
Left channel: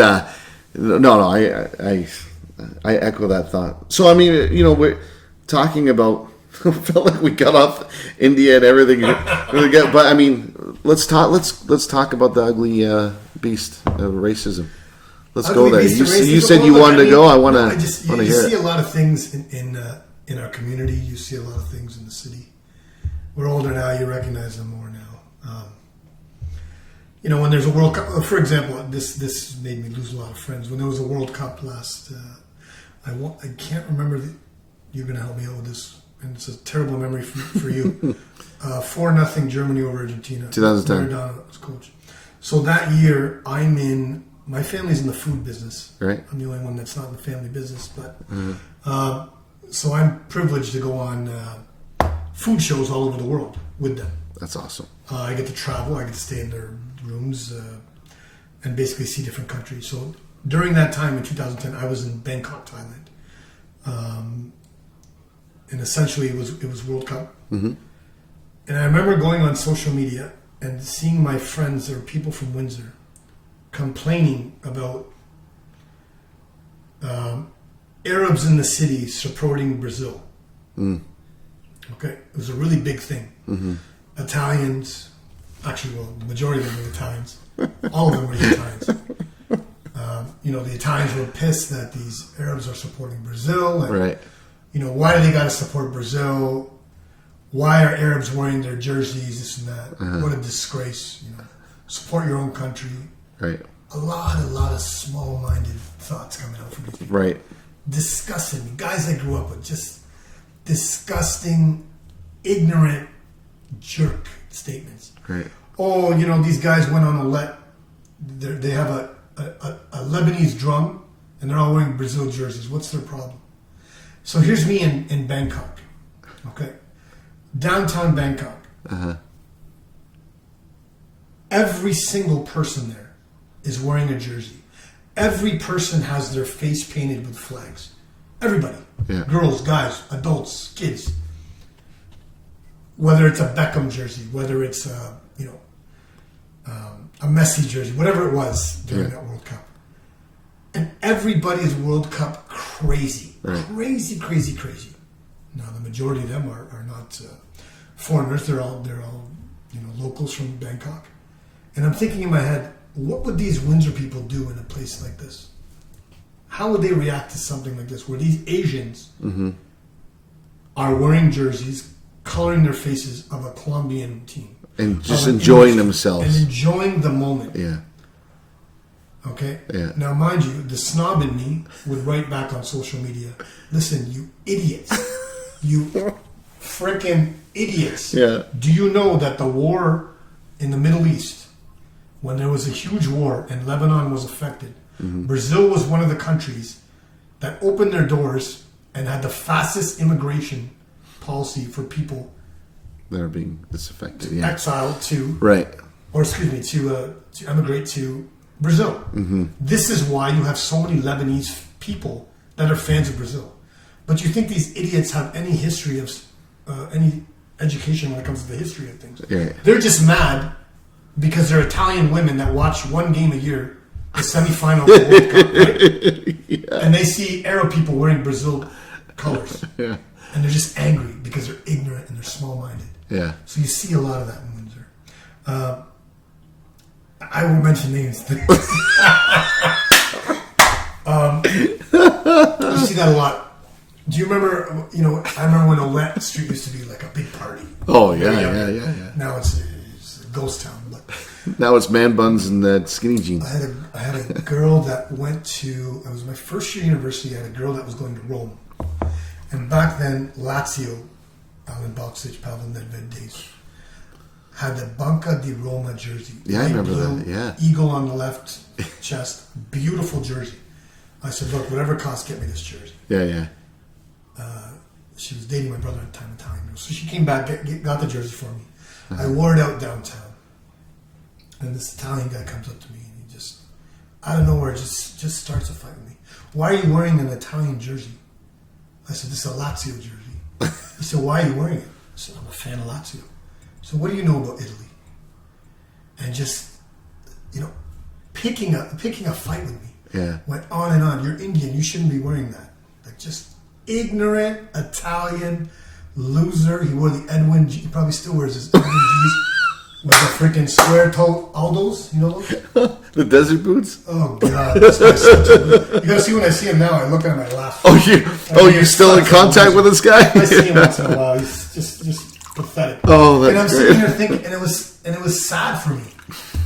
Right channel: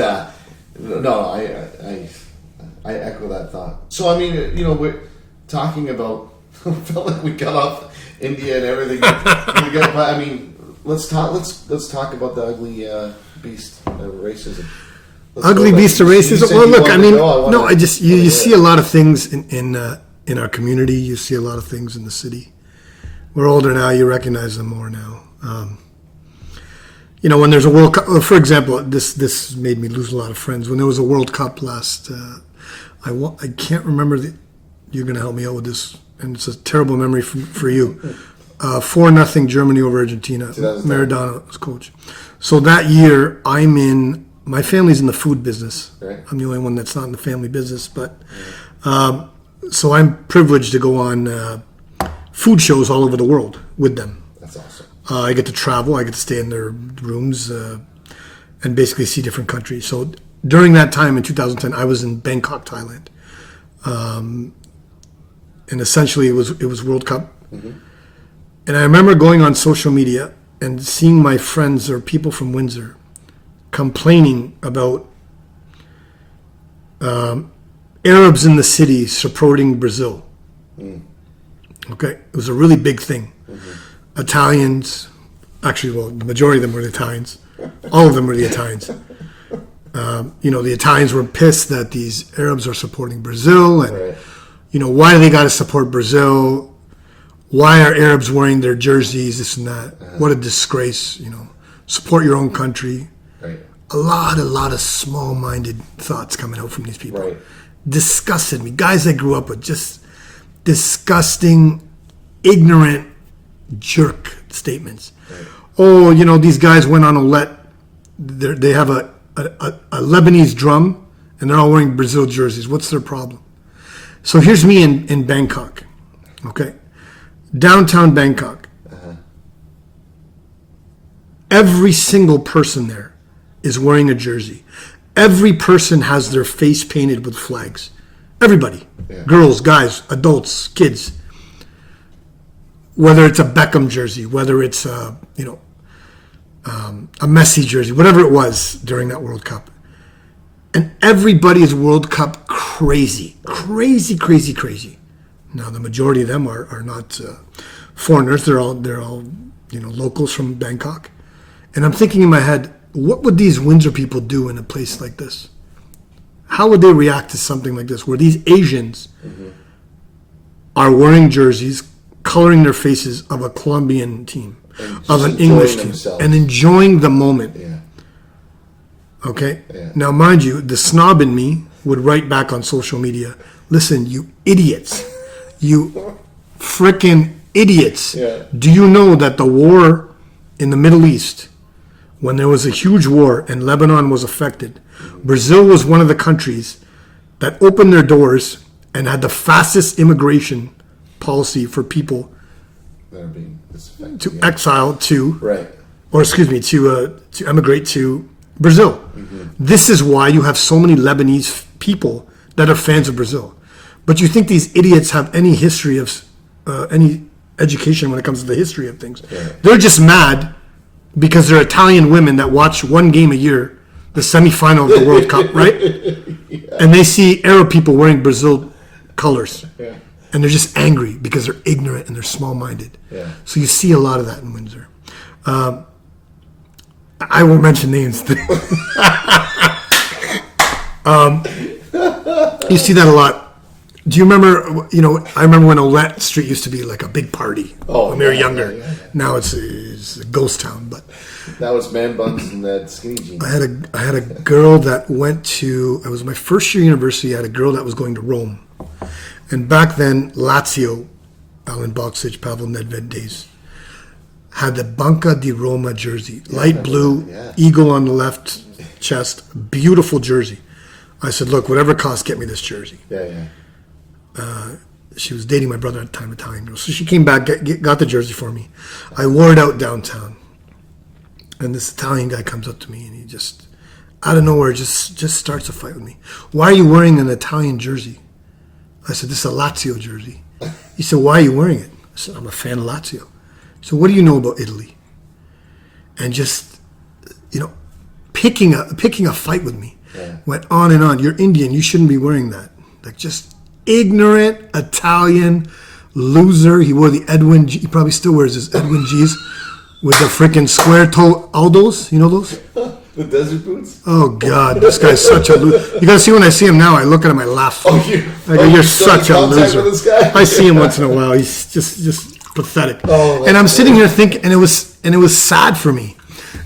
I echo that thought. So, I mean, we're talking about... I felt like we got off India and everything. But I mean, let's talk about the ugly beast of racism. Ugly beast of racism. You said you wanted to go. You see a lot of things in our community. You see a lot of things in the city. We're older now. You recognize them more now. When there's a World Cup, for example, this made me lose a lot of friends. When there was a World Cup last, I can't remember. You're going to help me out with this. And it's a terrible memory for you. 4-0 Germany over Argentina. 2010. Maradona was coach. So that year, my family's in the food business. Right. I'm the only one that's not in the family business. But so I'm privileged to go on food shows all over the world with them. That's awesome. I get to travel. I get to stay in their rooms and basically see different countries. So during that time in 2010, I was in Bangkok, Thailand. And essentially, it was World Cup. Mm-hmm. And I remember going on social media and seeing my friends or people from Windsor complaining about Arabs in the city supporting Brazil. Mm. Okay, it was a really big thing. Mm-hmm. Italians, actually, the majority of them were the Italians. All of them were the Italians. The Italians were pissed that these Arabs are supporting Brazil. And, right. Why do they got to support Brazil? Why are Arabs wearing their jerseys, this and that? Uh-huh. What a disgrace, Support your own country. Right. A lot of small-minded thoughts coming out from these people. Right. Disgusted me. Guys I grew up with, just disgusting, ignorant, jerk statements. Right. Oh, these guys went on Olet. They have a Lebanese drum, and they're all wearing Brazil jerseys. What's their problem? So here's me in Bangkok, okay? Downtown Bangkok. Uh-huh. Every single person there is wearing a jersey. every person has their face painted with flags. Everybody. Yeah. Girls, guys, adults, kids. Whether it's a Beckham jersey, whether it's a Messi jersey, whatever it was during that World Cup. And everybody's World Cup crazy. Crazy, crazy, crazy. Now, the majority of them are not foreigners. They're all locals from Bangkok. And I'm thinking in my head, what would these Windsor people do in a place like this? How would they react to something like this, where these Asians are wearing jerseys, coloring their faces of a Colombian team, and just enjoying themselves and enjoying the moment? Yeah. Okay. Yeah. Now, mind you, the snob in me would write back on social media, "Listen, you idiots, you freaking idiots! Yeah. Do you know that the war in the Middle East, when there was a huge war and Lebanon was affected, Brazil was one of the countries that opened their doors and had the fastest immigration policy for people that are being disaffected, to exile to, right, or excuse me, to emigrate to Brazil. This is why you have so many Lebanese people that are fans of Brazil. But you think these idiots have any history of any education when it comes to the history of things? Yeah. They're just mad because they're Italian women that watch one game a year, the semifinal of the World Cup, right? Yeah. And they see Arab people wearing Brazil colors. Yeah. And they're just angry because they're ignorant and they're small-minded. Yeah. So you see a lot of that in Windsor. I won't mention names. You see that a lot. Do you remember, I remember when Olette Street used to be like a big party. Oh, when we were yeah, younger. yeah. Now it's a ghost town. But now it's man buns and skinny jeans. I had a girl that went to, it was my first year university, I had a girl that was going to Rome. And back then, Lazio, Alan Boxic, Pavel Nedved days, had the Banca di Roma jersey. Light blue, eagle on the left chest, beautiful jersey. I said, look, whatever it costs, get me this jersey. Yeah. She was dating my brother at the time, Italian. So she came back, got the jersey for me. I wore it out downtown. And this Italian guy comes up to me and he just, out of nowhere, just starts a fight with me. Why are you wearing an Italian jersey? I said, this is a Lazio jersey. He said, why are you wearing it? I said, I'm a fan of Lazio. So what do you know about Italy? And just, picking a fight with me. Yeah. Went on and on. You're Indian. You shouldn't be wearing that. Like, just ignorant Italian loser. He wore the Edwin G. He probably still wears his Edwin G's with the freaking square toe Aldos. You know those? The desert boots? Oh, God. This guy's such a loser. You got to see when I see him now, I look at him, I laugh. You're still in contact with this guy? I see him once in a while. He's just pathetic. Oh, and I'm sitting here thinking, and it was sad for me.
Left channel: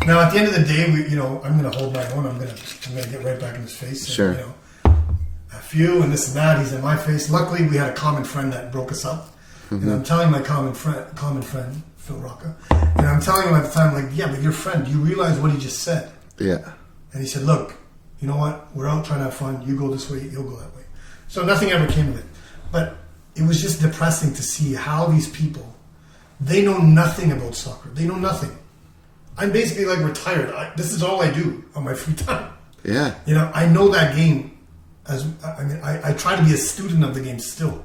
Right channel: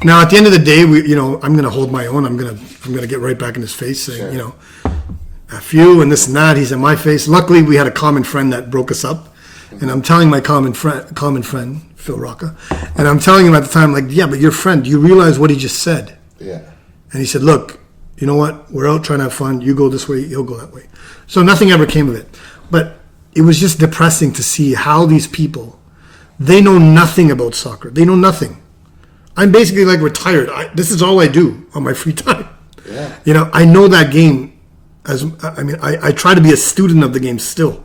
Now, at the end of the day, I'm going to hold my own. I'm going to get right back in his face, saying, Sure. F you and this and that. He's in my face. Luckily, we had a common friend that broke us up, and I'm telling my common friend Phil Rocca, and I'm telling him at the time, like, yeah, but your friend, do you realize what he just said? Yeah. And he said, look, you know what? We're out trying to have fun. You go this way, he'll go that way. So nothing ever came of it. But it was just depressing to see how these people, they know nothing about soccer. They know nothing. I'm basically like retired. This is all I do on my free time. Yeah. I know that game. I try to be a student of the game still.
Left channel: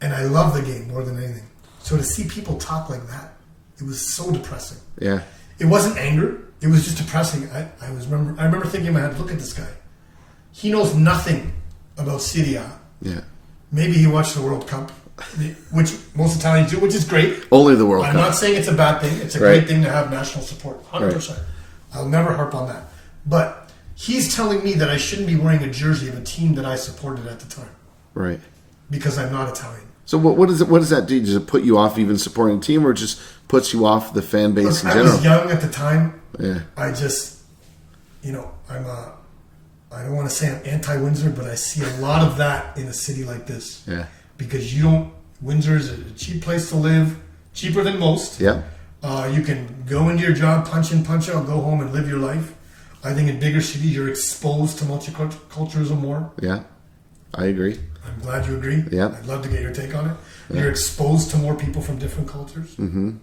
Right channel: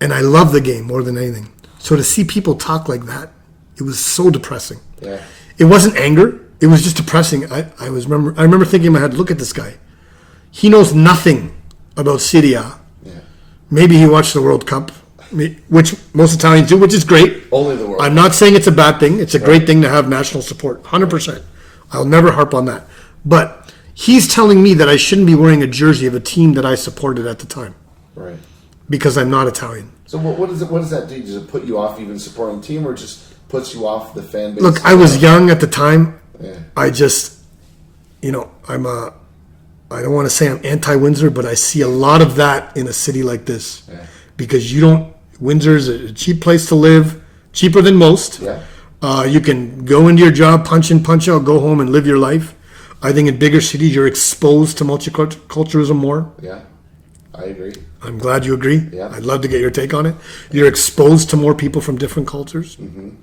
And I love the game more than anything. So to see people talk like that, it was so depressing. Yeah. It wasn't anger. It was just depressing. I remember thinking in my head, look at this guy. He knows nothing about Serie A. Yeah. Maybe he watched the World Cup, which most Italians do, which is great. Only the World Cup. I'm not saying it's a bad thing. It's a great thing to have national support, 100%. Right. I'll never harp on that. But he's telling me that I shouldn't be wearing a jersey of a team that I supported at the time. Right. Because I'm not Italian. So what does that do? Does it put you off even supporting a team, or it just puts you off the fan base? Look, I was young at the time. Yeah. I just, I don't want to say I'm anti-Windsor, but I see a lot of that in a city like this. Yeah. Because Windsor's a cheap place to live, cheaper than most. Yeah. You can go into your job, punch in, punch out, go home and live your life. I think in bigger cities, you're exposed to multiculturalism more. Yeah. I agree. I'm glad you agree. Yeah. I'd love to get your take on it. Yeah. You're exposed to more people from different cultures. Mm-hmm.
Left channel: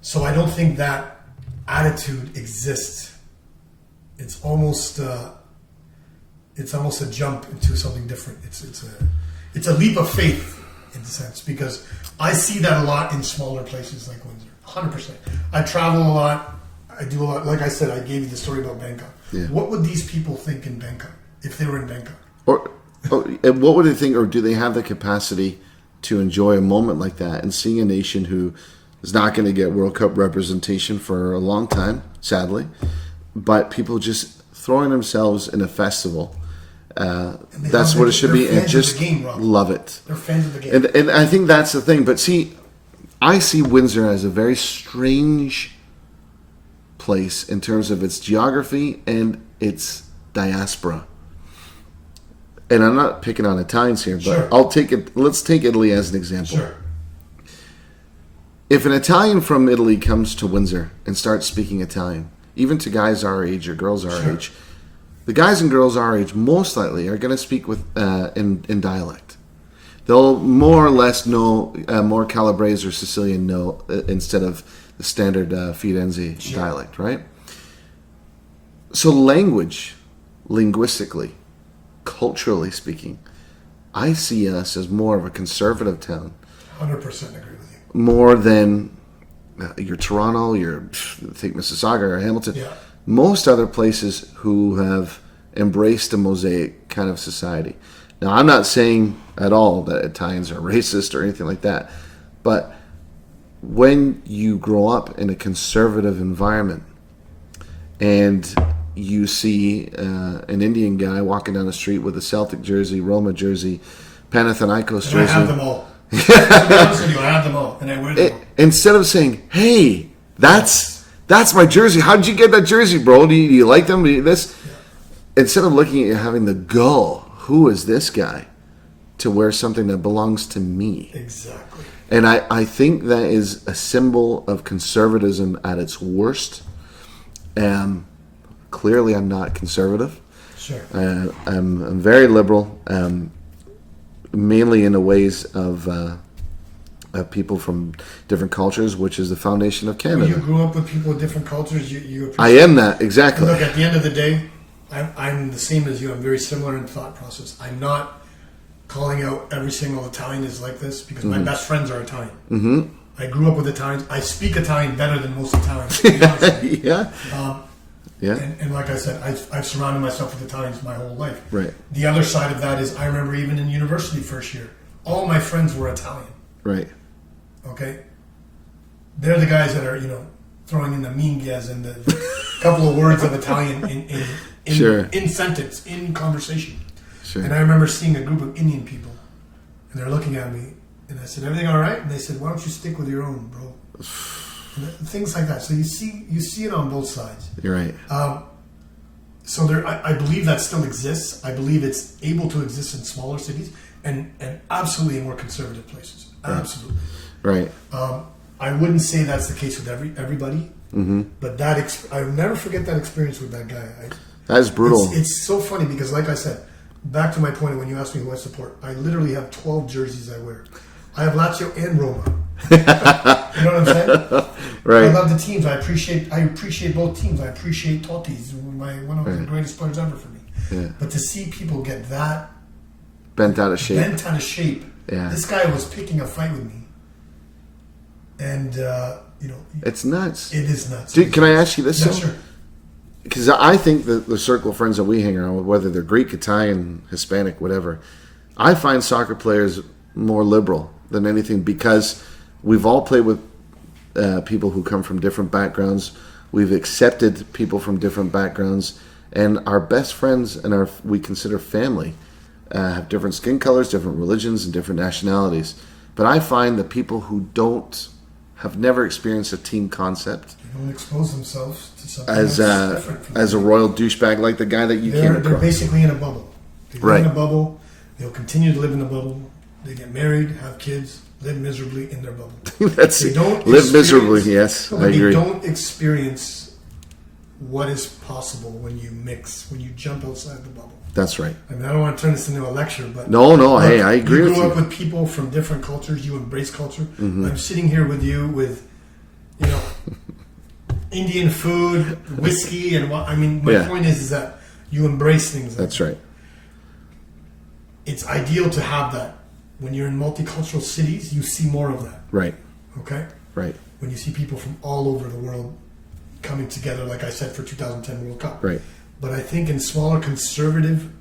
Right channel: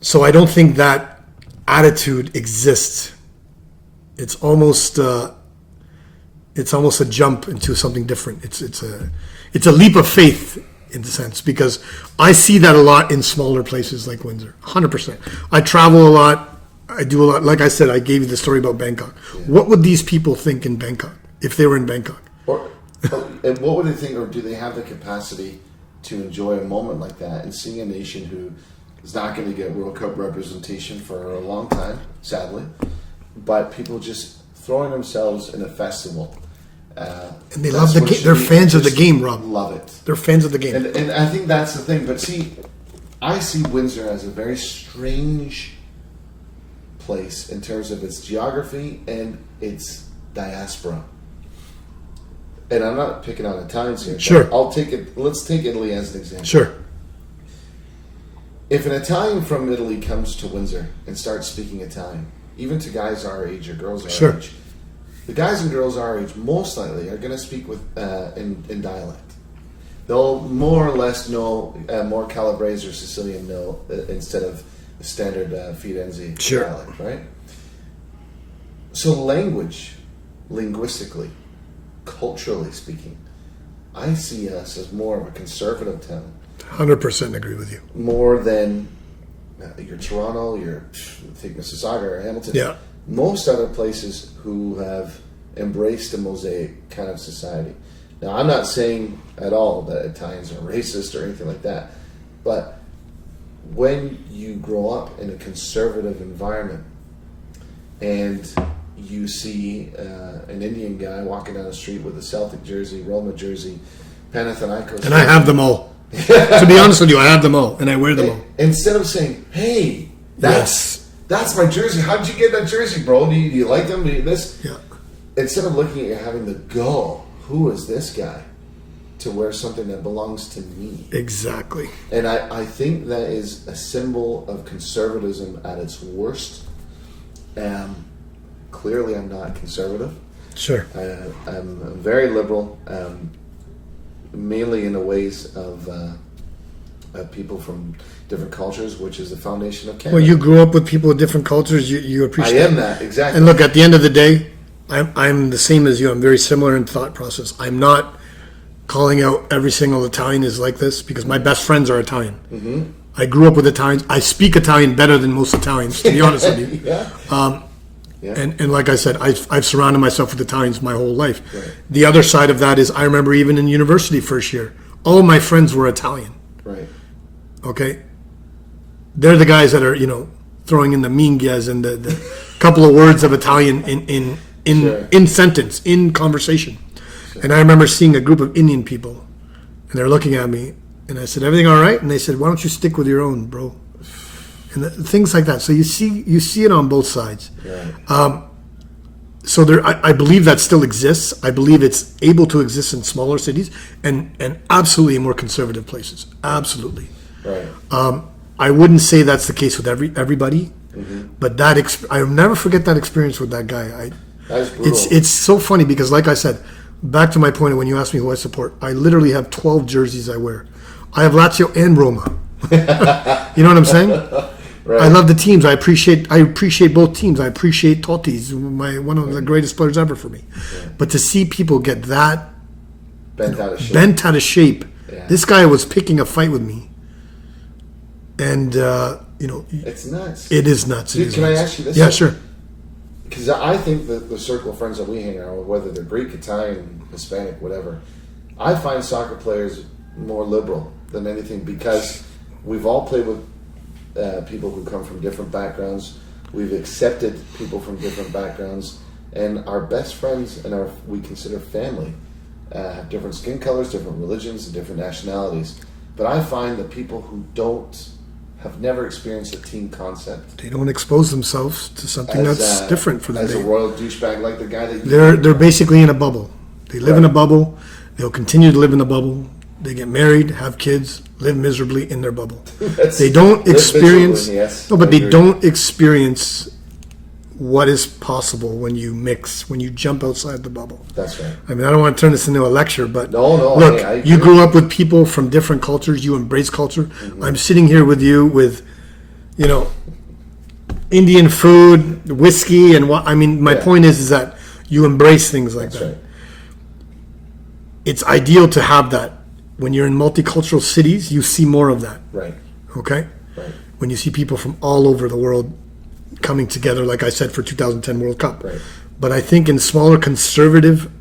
So I don't think that attitude exists it's almost a jump into something different. It's a leap of faith in a sense, because I see that a lot in smaller places like Windsor. 100%. I travel a lot. I do a lot. Like I said, I gave you the story about Bangkok. Yeah. What would these people think in Bangkok if they were in Bangkok? And what would they think, or do they have the capacity to enjoy a moment like that and seeing a nation who is not going to get World Cup representation for a long time, sadly, but people just throwing themselves in a festival. And that's what it should be. They're fans of the game, Rob. Love it. They're fans of the game. And I think that's the thing. But see, I see Windsor as a very strange place in terms of its geography and its diaspora. And I'm not picking on Italians here, but sure. Let's take Italy as an example. Sure. If an Italian from Italy comes to Windsor and starts speaking Italian, even to guys our age or girls our sure. age, the guys and girls our age most likely are going to speak with in dialect. They'll more or less know more Calabrese or Sicilian know instead of the standard Firenze sure. dialect, right? So linguistically, culturally speaking, I see us as more of a conservative town. 100% agree with you. More than your Toronto, think Mississauga or Hamilton. Yeah. Most other places who have embraced a mosaic kind of society. Now, I'm not saying at all that Italians are racist or anything like that, but when you grow up in a conservative environment and you see an Indian guy walking down the street with a Celtic jersey, Roma jersey, Panathinaikos jersey. And I have them all. To be honest with you, I have them all, and I wear them all. Instead of saying, hey, that's my jersey. How did you get that jersey, bro? Do you like them? Do you this? Yeah. Instead of looking at you having the gull, who is this guy, to wear something that belongs to me? Exactly. And I think that is a symbol of conservatism at its worst. Clearly, I'm not conservative. Sure. I'm very liberal, mainly in the ways of people from different cultures, which is the foundation of Canada. Well, you grew up with people with different cultures. You appreciate. I am that, exactly. And look, at the end of the day, I'm the same as you. I'm very similar in thought process. I'm not calling out every single Italian is like this, because my best friends are Italian. Mm-hmm. I grew up with Italians. I speak Italian better than most Italians, to be honest with you. Yeah. Yeah. And like I said, I've surrounded myself with Italians my whole life. Right. The other side of that is, I remember even in university first year, all my friends were Italian. Right. Okay. They're the guys that are, throwing in the minghas and the couple of words of Italian in sentence, in conversation. Sure. And I remember seeing a group of Indian people, and they're looking at me, and I said, "Everything all right?" And they said, "Why don't you stick with your own, bro?" And things like that. So you see it on both sides. You're right. So I believe that still exists. I believe it's able to exist in smaller cities and absolutely in more conservative places. Absolutely. Right. I wouldn't say that's the case with everybody, but I'll never forget that experience with that guy. That's brutal. It's so funny because, like I said, back to my point when you asked me who I support, I literally have 12 jerseys I wear. I have Lazio and Roma. You know what I'm saying? Right. I love the teams. I appreciate both teams. I appreciate Totti's one of the greatest players ever for me. Yeah. But to see people get that bent out of shape. Yeah. This guy was picking a fight with me, and it's nuts. It is nuts. Dude, can I ask you this? Yeah, sure. Because I think the circle of friends that we hang around with, whether they're Greek, Italian, Hispanic, whatever, I find soccer players more liberal than anything, because we've all played with people who come from different backgrounds. We've accepted people from different backgrounds, and our best friends and we consider family have different skin colors, different religions, and different nationalities. But I find that people who have never experienced a team concept, they don't expose themselves to something that's different for them. As a royal douchebag, like the guy that you. They're basically in a bubble. They live in a bubble. They'll continue to live in the bubble. They get married, have kids, live miserably in their bubble. They don't experience. Yes, no, but they don't experience what is possible when you mix, when you jump outside the bubble. That's right. I mean, I don't want to turn this into a lecture, but no. Look, hey, I agree. You grew up with people from different cultures. You embrace culture. Mm-hmm. I'm sitting here with you with, Indian food, whiskey, and what. I mean, my point is that you embrace things like that. That's right. It's ideal to have that. When you're in multicultural cities, you see more of that. Right. Okay? Right. When you see people from all over the world coming together, like I said, for 2010 World Cup. Right. But I think in smaller conservative,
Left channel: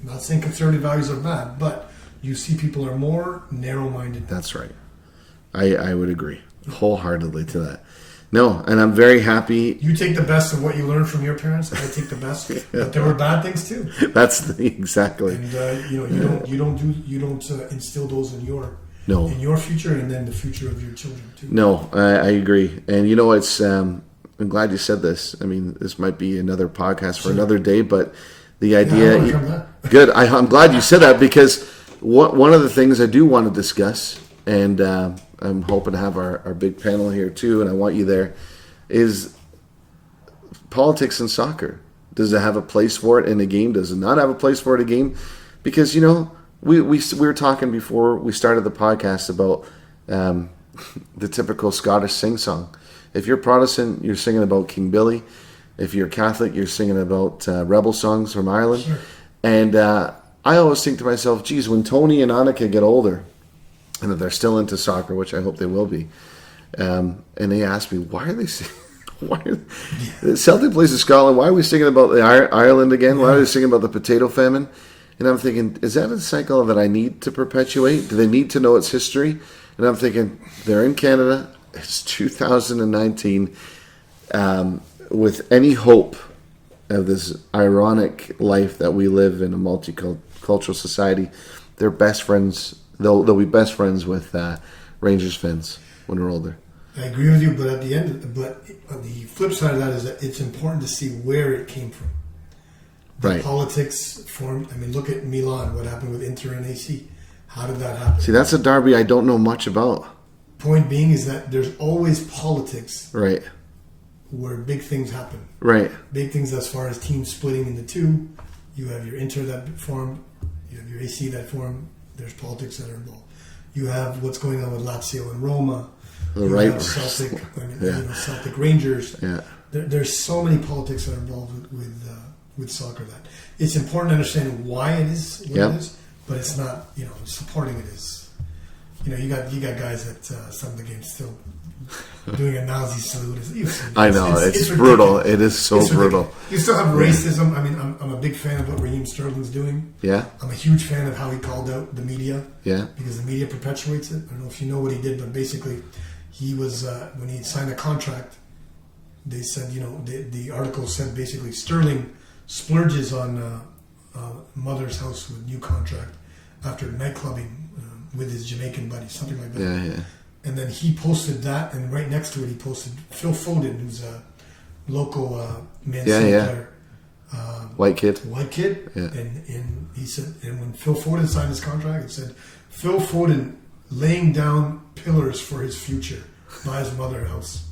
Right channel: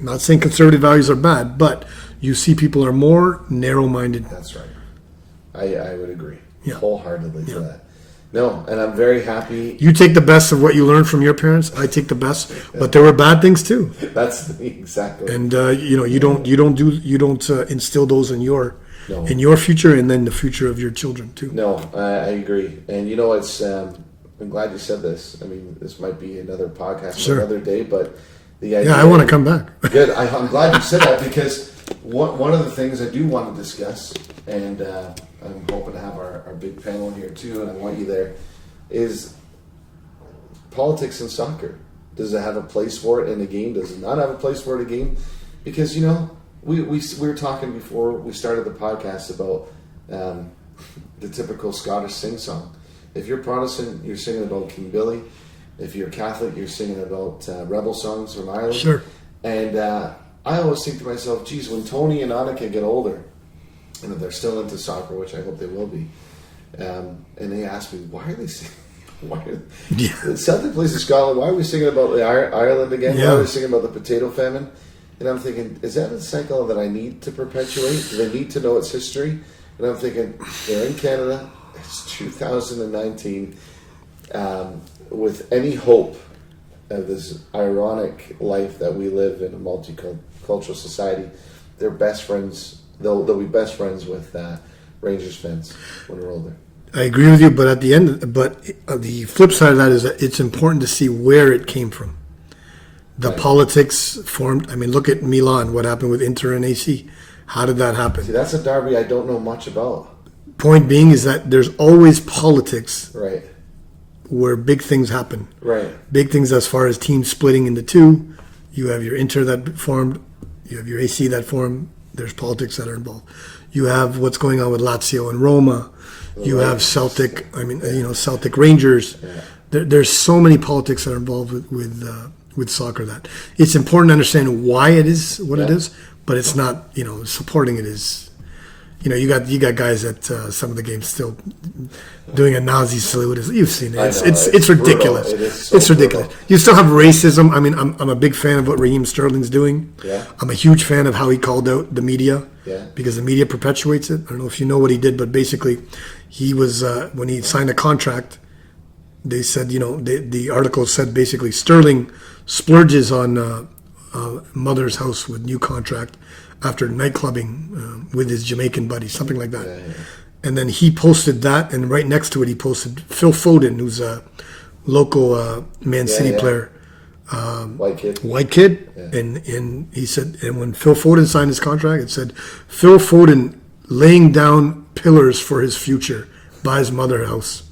not saying conservative values are bad, but you see people are more narrow-minded. That's right. I would agree wholeheartedly to that. No, and I'm very happy. You take the best of what you learned from your parents. I take the best, but there were bad things too. Exactly. And you don't instill those in your future, and then the future of your children too. No, I agree. And it's I'm glad you said this. I mean, this might be another podcast for another day, but the idea. Yeah, I want to come back. Good. I'm glad you said that, because one of the things I do want to discuss, and I'm hoping to have our big panel here too, and I want you there, is politics in soccer. Does it have a place for it in a game? Does it not have a place for it in a game? Because, we were talking before we started the podcast about the typical Scottish sing-song. If you're Protestant, you're singing about King Billy. If you're Catholic, you're singing about rebel songs from Ireland. Sure. And I always think to myself, geez, when Tony and Annika get older, and if they're still into soccer, which I hope they will be, and they ask me, why are they singing? Celtic plays in Scotland. Why are we singing about Ireland again? Why are we singing about the potato famine? And I'm thinking, is that a cycle that I need to perpetuate? Do they need to know its history? And I'm thinking, they're in Canada. It's 2019. With any hope of this ironic life that we live in a multicultural society, they're best friends. They'll be best friends with Rangers fans when they're older. I agree with you, but the flip side of that is that it's important to see where it came from. The politics formed. I mean, look at Milan. What happened with Inter and AC? How did that happen? See, that's a derby I don't know much about. Point being is that there's always politics. Right. Where big things happen. Right. Big things as far as teams splitting into two. You have your Inter that formed. You have your AC that formed. There's politics that are involved. You have what's going on with Lazio and Roma. You have Celtic. I mean, Celtic Rangers. Yeah. There's so many politics that are involved with soccer that it's important to understand why it is what it is, but it's not. Supporting it is. You got guys at some of the games still doing a Nazi salute. You've seen it. I know. It's brutal. ridiculous. It is so it's brutal. Ridiculous. You still have racism. I mean, I'm a big fan of what Raheem Sterling's doing. Yeah. I'm a huge fan of how he called out the media. Yeah. Because the media perpetuates it. I don't know if you know what he did, but basically, he was when he signed a contract. They said, the article said basically Sterling splurges on mother's house with new contract after nightclubbing with his Jamaican buddy, something like that. Yeah. And then he posted that, and right next to it, he posted Phil Foden, who's a local Man City player. White kid. Yeah. And he said, and when Phil Foden signed his contract, it said, Phil Foden laying down pillars for his future by his mother's house.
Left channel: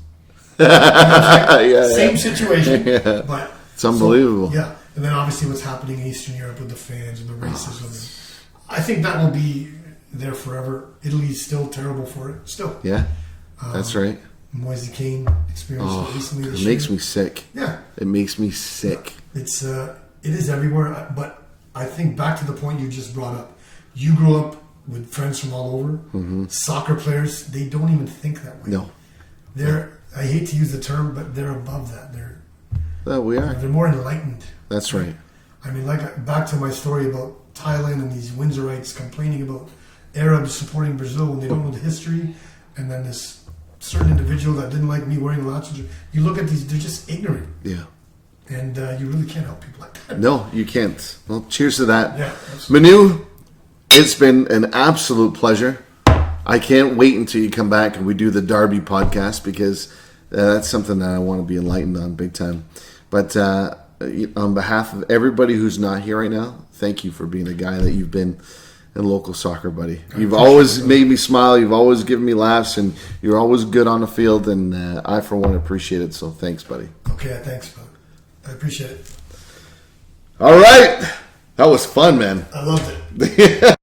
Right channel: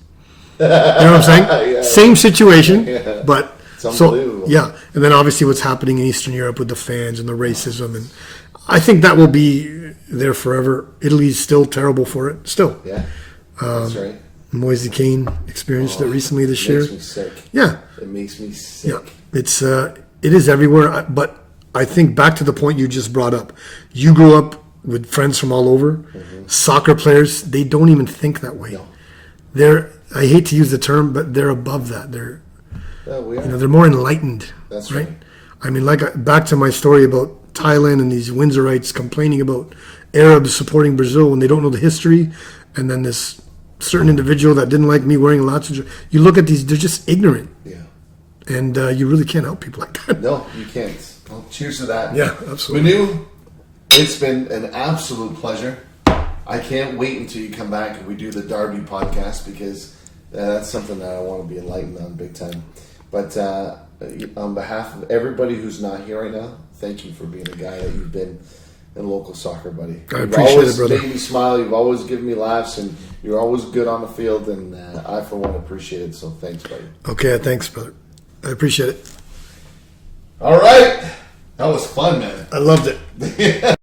You know what I'm saying? Same situation, but it's unbelievable. And then obviously what's happening in Eastern Europe with the fans and the racism, and I think that will be there forever. Italy's still terrible for it. Still. Yeah, that's right. Moise Kean experienced it recently this year. It makes me sick. Yeah. It makes me sick. Yeah. It is everywhere. But I think back to the point you just brought up. You grew up with friends from all over. Mm-hmm. Soccer players, they don't even think that way. No. I hate to use the term, but they're above that. We are. They're more enlightened. That's right. I mean, back to my story about Thailand and these Windsorites complaining about Arabs supporting Brazil when they don't know the history, and then this certain individual that didn't like me wearing a Lazio. You look at these; they're just ignorant. Yeah. And you really can't help people like that. No, you can't. Well, cheers to that. Yeah, absolutely. Manu, it's been an absolute pleasure. I can't wait until you come back and we do the Derby podcast, because that's something that I want to be enlightened on big time. But on behalf of everybody who's not here right now, thank you for being a guy that you've been in local soccer, buddy. You've always made me smile. You've always given me laughs, and you're always good on the field. And I, for one, appreciate it. So thanks, buddy. Okay, thanks, brother. I appreciate it. All right. That was fun, man. I loved it.